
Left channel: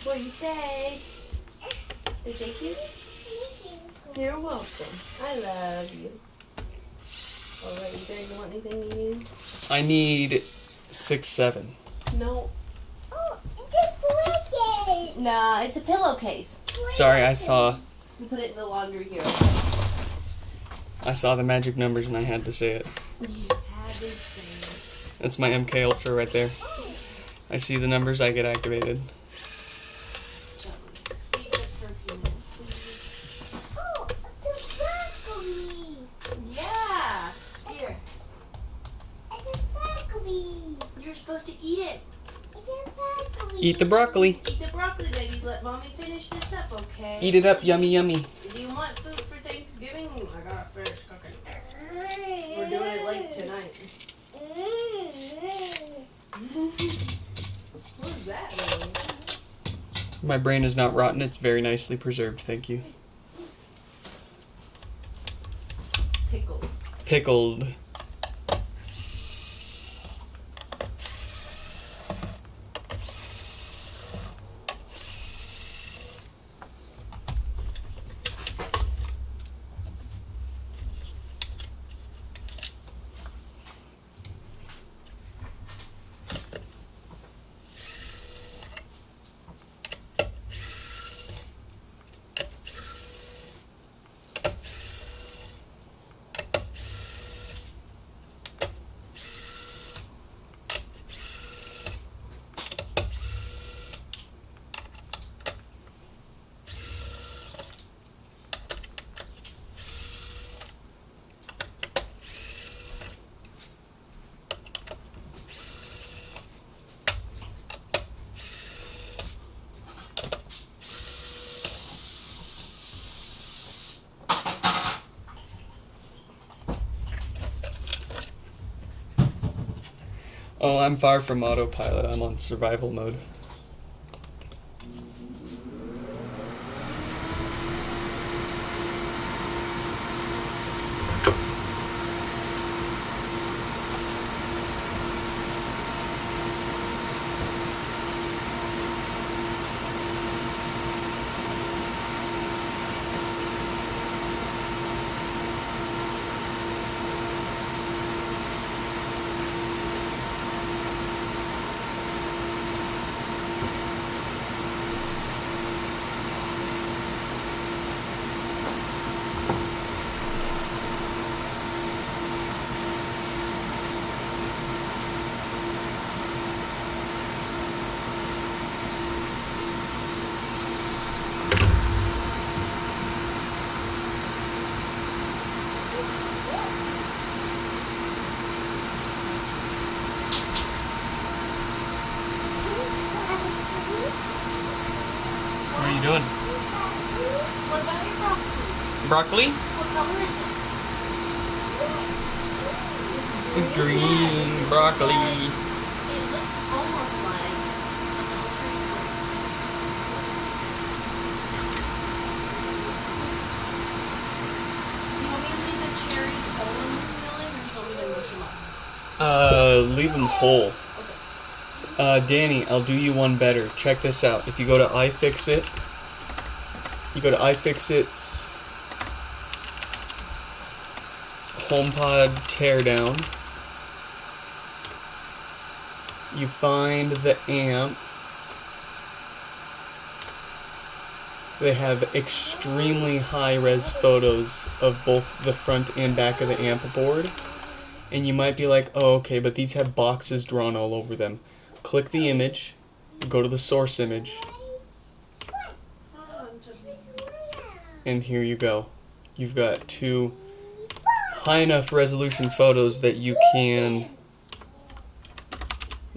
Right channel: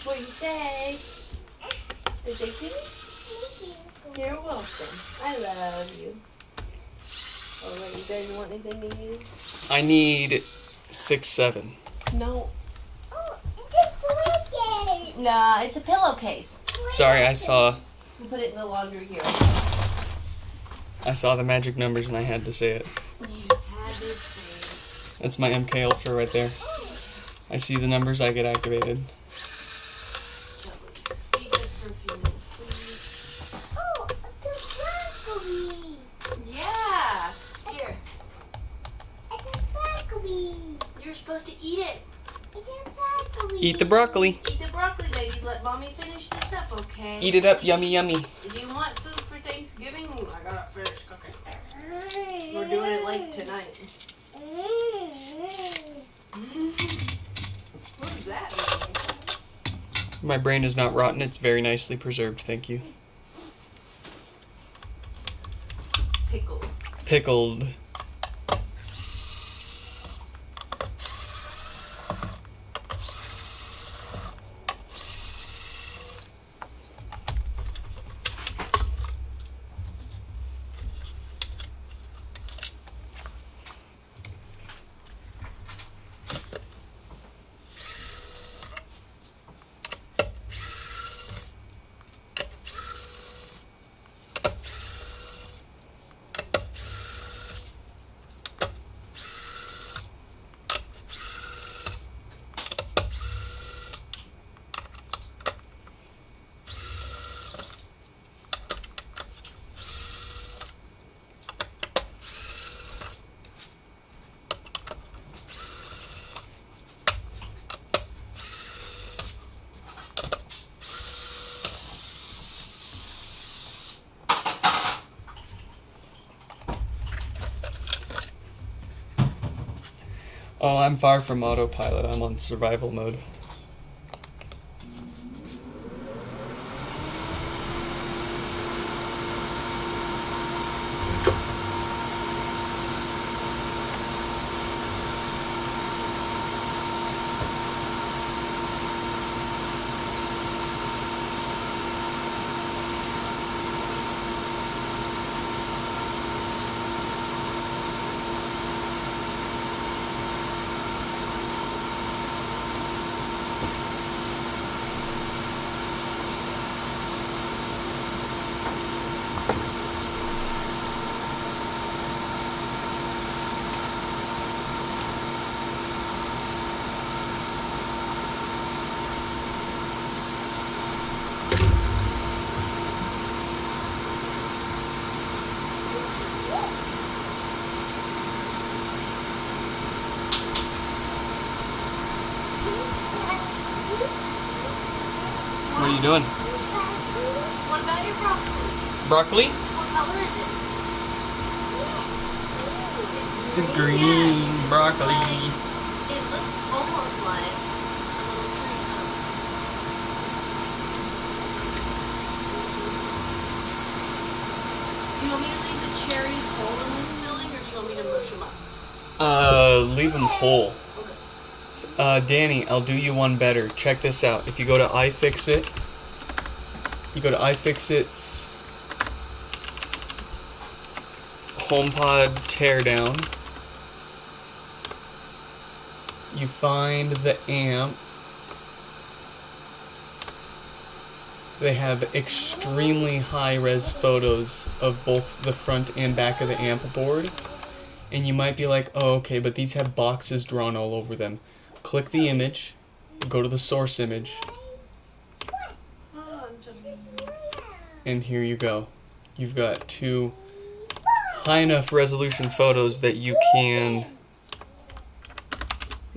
What do you say? Is they cute? You're welcome. I love you. Alright, you guys want anything to use? I need 6, 7. No. Oh, it's wicked. Nah, it's a pillowcase. Sorry, I saw We put it in the laundry here. the magic numbers and I had to say it. You have this. That's my MK Ultra right there. I see the numbers, I get activated. Oh, it's broccoli. Yeah. Here. It's broccoli. You're supposed to eat it. It's broccoli. Eat the broccoli. Eat the broccoli, babies. Let mommy finish this up, okay? Eat it up, yummy, yummy. Do you want food for Thanksgiving? I gotta finish cooking. We're doing it late tonight. What does that mean? My brain is not rotten, it's very nicely preserved, thank you. Pickle. Pickled. Oh, I'm far from autopilot. I'm on survival mode. What are you doing? What about your broccoli? Broccoli? What color is it? It's green broccoli. It looks almost like. Do you want me to leave the cherries whole in this building, or do you want me to mush them up? Leave them whole. Danny, I'll do you one better. Check this out. If you go to iFixit, you go to iFixit's HomePod teardown. You find the amp. They have extremely high-res photos of both the front and back of the amp board. And you might be like, oh, okay, but these have boxes drawn all over them. Click the image, go to the source image, and here you go. You've got two high enough resolution photos that you can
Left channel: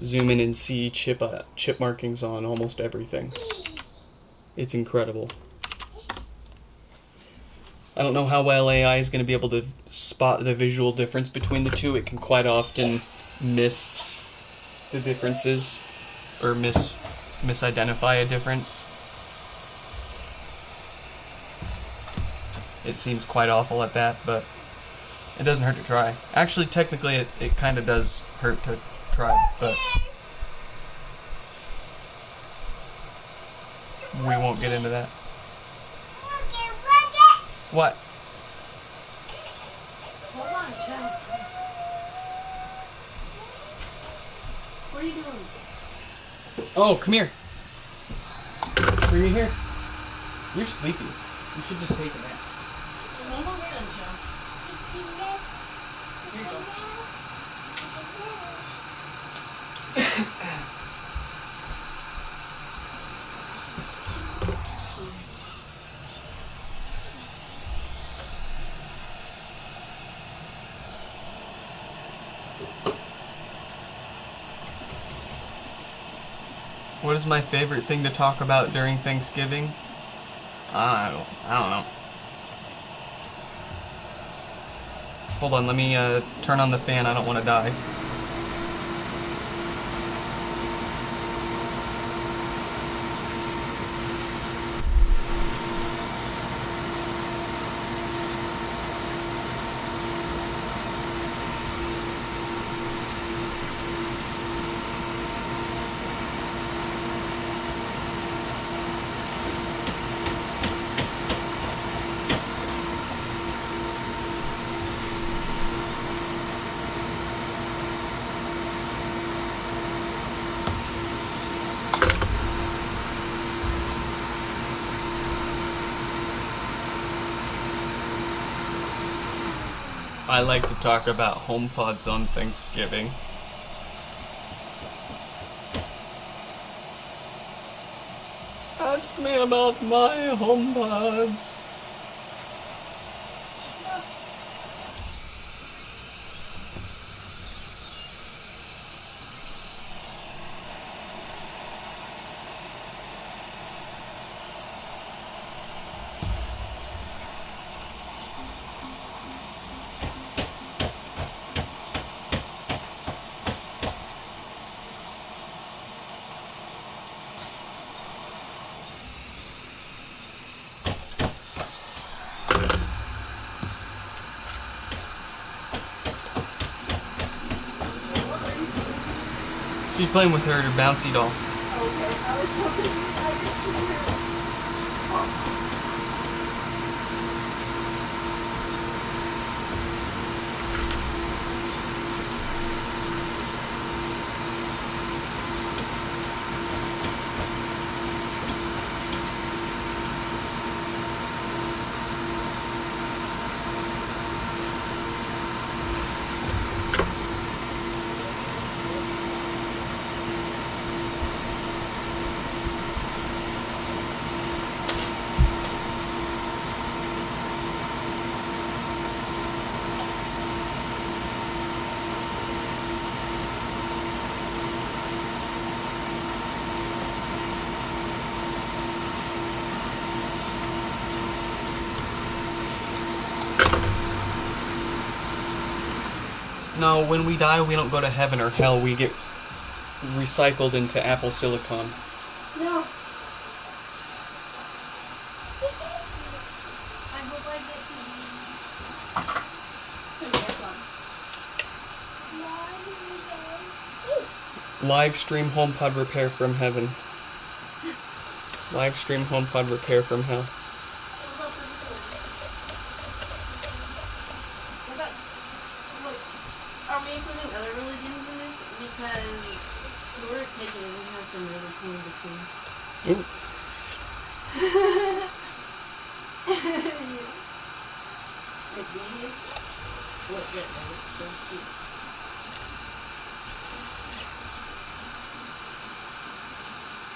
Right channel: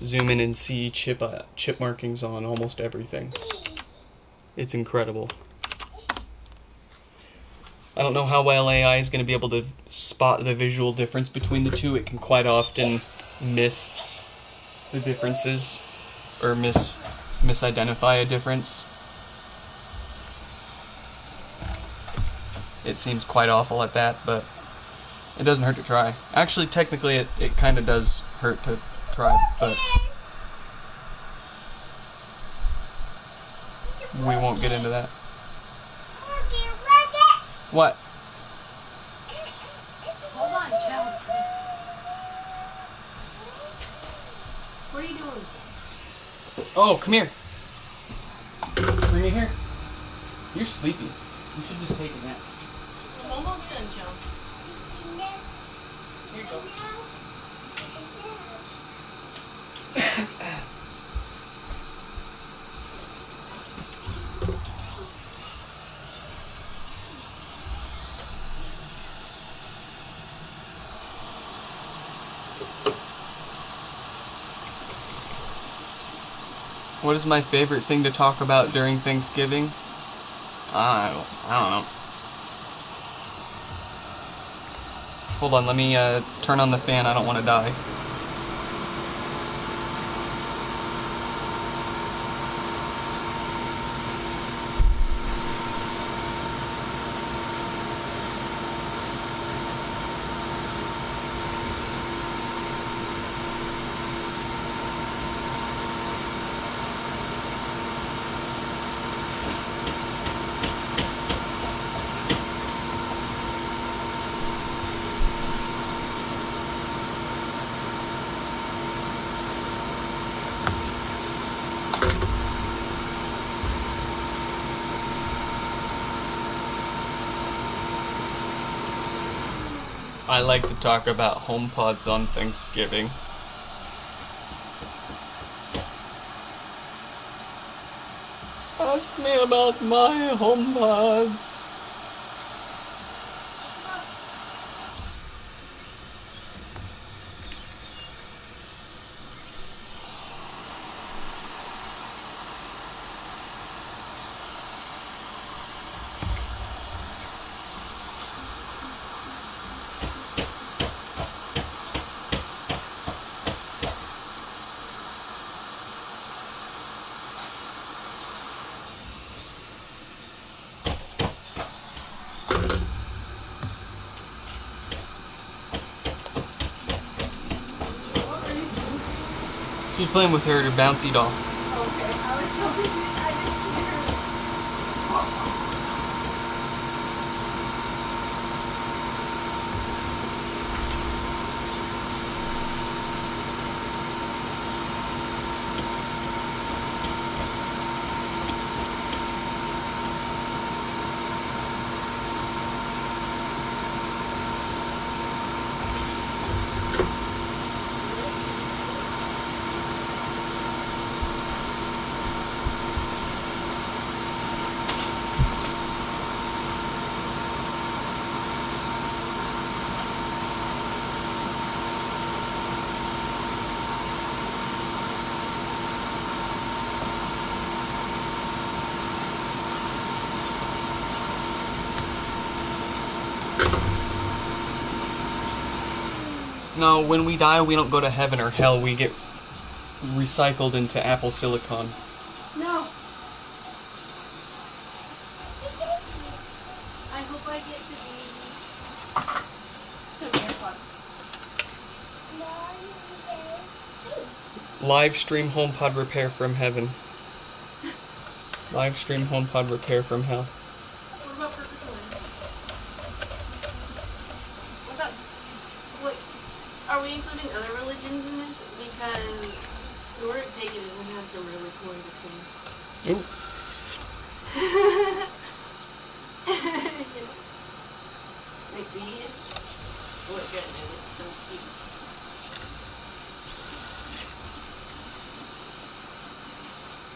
zoom in and see chip markings on almost everything. It's incredible. I don't know how well AI is going to be able to spot the visual difference between the two. It can quite often miss the differences or misidentify a difference. It seems quite awful at that, but it doesn't hurt to try. Actually, technically, it kind of does hurt to try, but we won't get into that. What? Hold on, Joe. What are you doing? Oh, come here. Bring it here. You're sleepy. You should just take a nap. Almost done, Joe. Here you go. What is my favorite thing to talk about during Thanksgiving? I don't know. Hold on, let me turn on the fan. I don't want to die. I like to talk about homepods on Thanksgiving. Ask me about my homepods. She's playing with her bouncy doll. Okay, I was so confused. No, when we die, we don't go to heaven or hell. We get recycled into Apple silicon. No. I hope I get to be super fun. Live stream HomePod repair from heaven. Live stream HomePod repair from hell. Are we including other religions in this? Because the word paganism has some really cool things. Ooh. What good edit, so cute.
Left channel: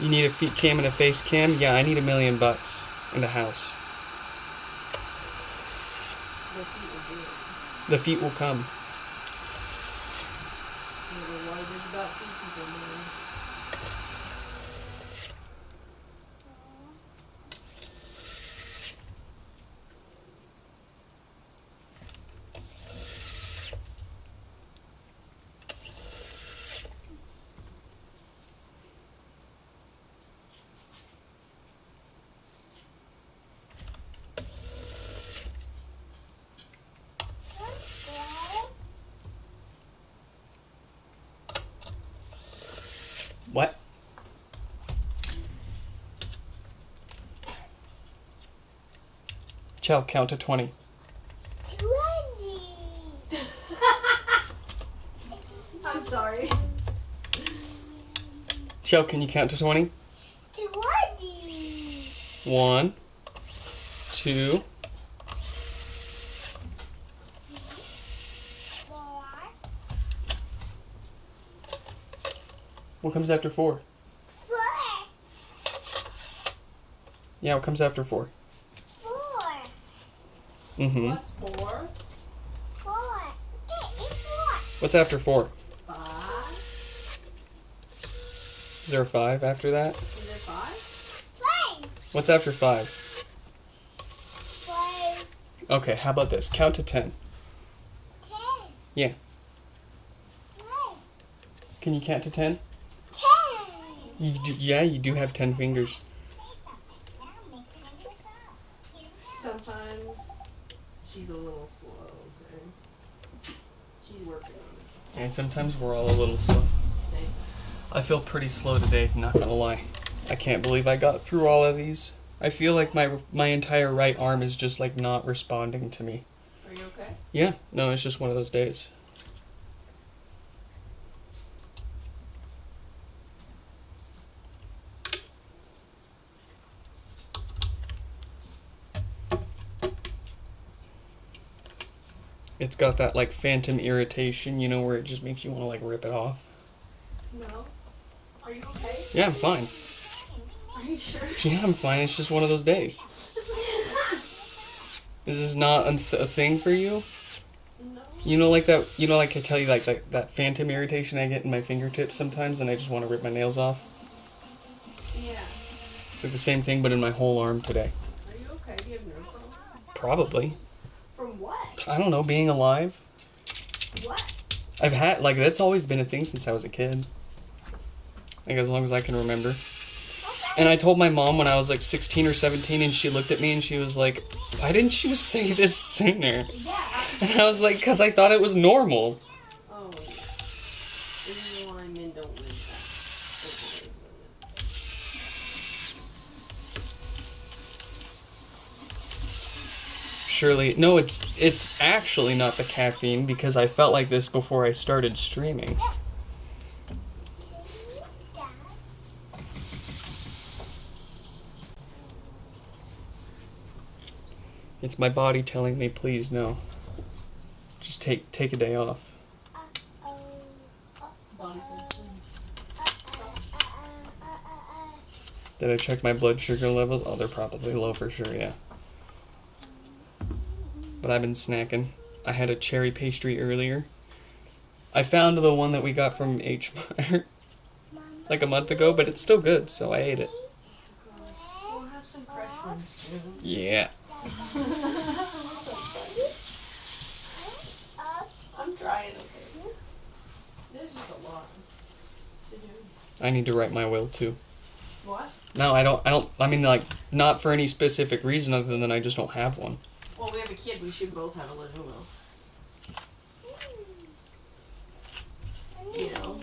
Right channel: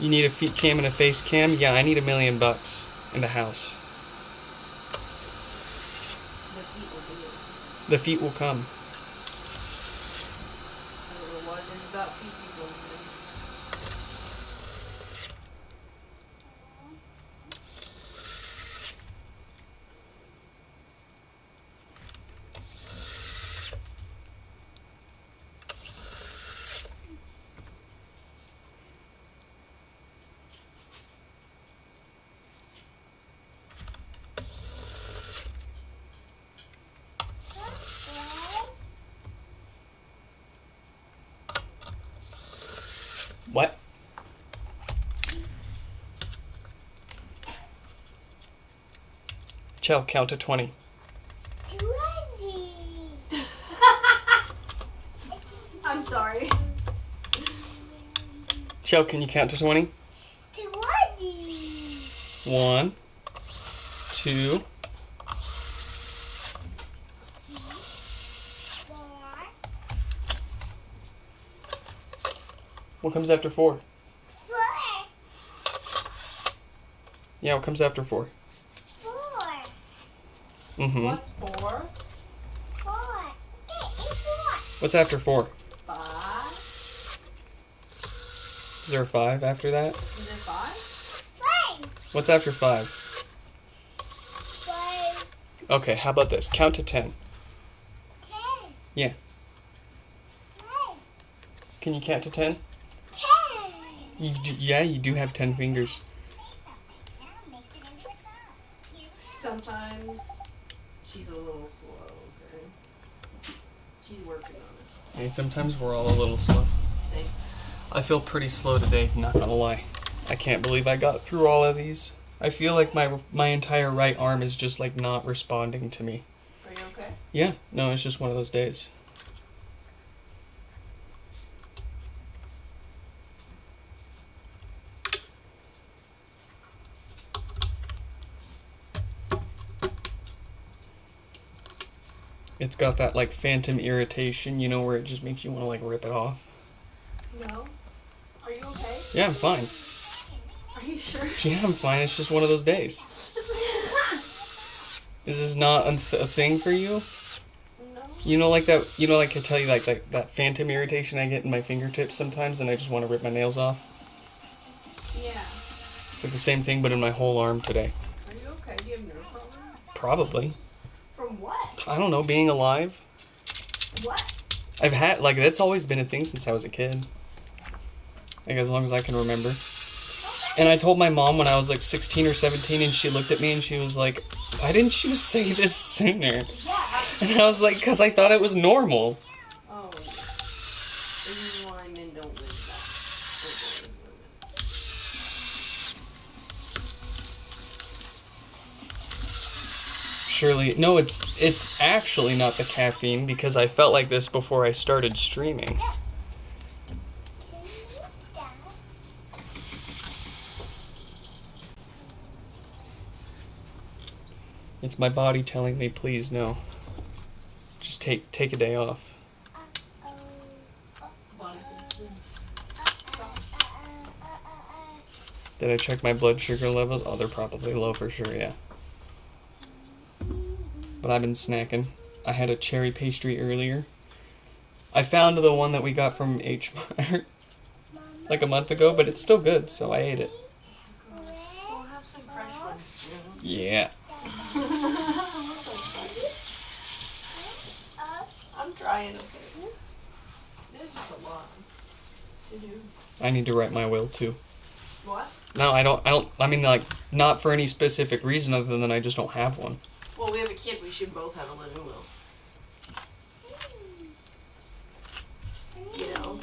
You need a feet cam and a face cam? Yeah, I need $1 million and a house. The feet will do it. The feet will come. I don't know what it is about these people, man. What? Chell, count to 20. 20. I'm sorry. Chell, can you count to 20? 20. 1, 2, 4. what comes after 4? 4. Yeah, what comes after 4? 4. Mm-hmm. What's 4? 4. Okay, it's 4. What's after 4? 5? Is there a 5 after that? Is there 5? 5. What's after 5? 5. Okay, how about this? Count to 10. 10. Yeah. 9. Can you count to 10? 10. Yeah, you do have 10 fingers. Sometimes she's a little slow, okay? She's working on it. And sometimes we're all a little slow. See? I feel pretty slow today, not gonna lie. I can't believe I got through all of these. I feel like my entire right arm is just like not responding to me. Are you okay? Yeah, no, it's just one of those days. It's got that like phantom irritation, you know, where it just makes you want to like rip it off. No. Are you okay? Yeah, I'm fine. Are you sure? Yeah, I'm fine. It's just one of those days. Is this not a thing for you? No. You know, like that. You know, like I tell you, like that phantom irritation I get in my fingertips sometimes, and I just want to rip my nails off. Yeah. It's like the same thing, but in my whole arm today. Are you okay? Do you have nail problems? Probably. From what? I don't know. Being alive. What? I've had like that's always been a thing since I was a kid. Like as long as I can remember. And I told my mom when I was like 16 or 17, and she looked at me and she was like, "Why didn't you say this sooner?" Yeah. And I was like, "Because I thought it was normal." Oh, yeah. This is why men don't live that. Surely, no, it's actually not the caffeine because I felt like this before I started streaming. It's my body telling me, please no. Just take a day off. Did I check my blood sugar levels? Oh, they're probably low for sure, yeah. But I've been snacking. I had a cherry pastry earlier. I found the one that we got from H Mart like a month ago, but it's still good, so I ate it. We'll have some fresh ones soon. Yeah. I'm trying, okay? There's just a lot to do. I need to write my will too. What? No, I mean, like, not for any specific reason other than I just don't have one. Well, we have a kid. We should both have a living will. You know?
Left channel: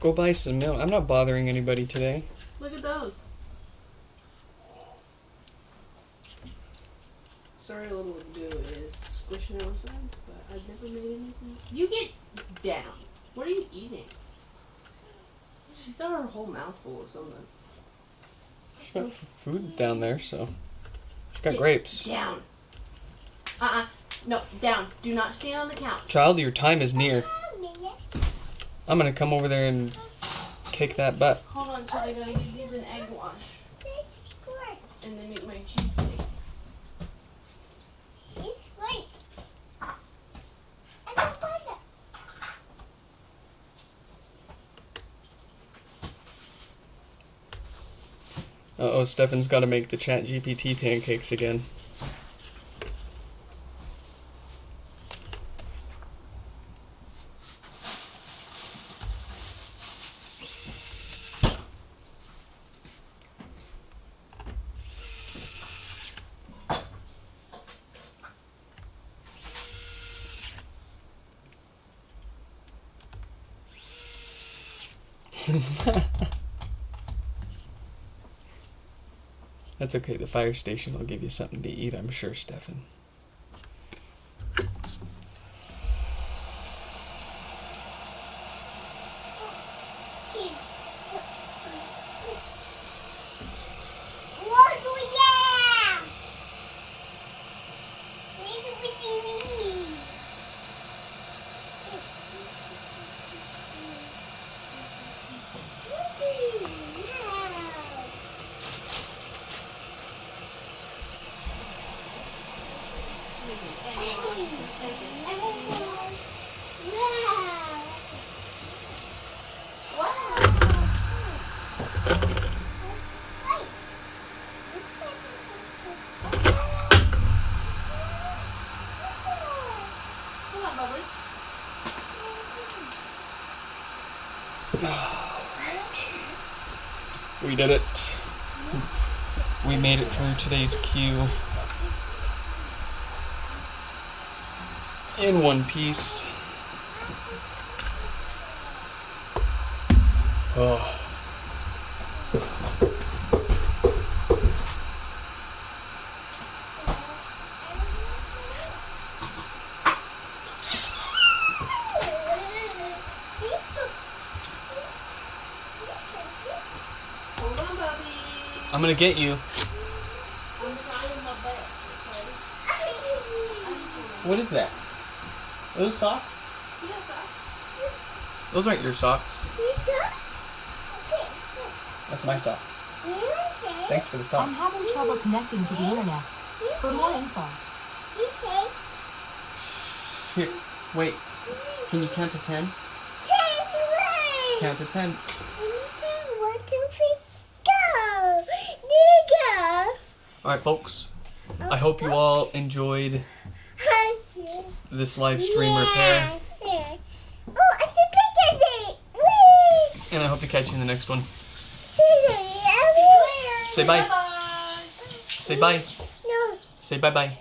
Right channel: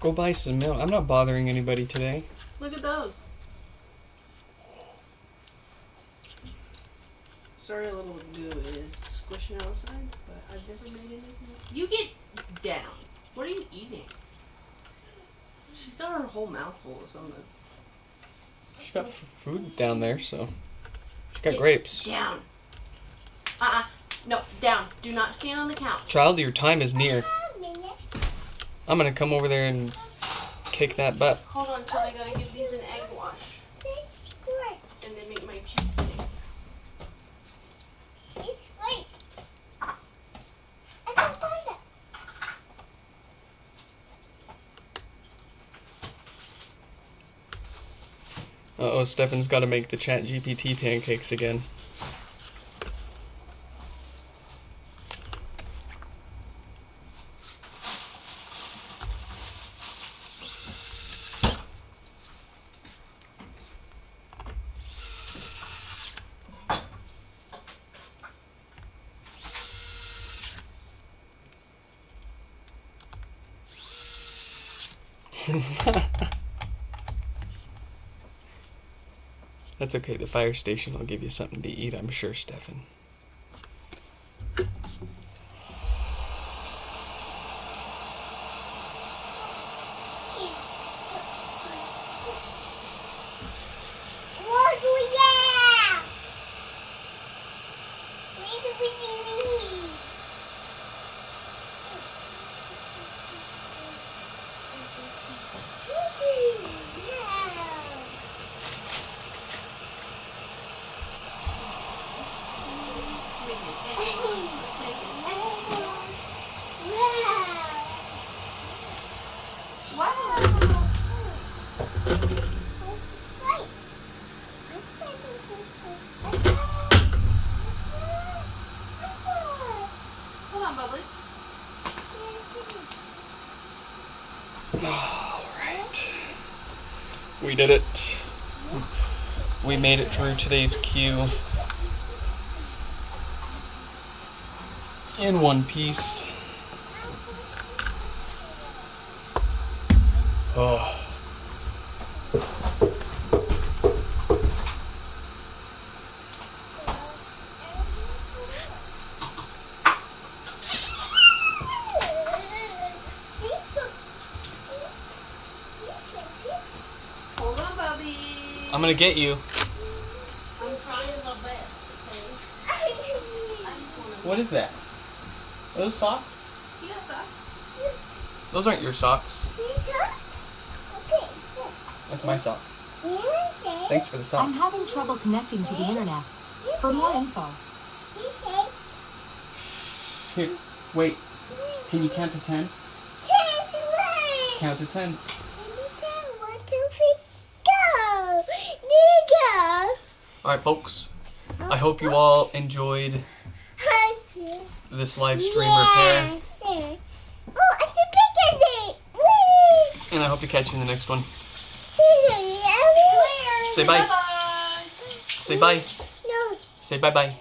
Go buy some milk. I'm not bothering anybody today. Look at those. Sorry, a little goo is squishing all sides, but I've never made anything. You get down. What are you eating? She's got her whole mouth full of something. She's got food down there, so she's got grapes. Down. No, down. Do not stand on the couch. Child, your time is near. I'm gonna come over there and kick that butt. Hold on, so I gotta give these an egg wash. And then make my cheesecake. It's great. I don't want it. Uh-oh, Stefan's gotta make the Chat GPT pancakes again. That's okay, the fire station will give you something to eat, I'm sure, Stefan. What do we have? What do we need? Alright. We did it. We made it through today's queue in one piece. Oh. Hold on, Bobby. I'm gonna get you. I'm trying my best, okay? What is that? Are those socks? Yes, Those aren't your socks. That's my sock. Thanks for the sock. I'm having trouble connecting to the internet. For more info, Here, wait. Can you count to 10? Count to 10. Alright, folks. I hope you all enjoyed this live stream repair. Oh, it's a picture day. Whee! And I hope to catch you in the next one. Say Say bye. Say bye. No. Say bye-bye.